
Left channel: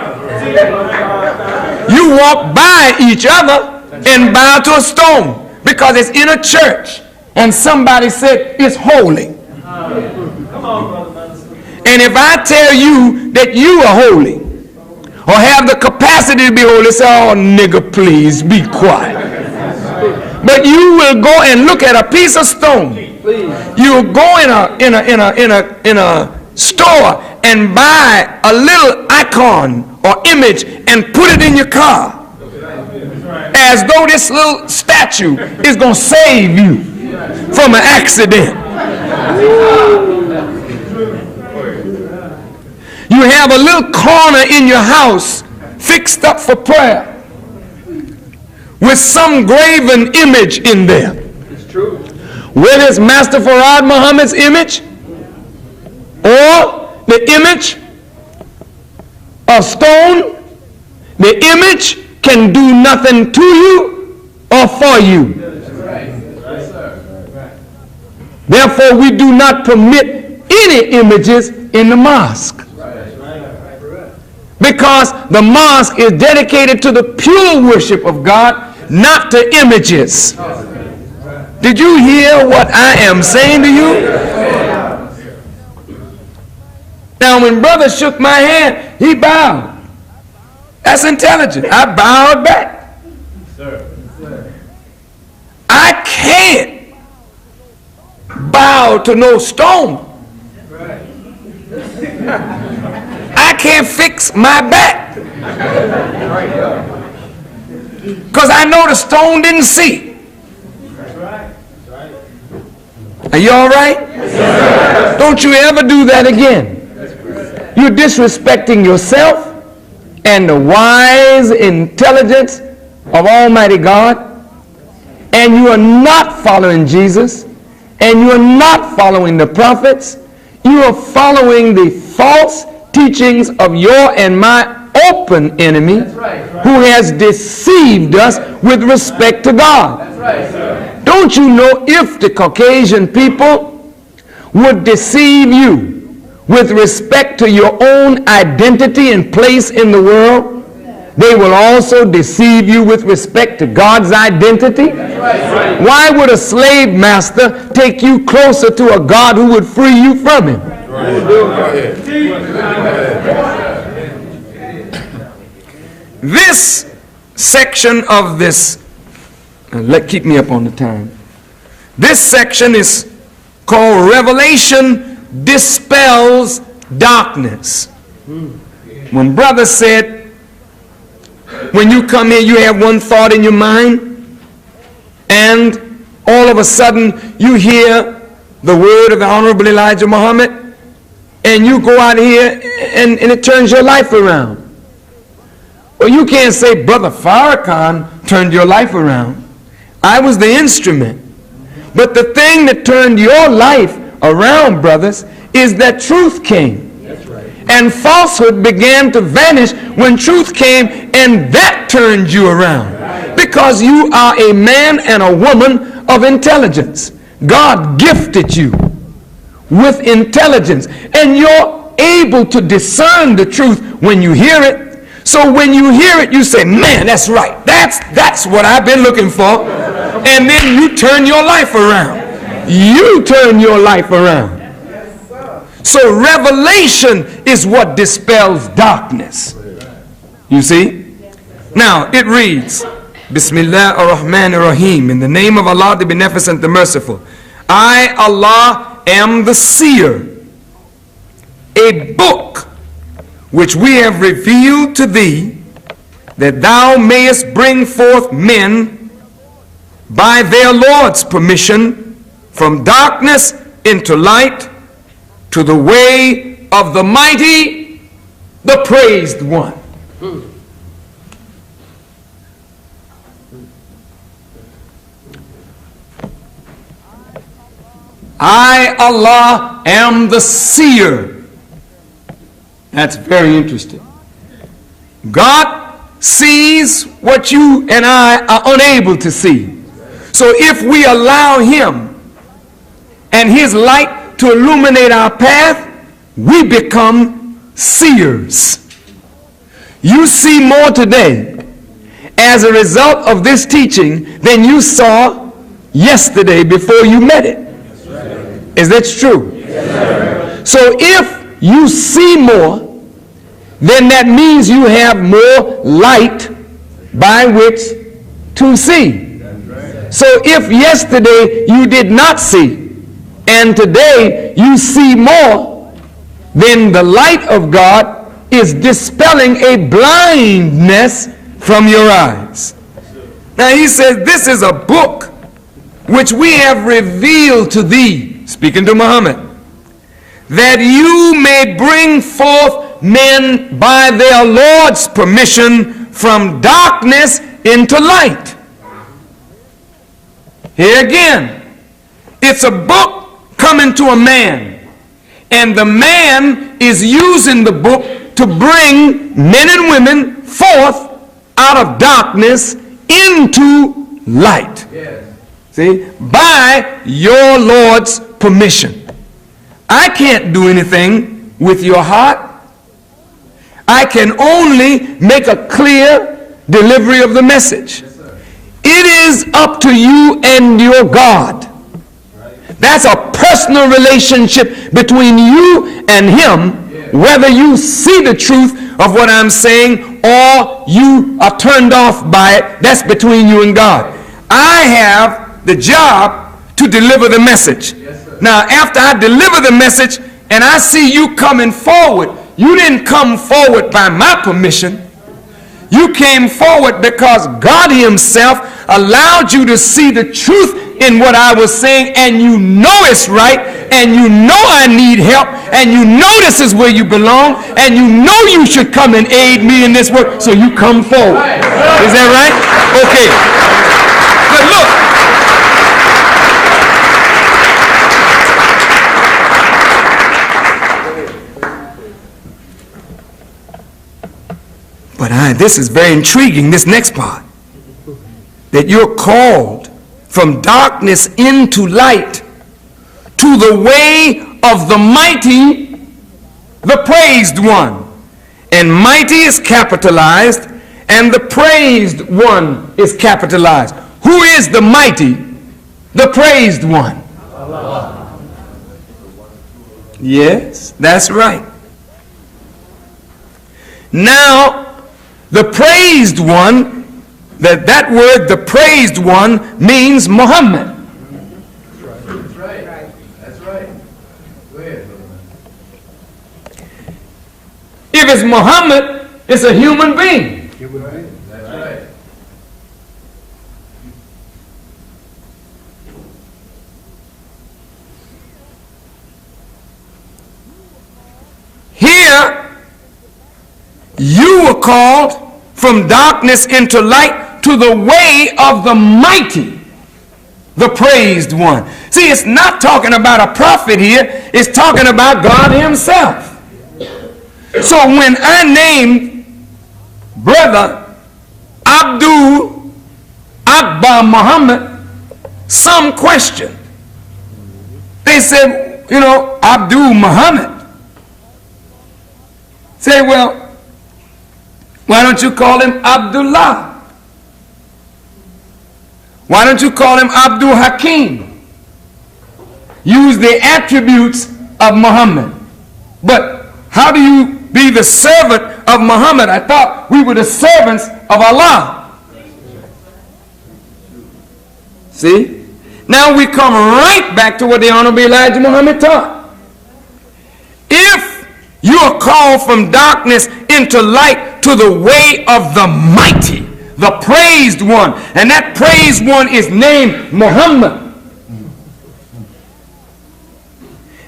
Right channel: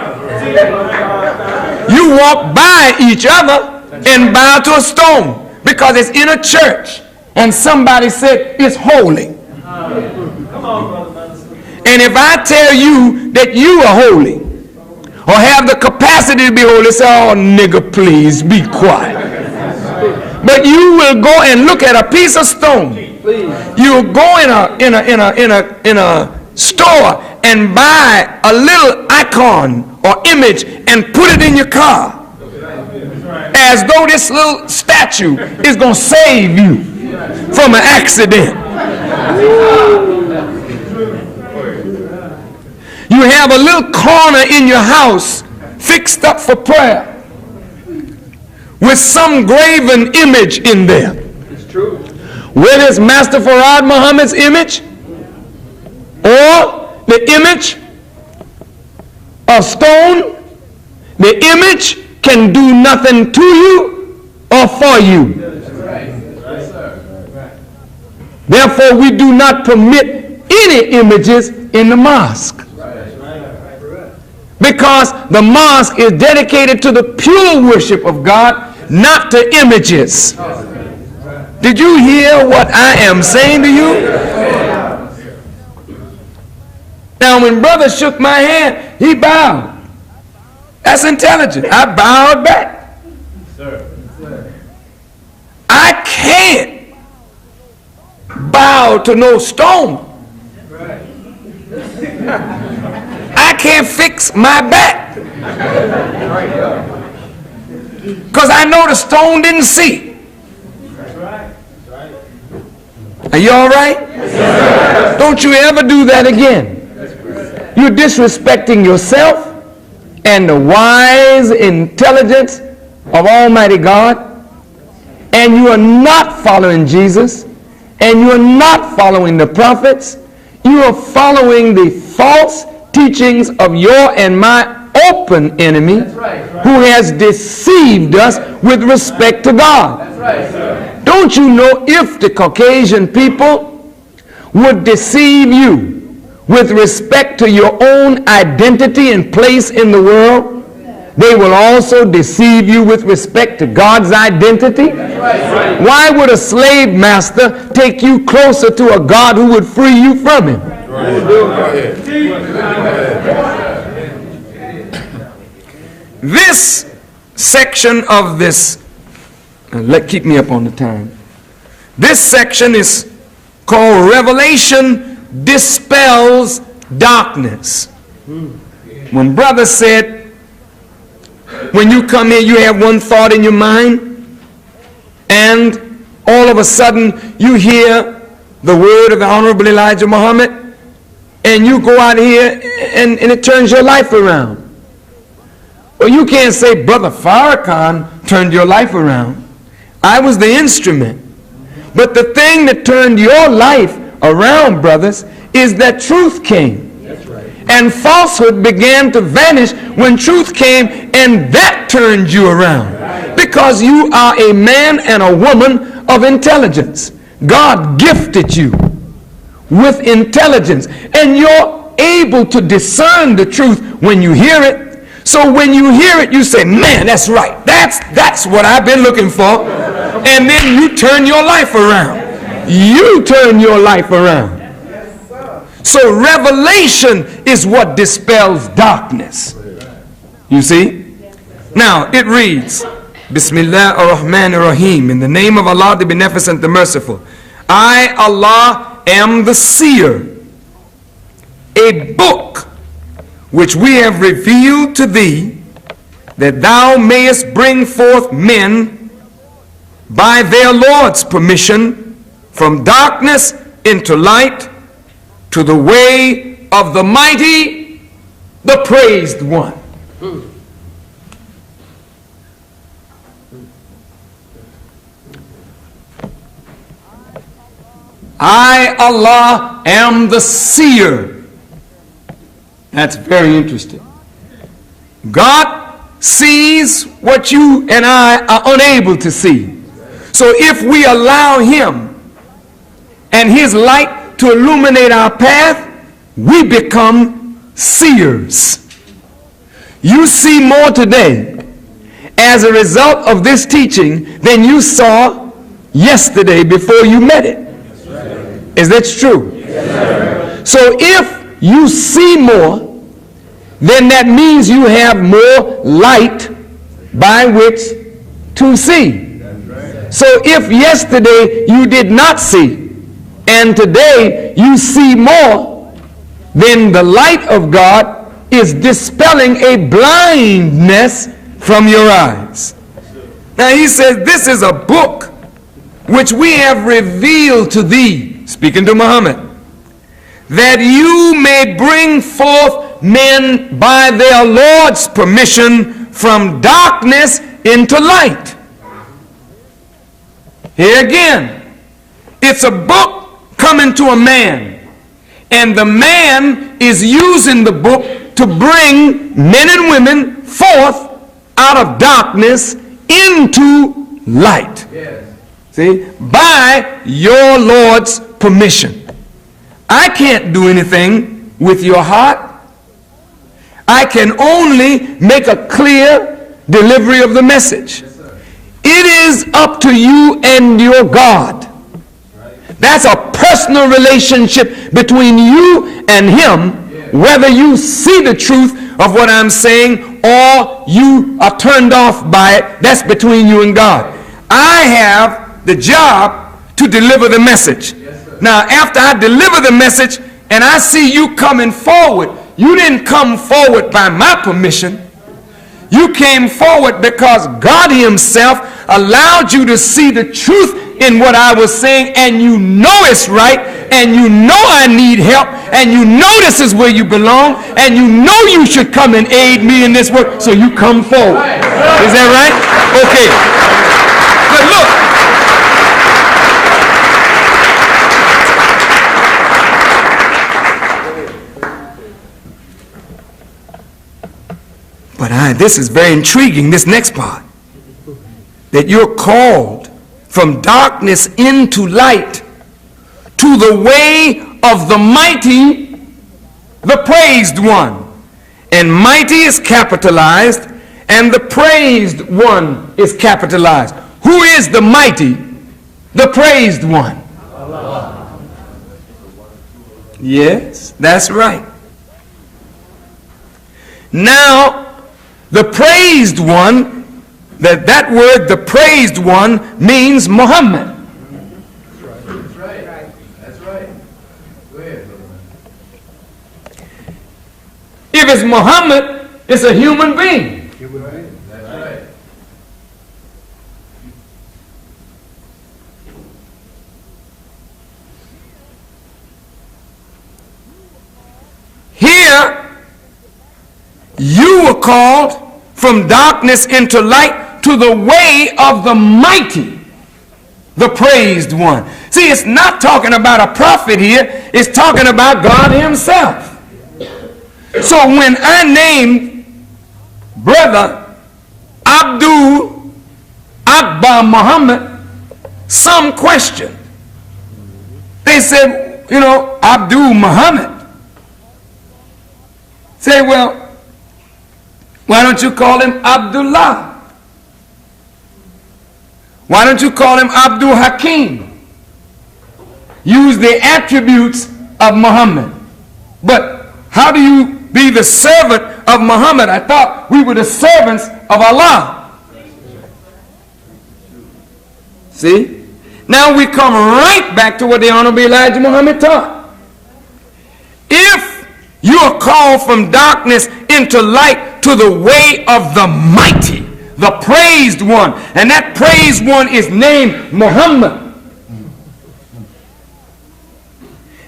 You walk by each other and bow to a stone because it's in a church and somebody said it's holy. And if I tell you that you are holy or have the capacity to be holy, say, oh nigga, please be quiet. But you will go and look at a piece of stone. You'll go in a store and buy a little icon or image and put it in your car, as though this little statue is going to save you from an accident. You have a little corner in your house fixed up for prayer with some graven image in there. It's true. Whether it's Master Farad Muhammad's image or the image of stone, the image can do nothing to you or for you. Therefore, we do not permit any images in the mosque, because the mosque is dedicated to the pure worship of God, not to images. Did you hear what I am saying to you? Now, when brother shook my hand, he bowed. That's intelligent. I bowed back. I can't bow to no stone. I can't fix my back, because I know the stone didn't see. Are you all right? Don't you ever do that again. You're disrespecting yourself and the wise intelligence of Almighty God, and you are not following Jesus, and you are not following the prophets. You are following the false teachings of your and my open enemy, who has deceived us with respect to God. Don't you know, if the Caucasian people would deceive you with respect to your own identity and place in the world, they will also deceive you with respect to God's identity? Why would a slave master take you closer to a God who would free you from him? This section of this, keep me up on the time. This section is called Revelation Dispels Darkness. When brother said, when you come here, you have one thought in your mind, and all of a sudden you hear the word of the Honorable Elijah Muhammad, and you go out here and it turns your life around. Well, you can't say Brother Farrakhan turned your life around. I was the instrument. But the thing that turned your life around, brothers, is that truth came. And falsehood began to vanish when truth came, and that turned you around. Because you are a man and a woman of intelligence. God gifted you with intelligence, and you're able to discern the truth when you hear it. So when you hear it, you say, man, that's right. That's what I've been looking for. And then you turn your life around. You turn your life around. So revelation is what dispels darkness. You see? Now, it reads, Bismillah ar-Rahman ar-Rahim. In the name of Allah, the Beneficent, the Merciful. I, Allah, am the seer. A book which we have revealed to thee, that thou mayest bring forth men by their Lord's permission from darkness into light, to the way of the mighty, the praised one. I, Allah, am the seer. That's very interesting. God sees what you and I are unable to see. So if we allow Him and His light to illuminate our path, we become seers. You see more today as a result of this teaching than you saw yesterday before you met it. Is that true? Yes, so if you see more, then that means you have more light by which to see. So if yesterday you did not see, and today you see more, then the light of God is dispelling a blindness from your eyes. Now he says, this is a book which we have revealed to thee, speaking to Muhammad, that you may bring forth men by their Lord's permission from darkness into light. Here again, it's a book coming to a man, and the man is using the book to bring men and women forth out of darkness into light. Yes. See, by your Lord's permission. I can't do anything with your heart. I can only make a clear delivery of the message. It is up to you and your God. That's a personal relationship between you and Him, whether you see the truth of what I'm saying or you are turned off by it. That's between you and God. I have the job to deliver the message. Now, after I deliver the message and I see you coming forward, you didn't come forward by my permission. You came forward because God Himself allowed you to see the truth in what I was saying, and you know it's right, and you know I need help, and you know this is where you belong, and you know you should come and aid me in this work, so you come forward. Is that right? Okay. But look. But this is very intriguing, this next part. That you're called from darkness into light to the way of the mighty, the praised one. And mighty is capitalized and the praised one is capitalized. Who is the mighty, the praised one? Allah. Yes, that's right. Now, the praised one, that word, the praised one, means Muhammad. That's right. That's right. Go ahead, brother. If it's Muhammad, it's a human being. That's right. Here, you were called from darkness into light to the way of the mighty, the praised one. See, it's not talking about a prophet here. It's talking about God Himself. So when I named Brother Abdul Akbar Muhammad, some question. They said, you know, Abdul Muhammad. Say, well, why don't you call him Abdullah? Why don't you call him Abdul Hakim? Use the attributes of Muhammad. But how do you be the servant of Muhammad? I thought we were the servants of Allah. See? Now we come right back to what the Honorable Elijah Muhammad taught. If you are called from darkness into light to the way of the mighty, the praised one, and that praised one is named Muhammad.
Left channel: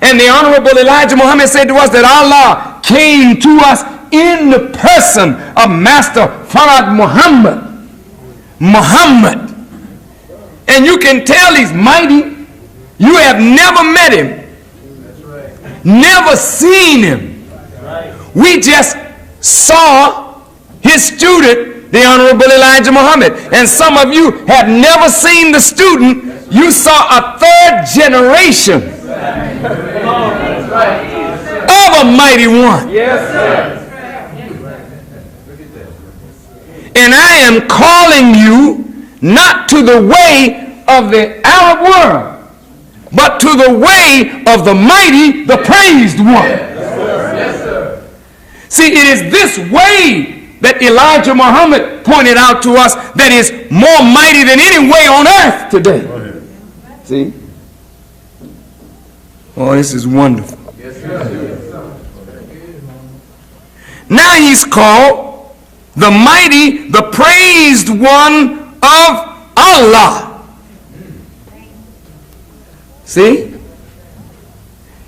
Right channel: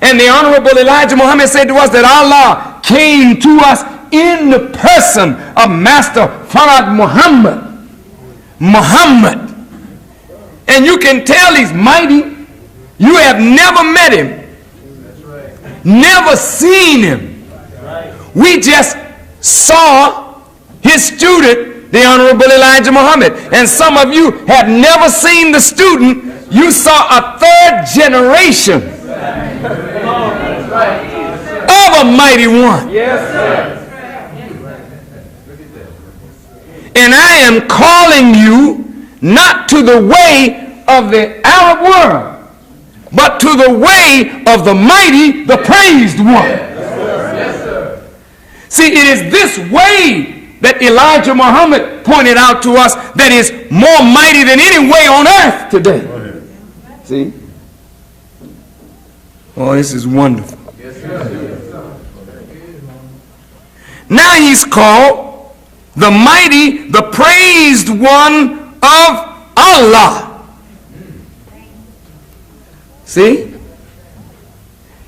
And the Honorable Elijah Muhammad said to us that Allah came to us in the person of Master Farad Muhammad. Muhammad. And you can tell he's mighty. You have never met him. Never seen him. We just saw his student, the Honorable Elijah Muhammad. And some of you have never seen the student. You saw a third generation of a mighty one. And I am calling you not to the way of the Arab world, but to the way of the mighty, the praised one. See, it is this way that Elijah Muhammad pointed out to us that is more mighty than any way on earth today. See? Oh, this is wonderful. Now he's called the mighty, the praised one of Allah. See?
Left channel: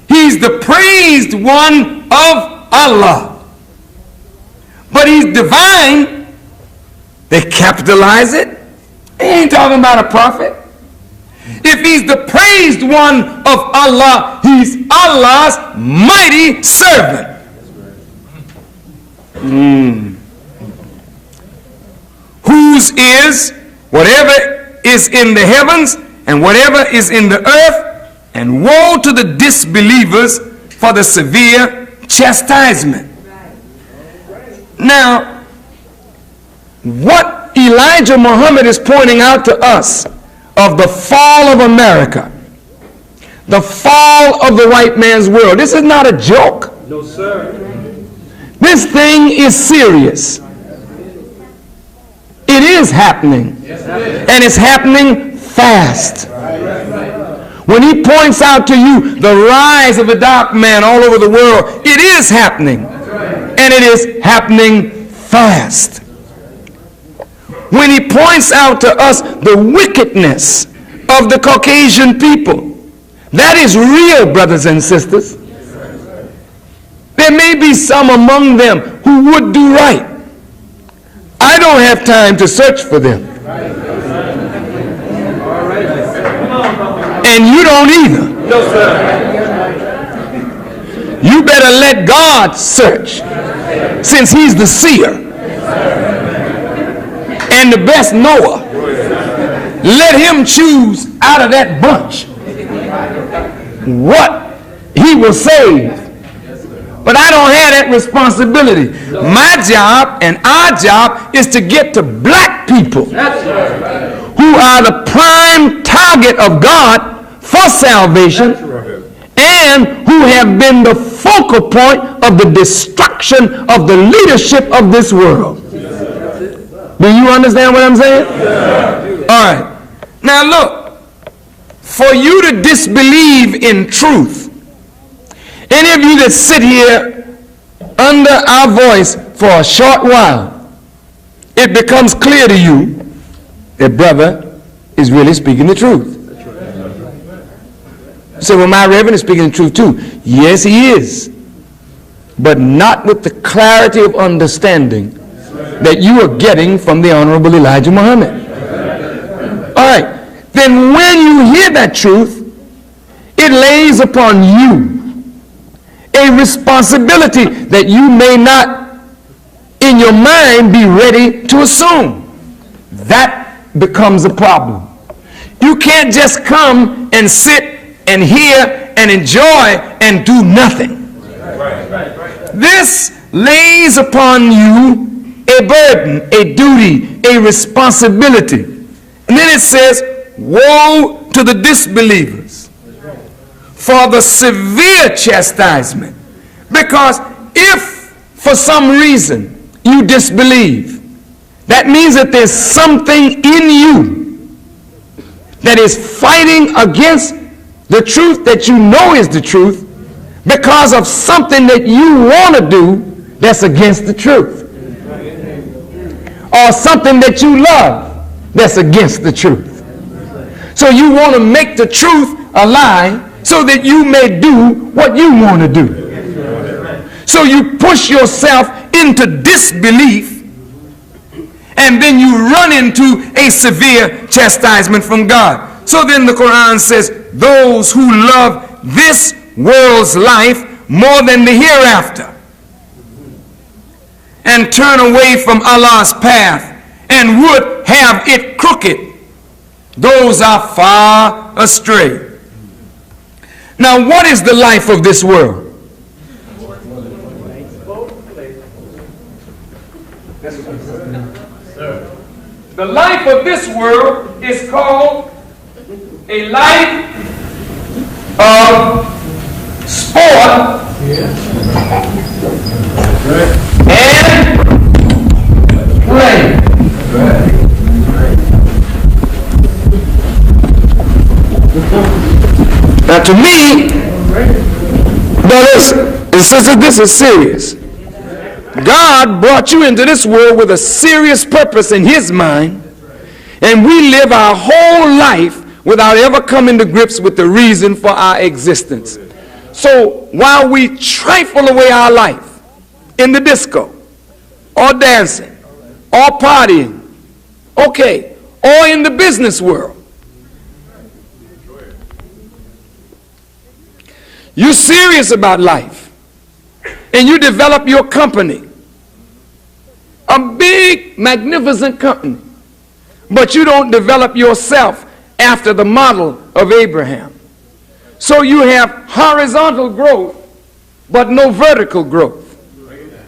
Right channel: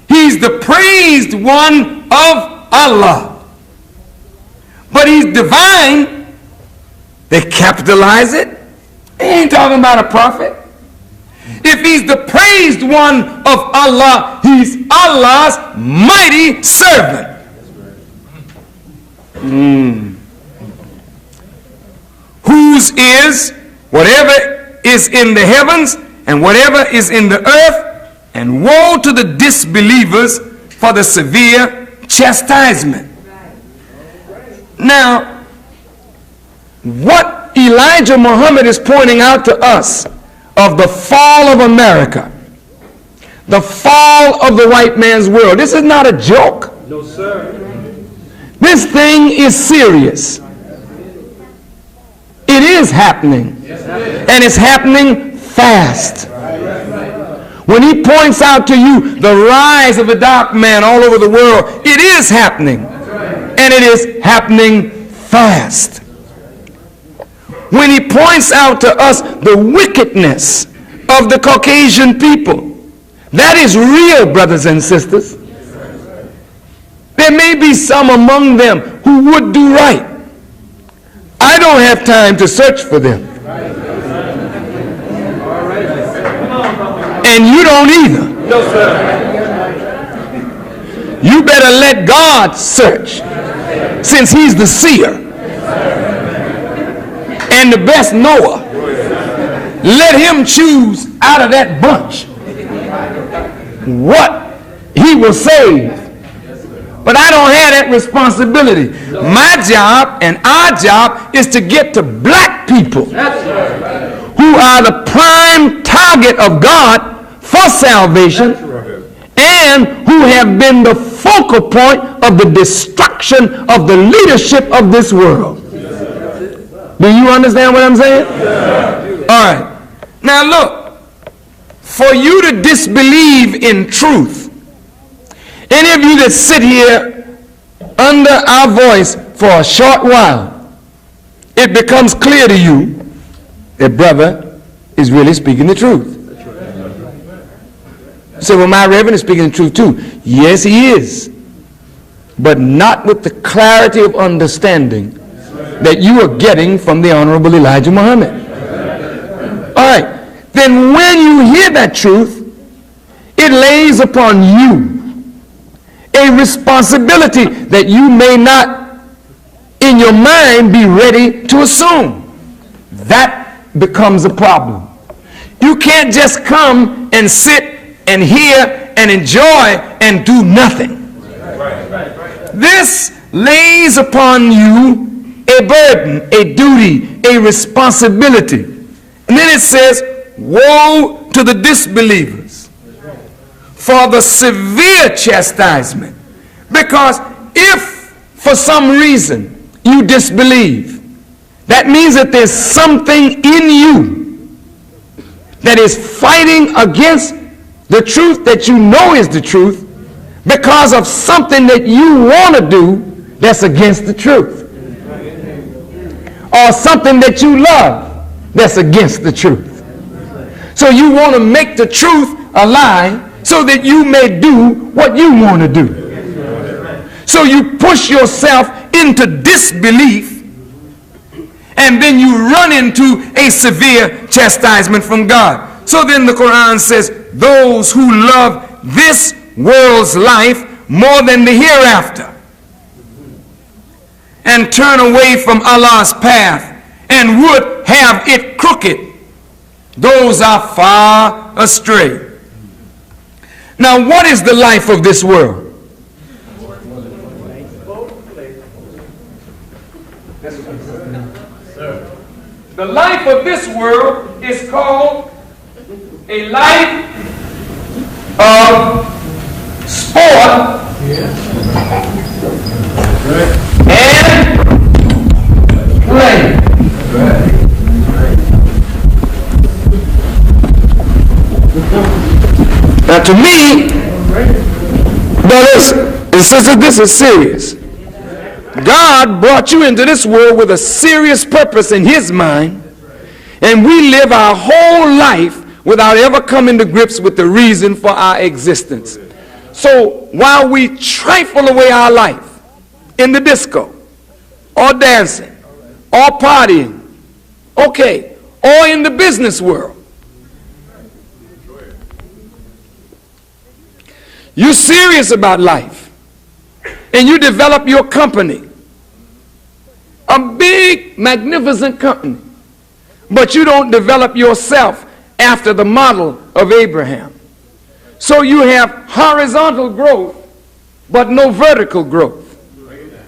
He's the praised one of Allah. But he's divine. They capitalize it. They ain't talking about a prophet. If he's the praised one of Allah, he's Allah's mighty servant. Whose is whatever is in the heavens and whatever is in the earth, and woe to the disbelievers for the severe chastisement. Now, what Elijah Muhammad is pointing out to us of the fall of America, the fall of the white man's world, this is not a joke. No, sir. This thing is serious. It is happening. And it's happening fast. When he points out to you the rise of a dark man all over the world, it is happening. And it is happening fast. When he points out to us the wickedness of the Caucasian people, that is real, brothers and sisters. There may be some among them who would do right. I don't have time to search for them. And you don't either. No, sir. You better let God search, since he's the seer and the best knower. Let him choose out of that bunch what he will save. But I don't have that responsibility. My job and our job is to get to black people who are the prime target of God for salvation and who have been the focal point of the destruction of the leadership of this world. Do you understand what I'm saying? All right. Now look, for you to disbelieve in truth, any of you that sit here under our voice for a short while, it becomes clear to you that brother is really speaking the truth. You say, well, my reverend is speaking the truth too. Yes, he is. But not with the clarity of understanding that you are getting from the Honorable Elijah Muhammad. All right. Then when you hear that truth, it lays upon you a responsibility that you may not in your mind be ready to assume. That becomes a problem. You can't just come and sit and hear and enjoy and do nothing. This lays upon you a burden, a duty, a responsibility. And then it says, woe to the disbelievers for the severe chastisement. Because if for some reason you disbelieve, that means that there's something in you that is fighting against the truth that you know is the truth because of something that you want to do that's against the truth, or something that you love that's against the truth. So you want to make the truth a lie so that you may do what you want to do. So you push yourself into disbelief, and then you run into a severe chastisement from God. So then the Quran says, those who love this world's life more than the hereafter and turn away from Allah's path and would have it crooked, those are far astray. Now, what is the life of this world? The life of this world is called a life of sport and play. Now, to me, brothers and sisters, this is serious. God brought you into this world with a serious purpose in his mind, and we live our whole life without ever coming to grips with the reason for our existence. So while we trifle away our life in the disco, or dancing, or partying, okay, or in the business world, you're serious about life, and you develop your company, a big, magnificent company, but you don't develop yourself after the model of Abraham. So you have horizontal growth, but no vertical growth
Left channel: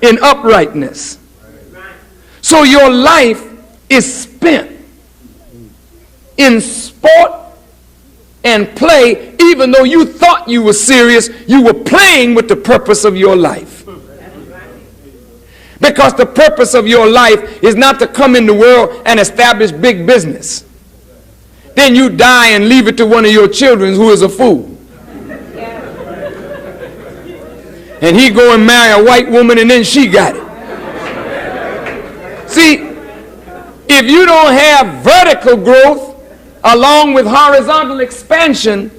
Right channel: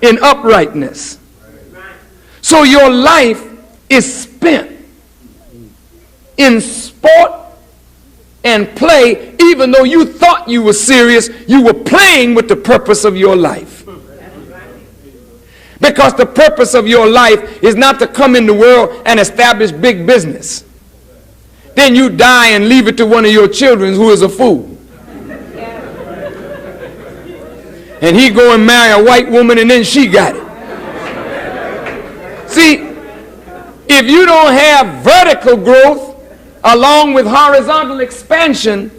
in uprightness. So your life is spent in sport and play. Even though you thought you were serious, you were playing with the purpose of your life. Because the purpose of your life is not to come in the world and establish big business. Then you die and leave it to one of your children who is a fool. And he go and marry a white woman, and then she got it. See, if you don't have vertical growth along with horizontal expansion,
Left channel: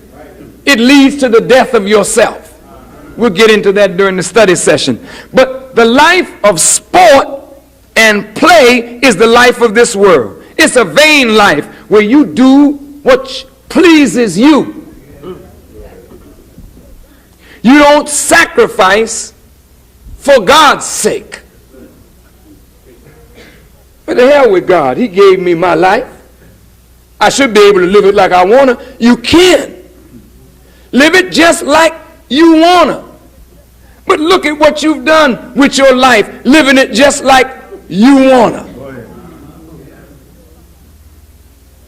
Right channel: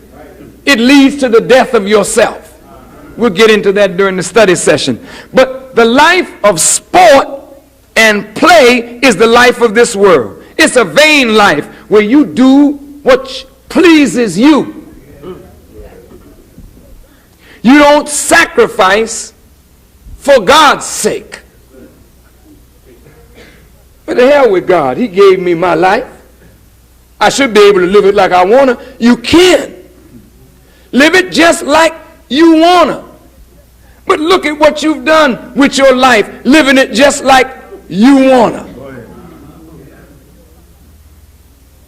it leads to the death of yourself. We'll get into that during the study session. But the life of sport and play is the life of this world. It's a vain life where you do what pleases you. You don't sacrifice for God's sake. What the hell with God? He gave me my life. I should be able to live it like I want to. You can. Live it just like you want to. But look at what you've done with your life, living it just like you want to.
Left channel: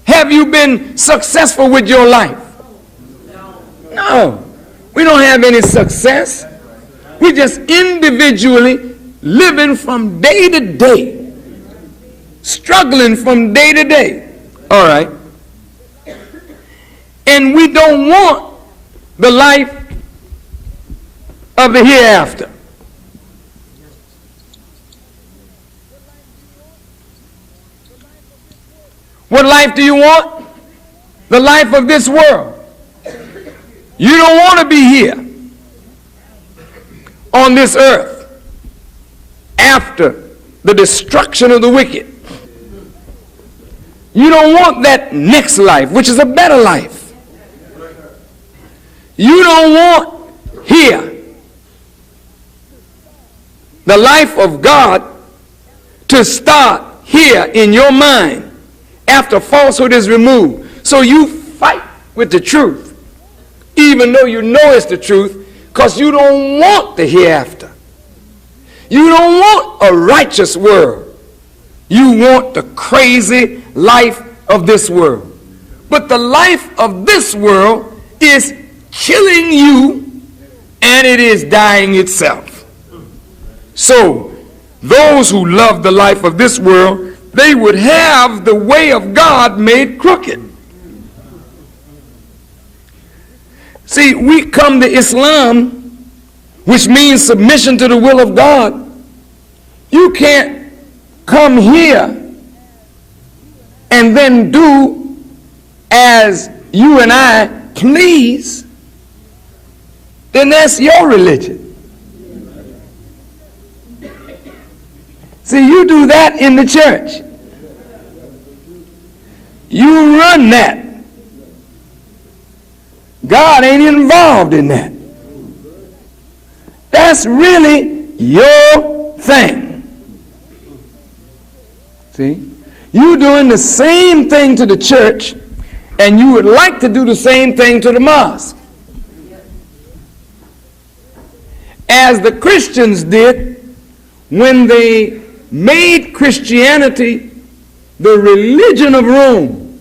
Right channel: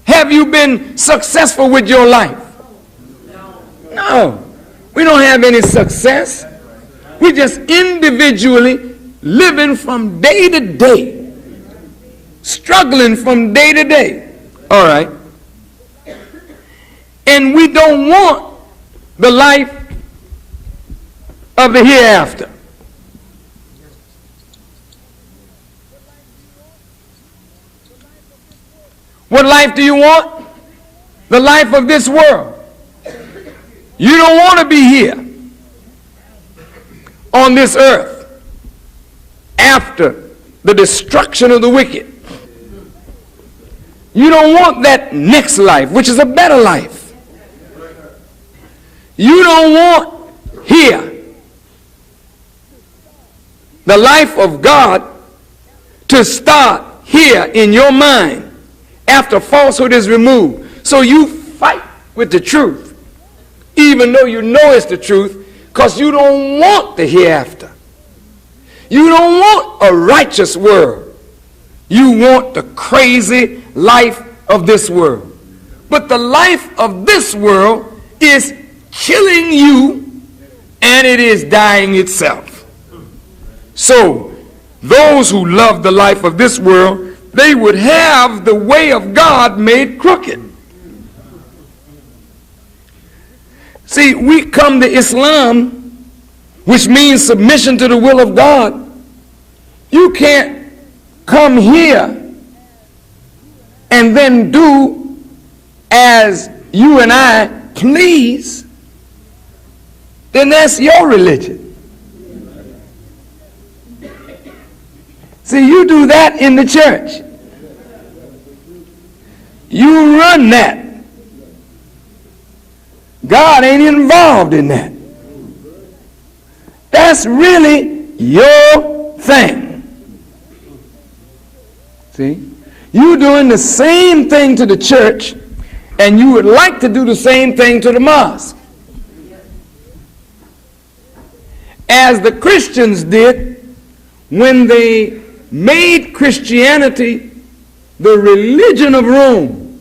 Have you been successful with your life? No. We don't have any success. We're just individually living from day to day, struggling from day to day. All right. And we don't want the life of the hereafter. What life do you want? The life of this world. You don't want to be here on this earth after the destruction of the wicked. You don't want that next life, which is a better life. You don't want here the life of God to start here in your mind after falsehood is removed. So you fight with the truth, even though you know it's the truth, because you don't want the hereafter. You don't want a righteous world. You want the crazy life of this world. But the life of this world is killing you, and it is dying itself. So those who love the life of this world, they would have the way of God made crooked. See, we come to Islam, which means submission to the will of God. You can't come here and then do as you and I please. Then that's your religion. See, you do that in the church. You run that. God ain't involved in that. That's really your thing. See? You're doing the same thing to the church, and you would like to do the same thing to the mosque. As the Christians did when they made Christianity the religion of Rome.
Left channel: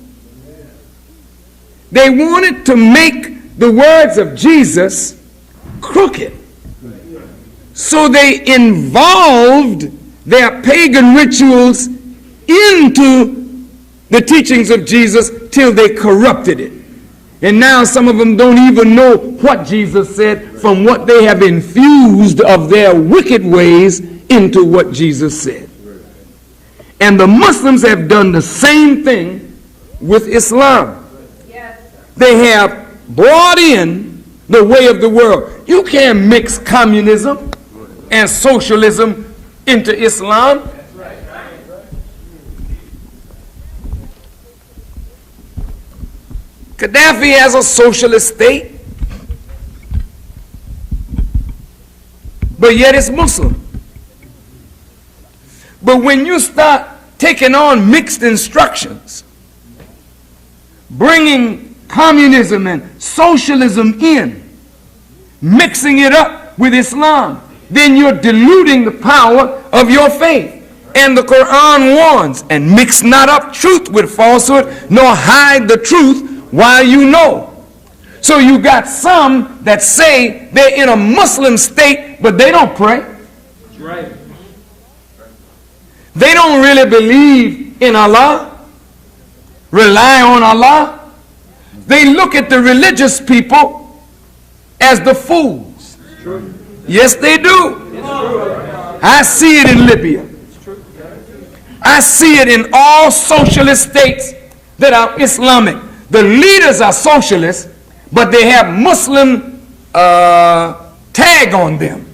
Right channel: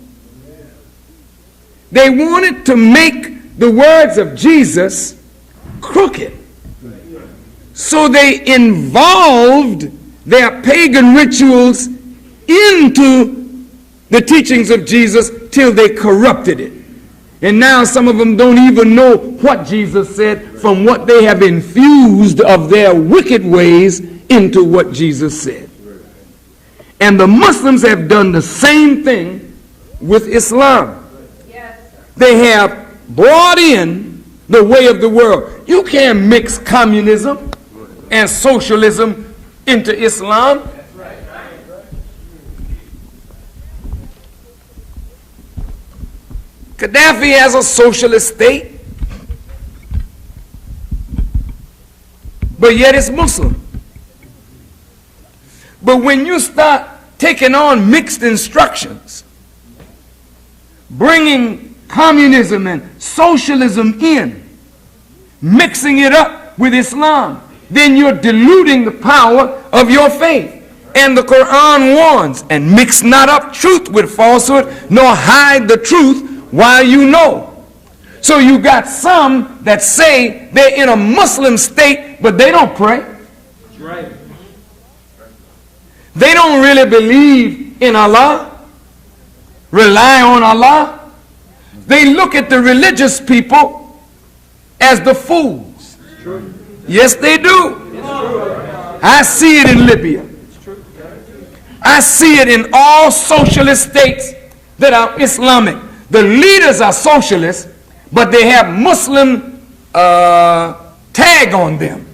They wanted to make the words of Jesus crooked. So they involved their pagan rituals into the teachings of Jesus till they corrupted it. And now some of them don't even know what Jesus said from what they have infused of their wicked ways into what Jesus said. And the Muslims have done the same thing with Islam. They have brought in the way of the world. You can't mix communism and socialism into Islam. Gaddafi has a socialist state, but yet it's Muslim. But when you start taking on mixed instructions, bringing communism and socialism in, mixing it up with Islam, then you're diluting the power of your faith. And the Quran warns, and mix not up truth with falsehood, nor hide the truth while you know. So you got some that say they're in a Muslim state, but they don't pray. That's right. They don't really believe in Allah, rely on Allah. They look at the religious people as the fools. Yes, they do. I see it in Libya. I see it in all socialist states that are Islamic. The leaders are socialists, but they have Muslim tag on them.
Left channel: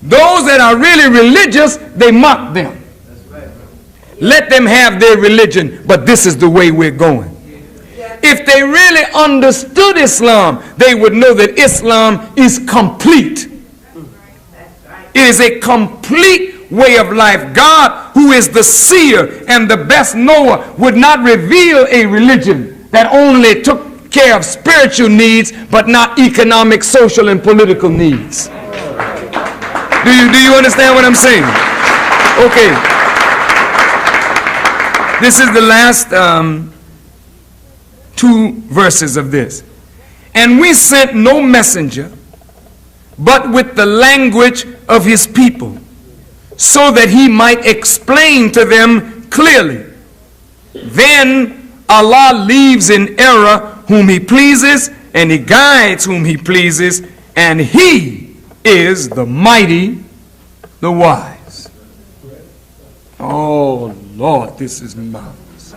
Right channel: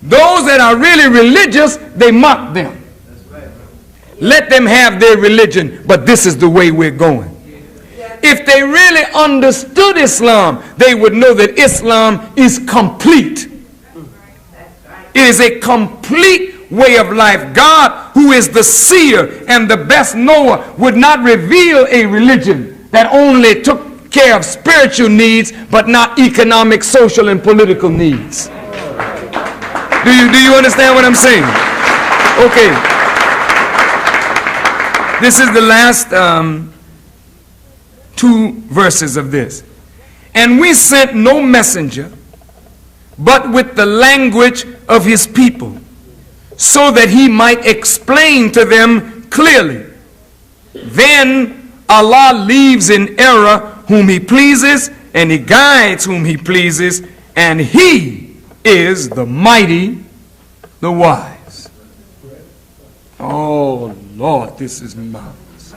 Those that are really religious, they mock them. Let them have their religion, but this is the way we're going. If they really understood Islam, they would know that Islam is complete. It is a complete way of life. God, who is the seer and the best knower, would not reveal a religion that only took care of spiritual needs but not economic, social, and political needs. Do you understand what I'm saying? Okay. This is the last two verses of this. And we sent no messenger but with the language of his people, so that he might explain to them clearly. Then Allah leaves in error whom he pleases, and he guides whom he pleases, and he is the mighty, the wise. Oh Lord, this is marvelous.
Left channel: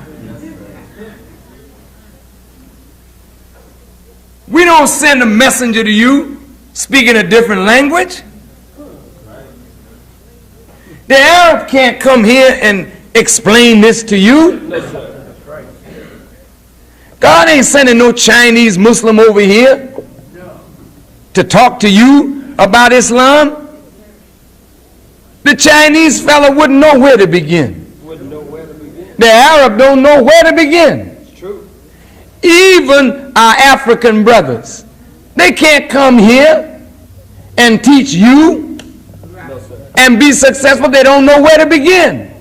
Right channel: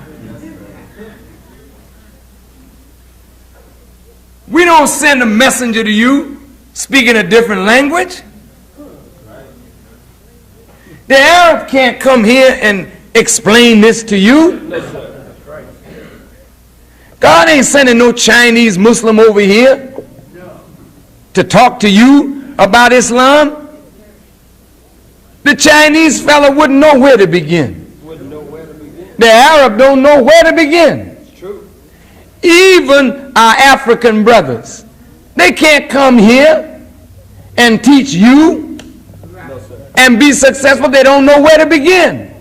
We don't send a messenger to you speaking a different language. The Arab can't come here and explain this to you. God ain't sending no Chinese Muslim over here to talk to you about Islam. The Chinese fella wouldn't know where to begin. The Arab don't know where to begin. Even our African brothers, they can't come here and teach you and be successful. They don't know where to begin.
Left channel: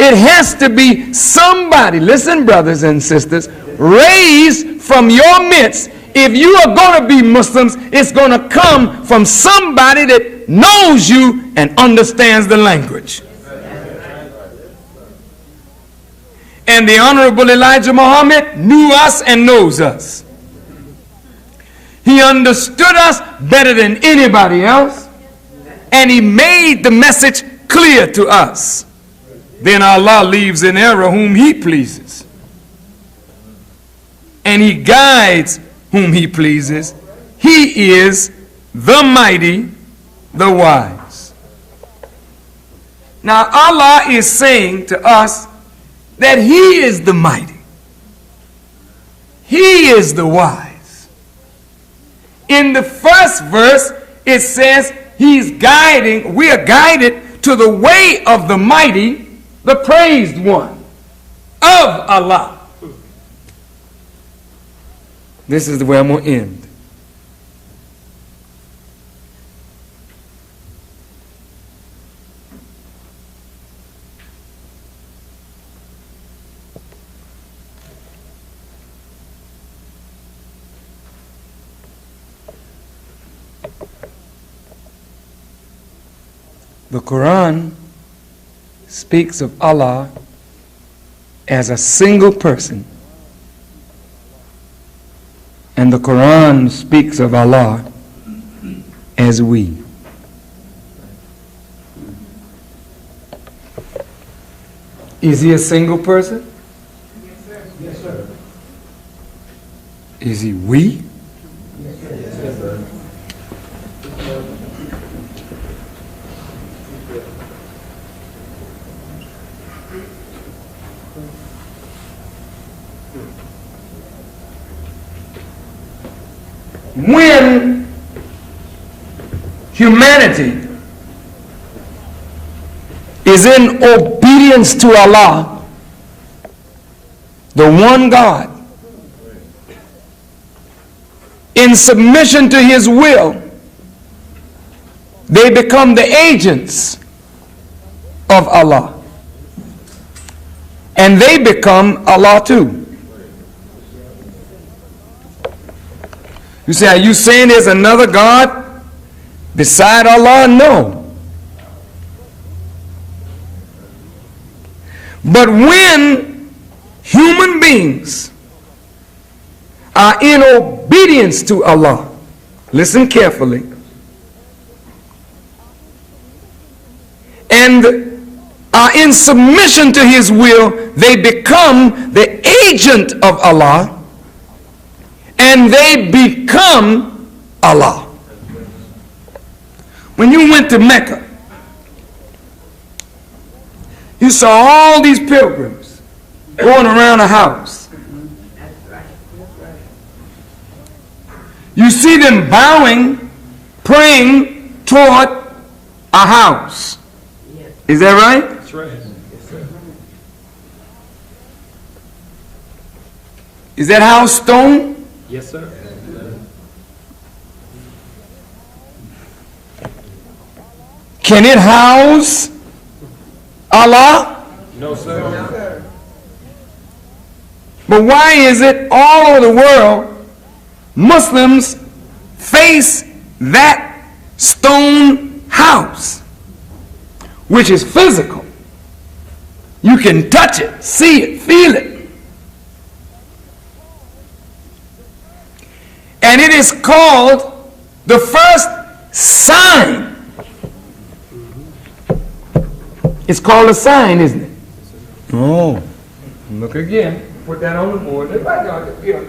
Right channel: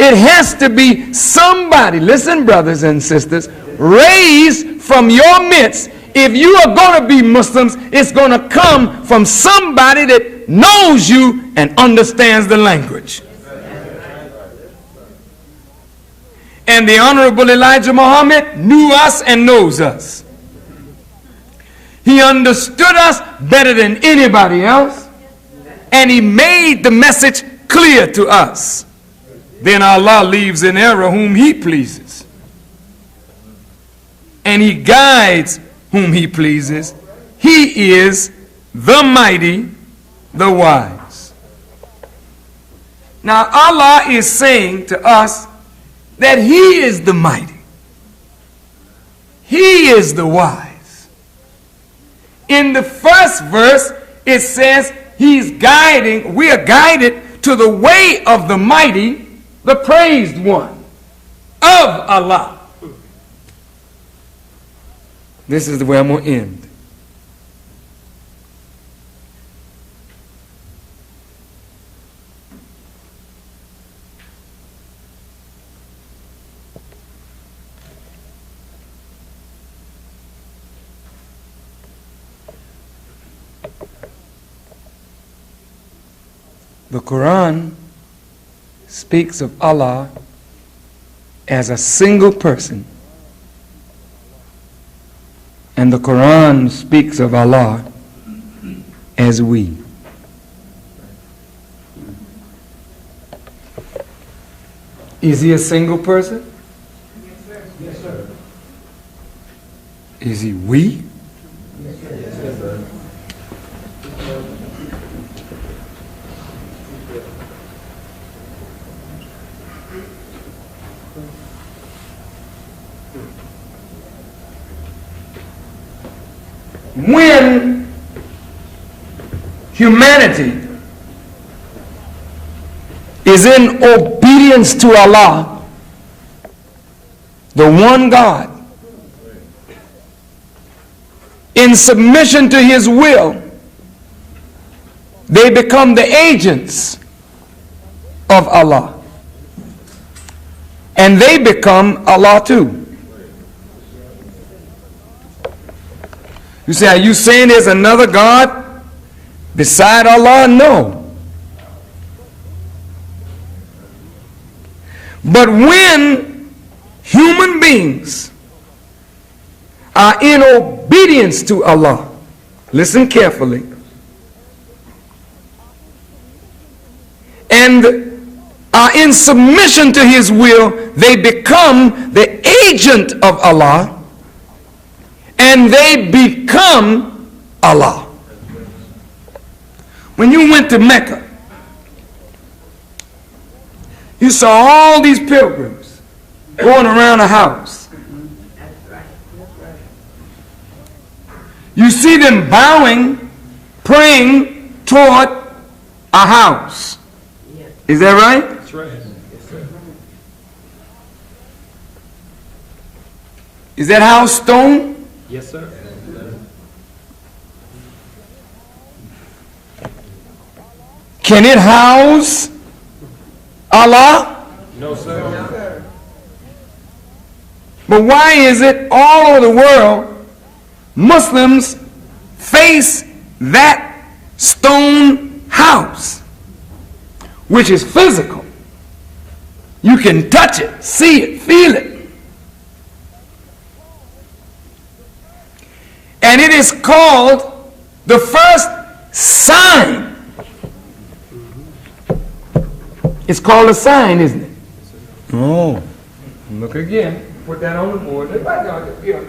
It has to be somebody, listen brothers and sisters, raised from your midst. If you are going to be Muslims, it's going to come from somebody that knows you and understands the language. And the Honorable Elijah Muhammad knew us and knows us. He understood us better than anybody else, and he made the message clear to us. Then Allah leaves in error whom he pleases, and he guides whom he pleases. He is the mighty, the wise. Now Allah is saying to us that he is the mighty, he is the wise. In the first verse it says he's guiding, we are guided to the way of the mighty, the praised one of Allah. This is the way I'm going to end. The Quran speaks of Allah as a single person, and the Quran speaks of Allah as we. Is he a single person? Yes, sir. Is he we? Yes, sir. When humanity is in obedience to Allah, the one God, in submission to his will, they become the agents of Allah, and they become Allah too. You say, are you saying there's another God beside Allah? No. But when human beings are in obedience to Allah, listen carefully, and are in submission to his will, they become the agent of Allah, and they become Allah. When you went to Mecca, you saw all these pilgrims going around a house. You see them bowing, praying toward a house. Is that right? That's right. Is that house stone? Yes, sir. Can it house Allah? No, sir. But why is it all over the world Muslims face that stone house, which is physical? You can touch it, see it, feel it. And it is called the first sign. It's called a sign, isn't it? Oh, look again. Put that on the board. Look back on it. Here.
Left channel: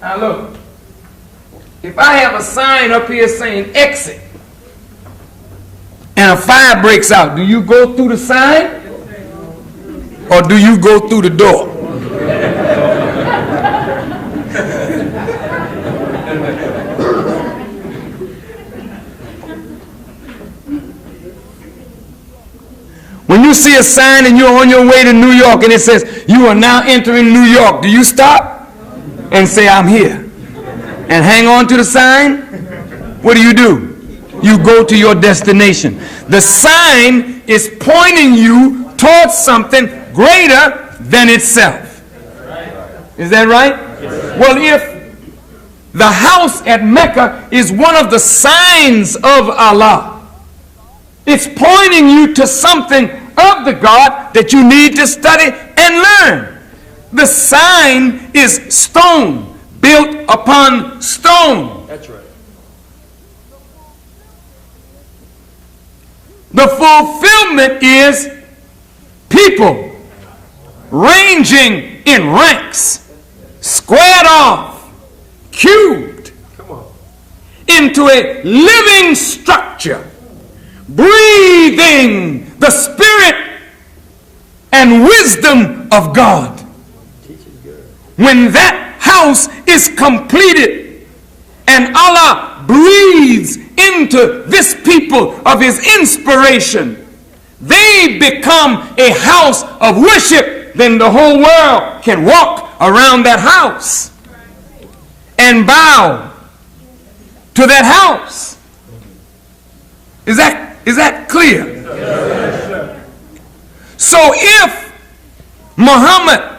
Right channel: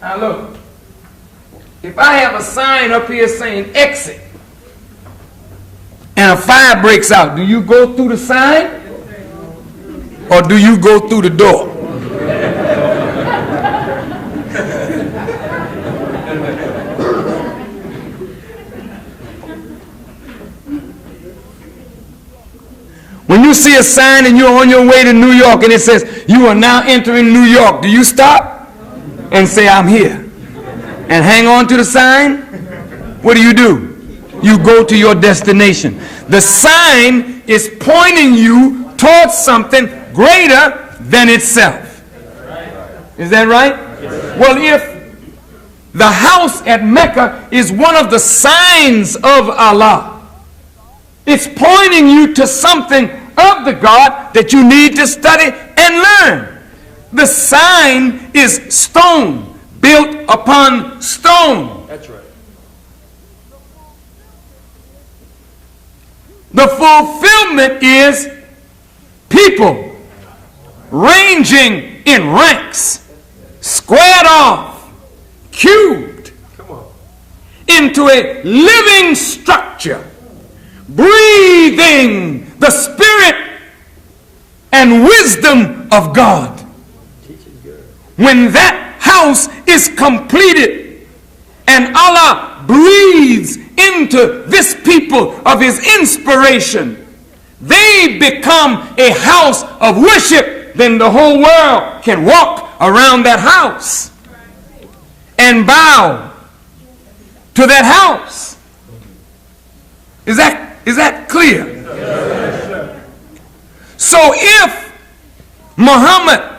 Now look. If I have a sign up here saying exit, and a fire breaks out, do you go through the sign? Or do you go through the door? When you see a sign and you're on your way to New York and it says, you are now entering New York, do you stop and say, I'm here? And hang on to the sign? What do? You go to your destination. The sign is pointing you towards something greater than itself. Is that right? Well, if the house at Mecca is one of the signs of Allah, it's pointing you to something of the God that you need to study and learn. the sign is stone, built upon stone. That's right. The fulfillment is people ranging in ranks, squared off, cubed into a living structure, breathing the spirit and wisdom of God. When that house is completed and Allah breathes into this people of his inspiration, they become a house of worship. Then the whole world can walk around that house and bow to that house. Is that clear? Yes. So if Muhammad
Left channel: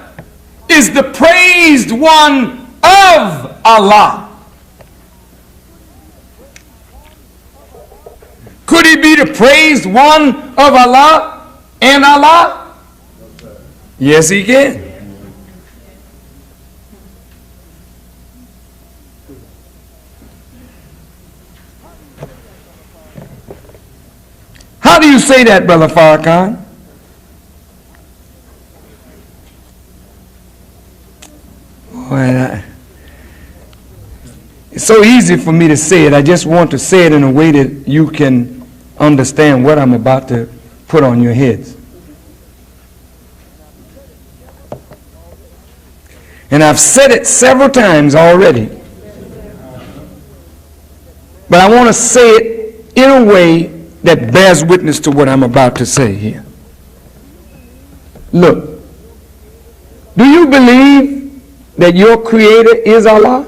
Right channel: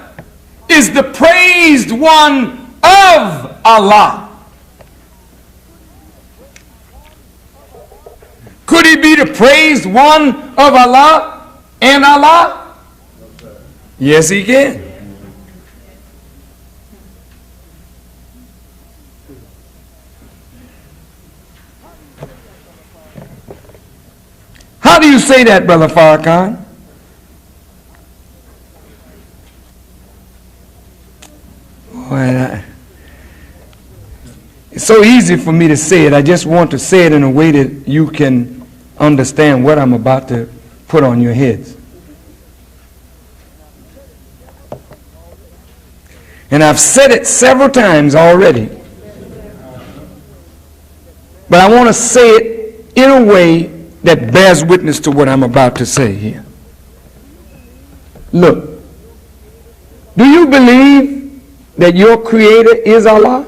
is the praised one of Allah, could he be the praised one of Allah and Allah? Yes, he can. How do you say that, Brother Farrakhan? Well, it's so easy for me to say it. I just want to say it in a way that you can understand what I'm about to put on your heads. And I've said it several times already. But I want to say it in a way that bears witness to what I'm about to say here. Look, do you believe that your creator is Allah?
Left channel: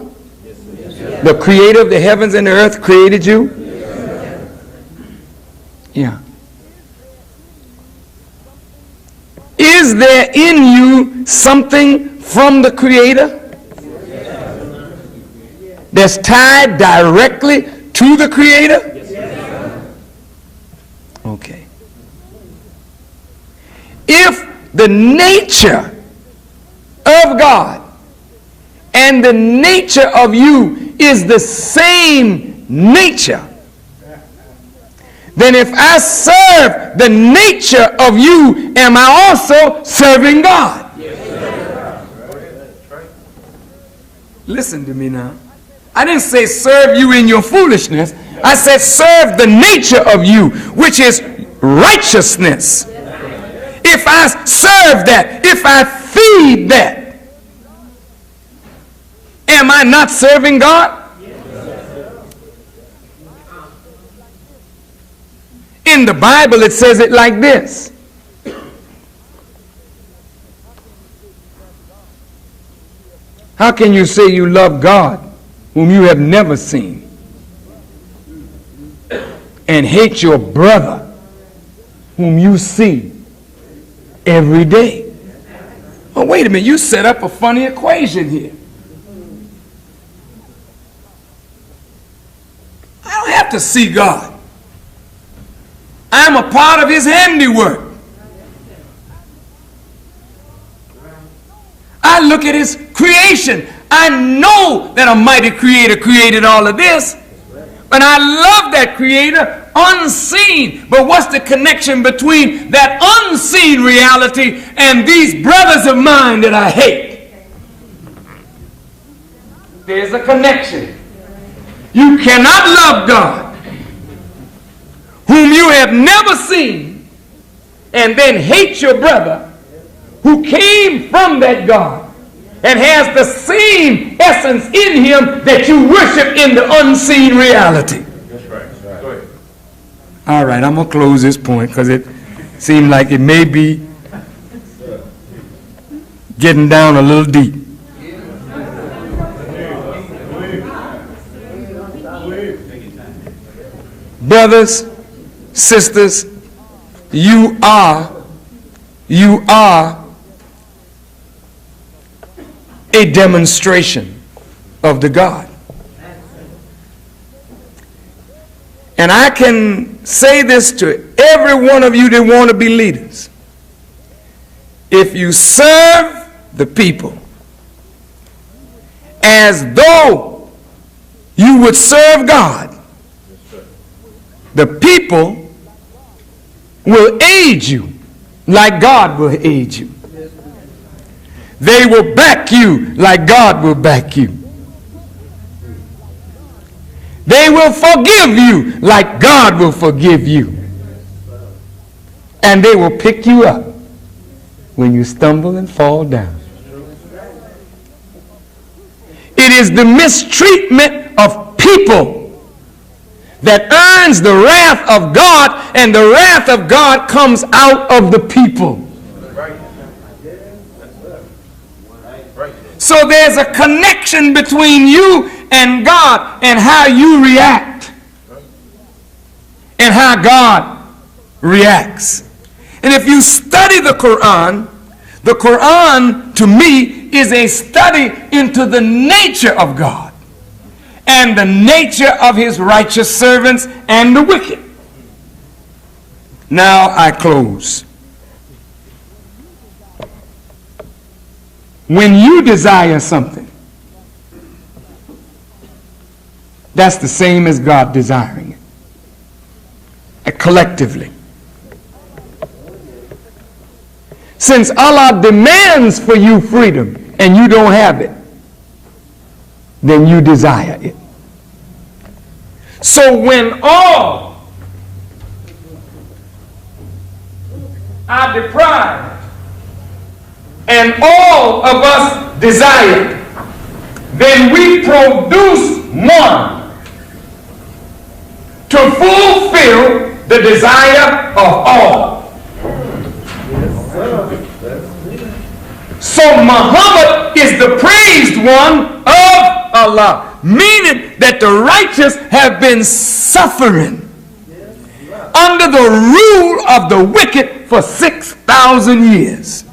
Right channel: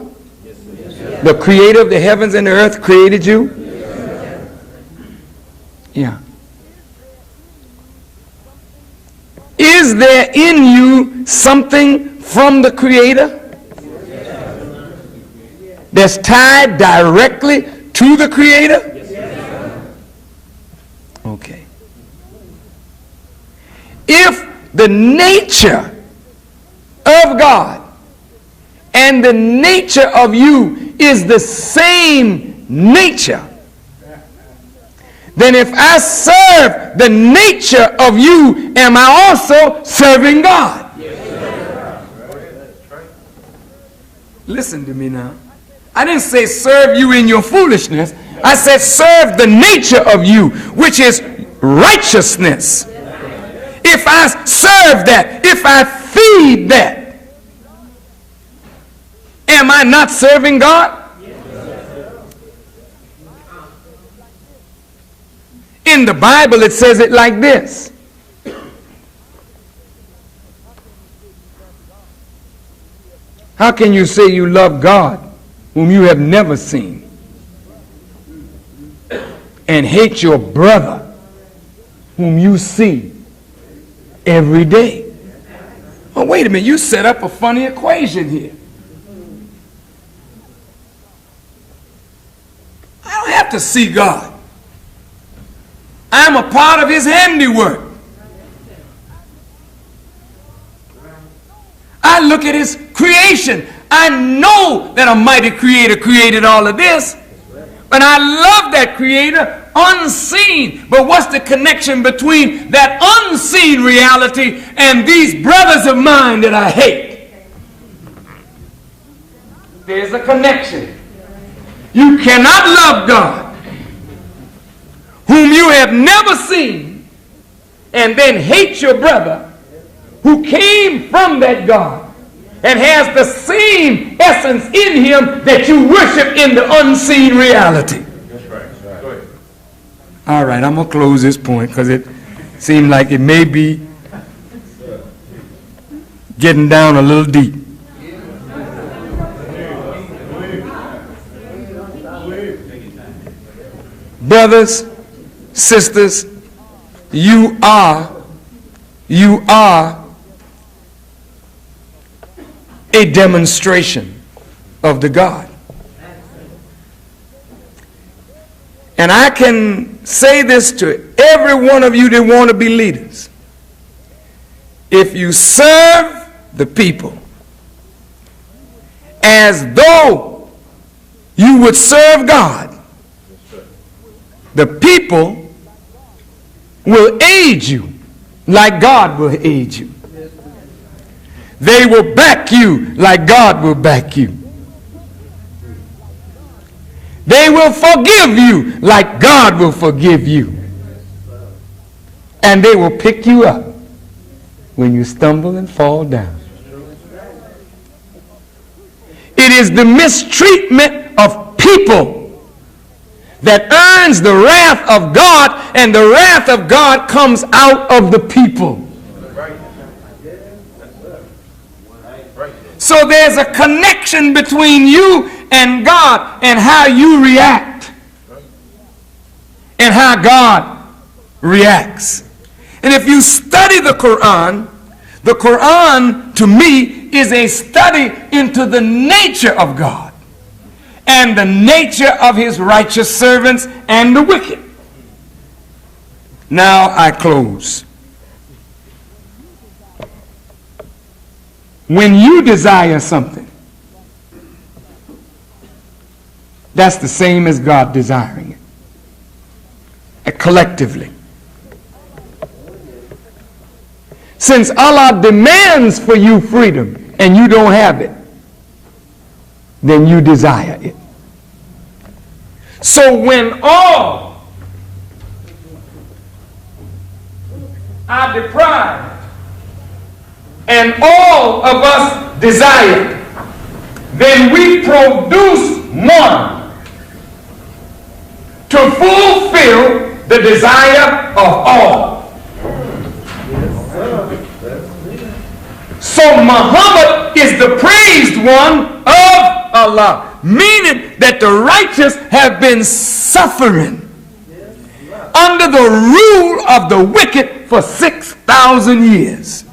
The creator of the heavens and the earth created you? Yeah. Is there in you something from the creator that's tied directly to the creator? Okay. If the nature of God and the nature of you is the same nature, then if I serve the nature of you, am I also serving God? Listen to me now. I didn't say serve you in your foolishness. I said serve the nature of you, which is righteousness. If I serve that, if I feed that, am I not serving God? In the Bible, it says it like this. How can you say you love God whom you have never seen and hate your brother whom you see every day? Oh, wait a minute, you set up a funny equation here. I don't have to see God. I'm a part of his handiwork. I look at his creation. I know that a mighty creator created all of this. But I love that creator unseen. But what's the connection between that unseen reality and these brothers of mine that I hate? There's a connection. You cannot love God whom you have never seen and then hate your brother who came from that God and has the same essence in him that you worship in the unseen reality. That's right. Go ahead. All right, I'm going to close this point because it seemed like it may be getting down a little deep. Brothers, sisters, you are a demonstration of the God. And I can say this to every one of you that want to be leaders. If you serve the people as though you would serve God. The people will aid you like God will aid you. They will back you like God will back you. They will forgive you like God will forgive you. And they will pick you up when you stumble and fall down. It is the mistreatment of people that earns the wrath of God, and the wrath of God comes out of the people. So there's a connection between you and God and how you react and how God reacts. And if you study the Quran to me is a study into the nature of God and the nature of his righteous servants and the wicked. Now I close. When you desire something, that's the same as God desiring it, collectively. Since Allah demands for you freedom and you don't have it, then you desire it. So when all are deprived and all of us desire, then we produce one to fulfill the desire of all. So Muhammad is the praised one of Allah, meaning that the righteous have been suffering under the rule of the wicked for 6,000 years.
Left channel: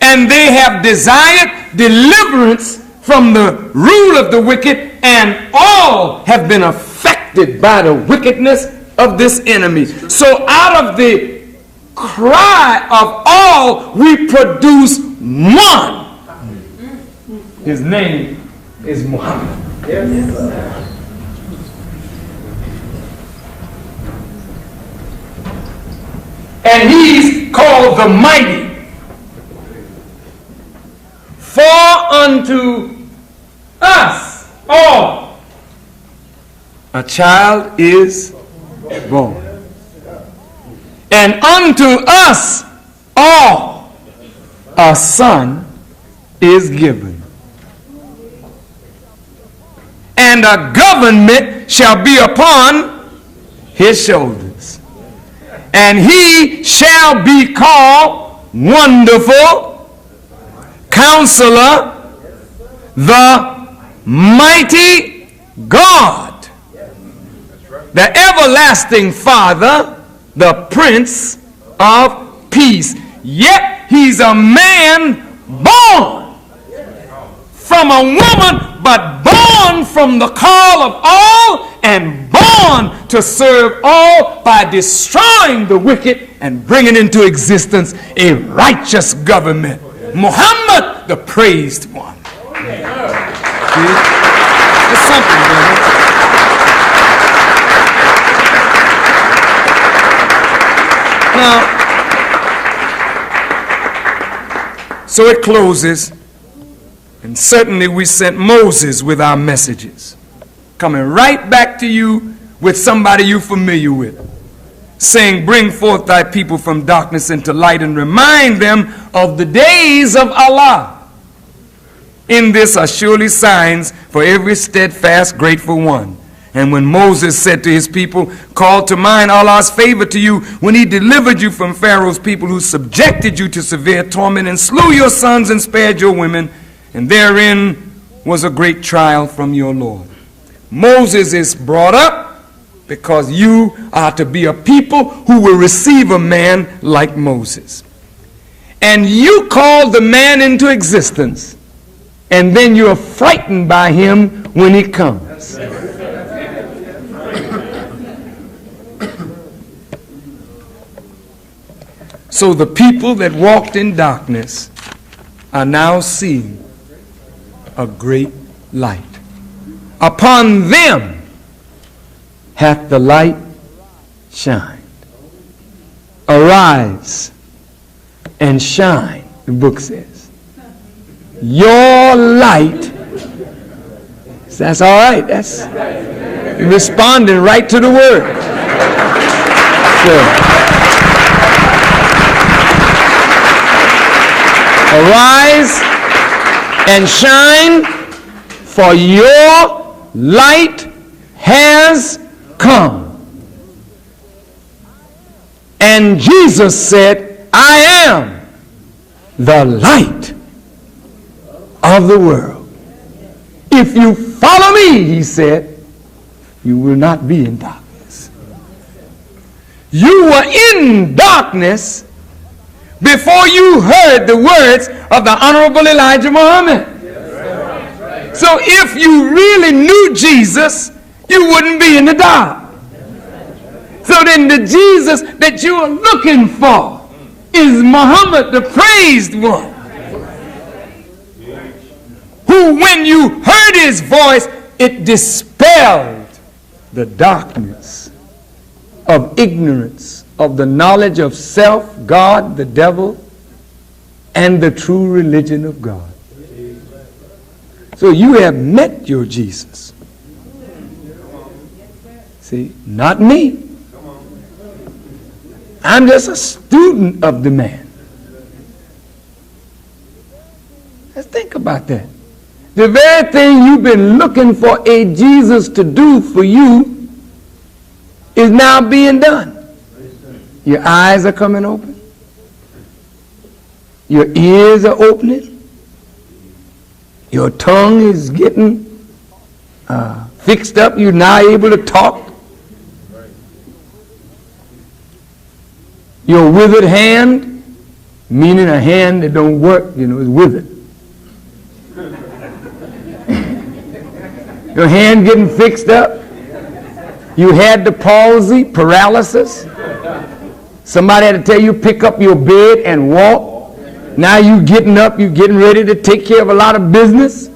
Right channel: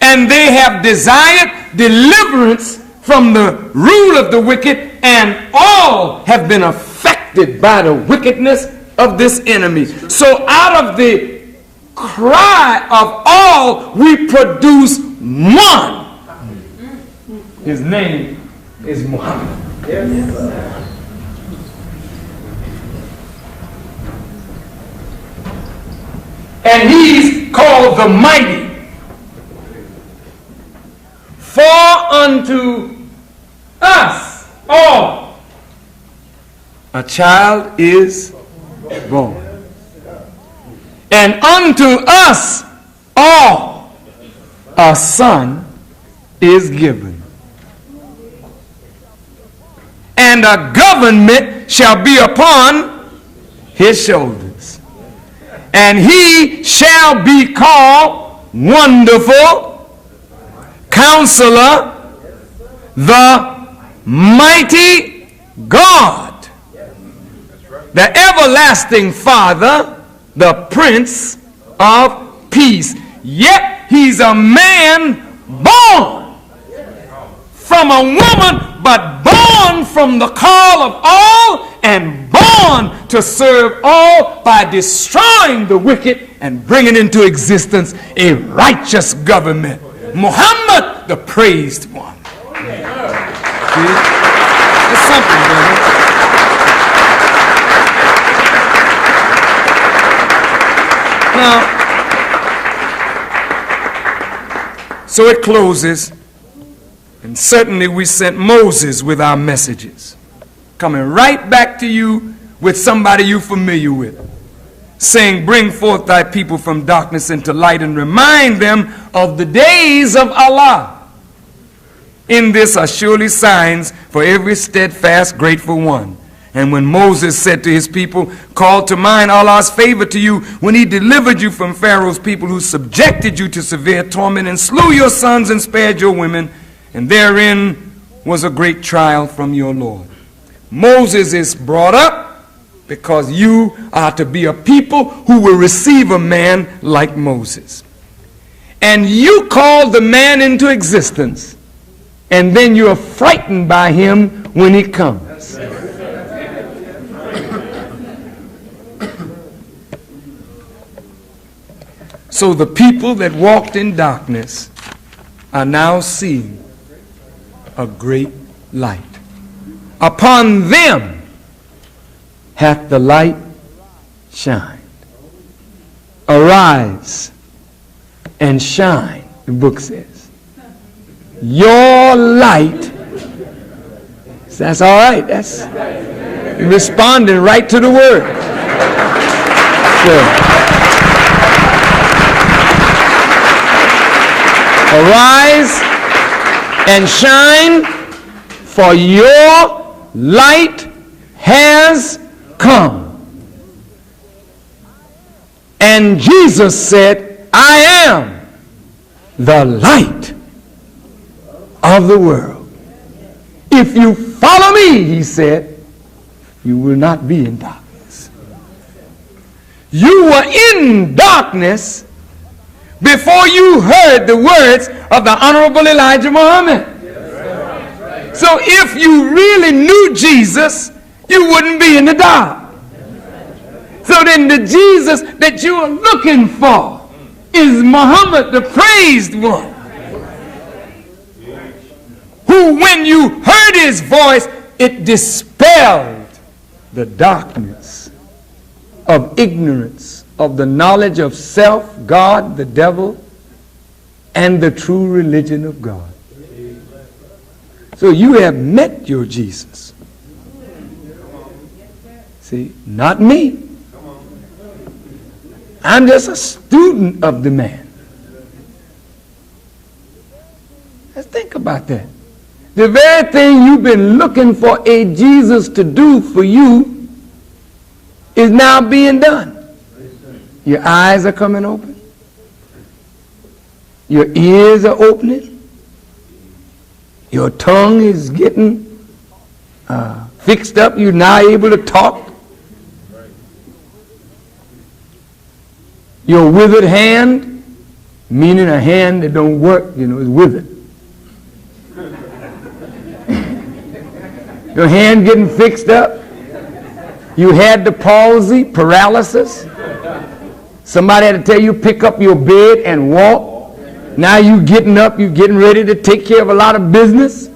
And they have desired deliverance from the rule of the wicked, and all have been affected by the wickedness of this enemy. So out of the cry of all, we produce one. His name is Muhammad. And he's called the mighty. For unto us all a child is born, and unto us all a son is given, and a government shall be upon his shoulders, and he shall be called Wonderful Counselor, the Mighty God, the Everlasting Father, the Prince of Peace. Yet he's a man born from a woman, but born from the call of all, and born to serve all by destroying the wicked and bringing into existence a righteous government. Muhammad, the praised one. See? It's something, brother. Now, so it closes, and certainly we sent Moses with our messages, coming right back to you with somebody you're familiar with, saying, bring forth thy people from darkness into light, and remind them of the days of Allah. In this are surely signs for every steadfast, grateful one. And when Moses said to his people, call to mind Allah's favor to you when he delivered you from Pharaoh's people, who subjected you to severe torment and slew your sons and spared your women, and therein was a great trial from your Lord. Moses is brought up because you are to be a people who will receive a man like Moses. And you call the man into existence, and then you are frightened by him when he comes. So the people that walked in darkness are now seeing a great light. Upon them hath the light shined. Arise and shine, the book says. Your light, that's all right, that's responding right to the word. So, arise and shine, for your light has come. And Jesus said, I am the light of the world. If you follow me, he said, you will not be in darkness. You were in darkness before you heard the words of the Honorable Elijah Muhammad. So if you really knew Jesus, you wouldn't be in the dark. So then the Jesus that you are looking for is Muhammad, the praised one, who when you heard his voice, it dispelled the darkness of ignorance, of the knowledge of self, God, the devil, and the true religion of God. So you have met your Jesus. See, not me. I'm just a student of the man. Let's think about that. The very thing you've been looking for a Jesus to do for you is now being done. Your eyes are coming open. Your ears are opening. Your tongue is getting fixed up. You're now able to talk. Your withered hand, meaning a hand that don't work, is withered. Your hand getting fixed up. You had the palsy, paralysis. Somebody had to tell you pick up your bed and walk. Now you getting up, you getting ready to take care of a lot of business.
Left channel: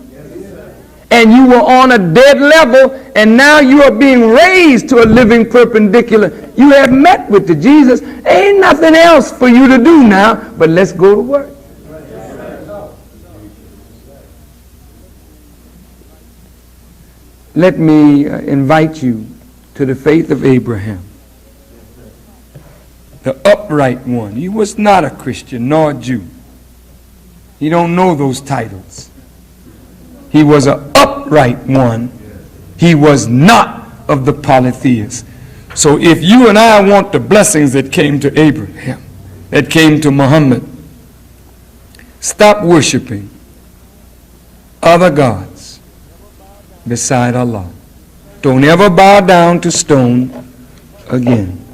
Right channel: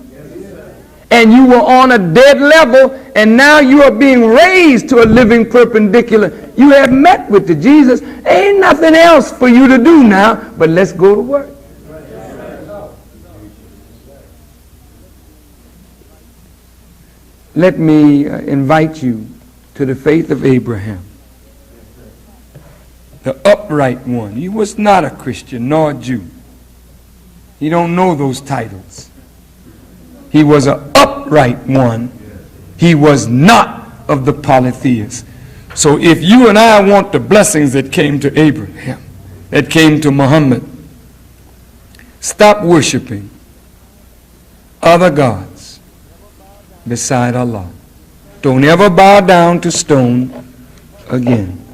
And you were on a dead level, and now you are being raised to a living perpendicular. You have met with the Jesus. Ain't nothing else for you to do now, but let's go to work. Let me invite you to the faith of Abraham, the upright one. He was not a Christian nor a Jew. You don't know those titles. He was an upright one. He was not of the polytheists. So if you and I want the blessings that came to Abraham, that came to Muhammad, stop worshiping other gods beside Allah. Don't ever bow down to stone again.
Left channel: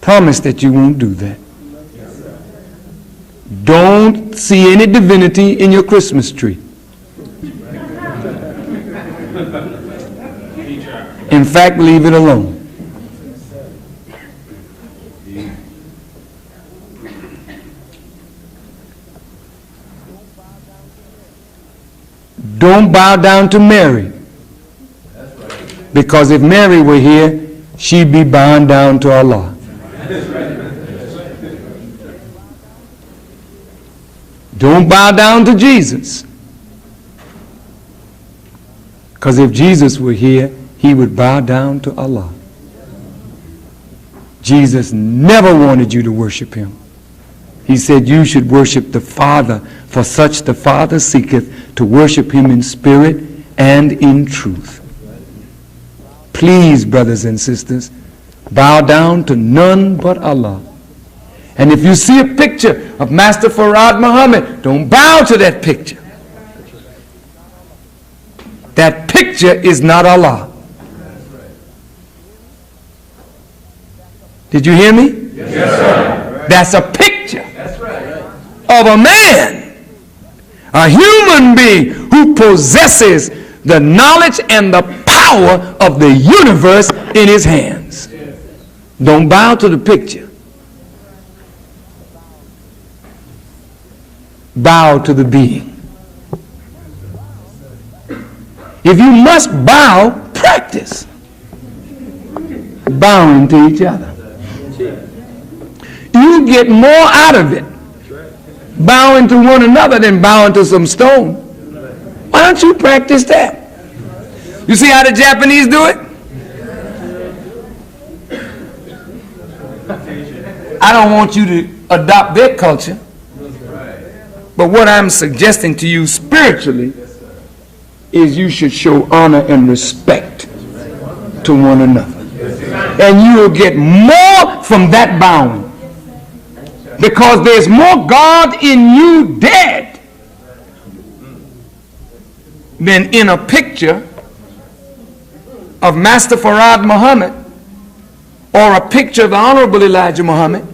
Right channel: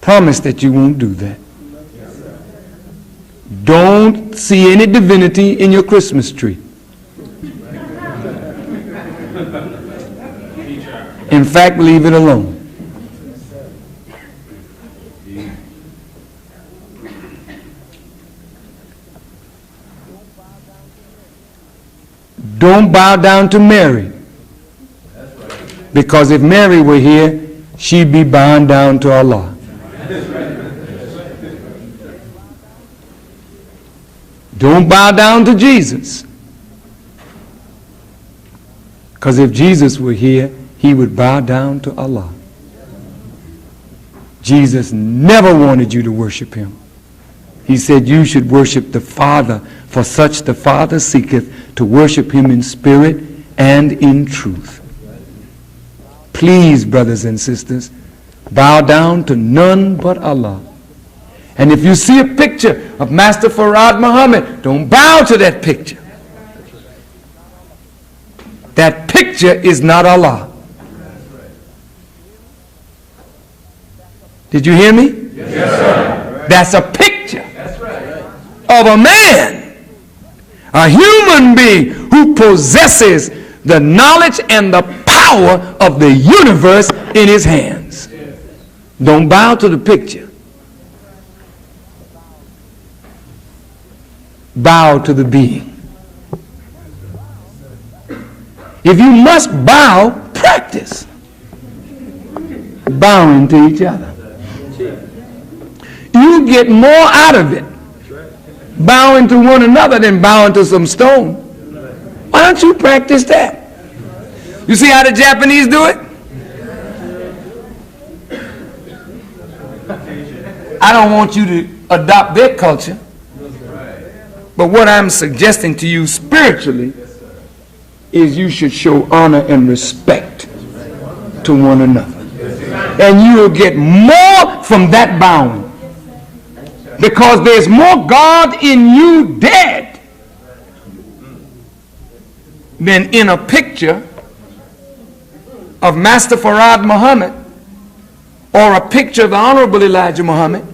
Promise that you won't do that. Don't see any divinity in your Christmas tree. In fact, leave it alone. Don't bow down to Mary. Because if Mary were here, she'd be bowing down to Allah. Don't bow down to Jesus. Because if Jesus were here, he would bow down to Allah. Jesus never wanted you to worship him. He said you should worship the Father, for such the Father seeketh to worship him in spirit and in truth. Please, brothers and sisters, bow down to none but Allah. And if you see a picture of Master Farad Muhammad, don't bow to that picture. That picture is not Allah. Did you hear me? Yes, sir. That's a picture That's right. of a man, a human being who possesses the knowledge and the power of the universe in his hands. Don't bow to the picture. bow to the being. If you must bow, practice bowing to each other. You get more out of it bowing to one another than bowing to some stone. Why don't you practice that? You see how the Japanese do it? I don't want you to adopt their culture, but what I'm suggesting to you spiritually is you should show honor and respect to one another. And you will get more from that bowing, because there's more God in you dead than in a picture of Master Farad Muhammad, or a picture of the Honorable Elijah Muhammad,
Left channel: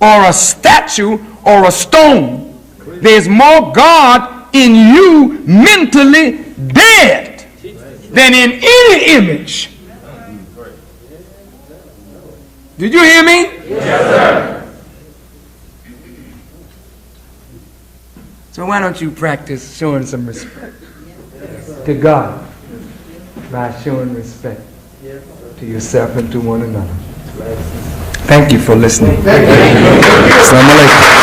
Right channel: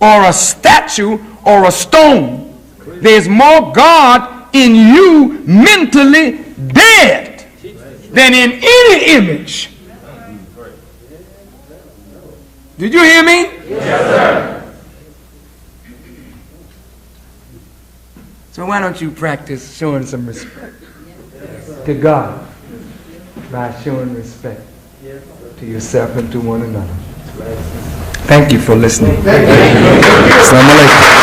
or a statue or a stone. There's more God in you mentally dead than in any image. Did you hear me? Yes, sir. So why don't you practice showing some respect to God by showing respect to yourself and to one another. Thank you for listening. Assalamu alaikum.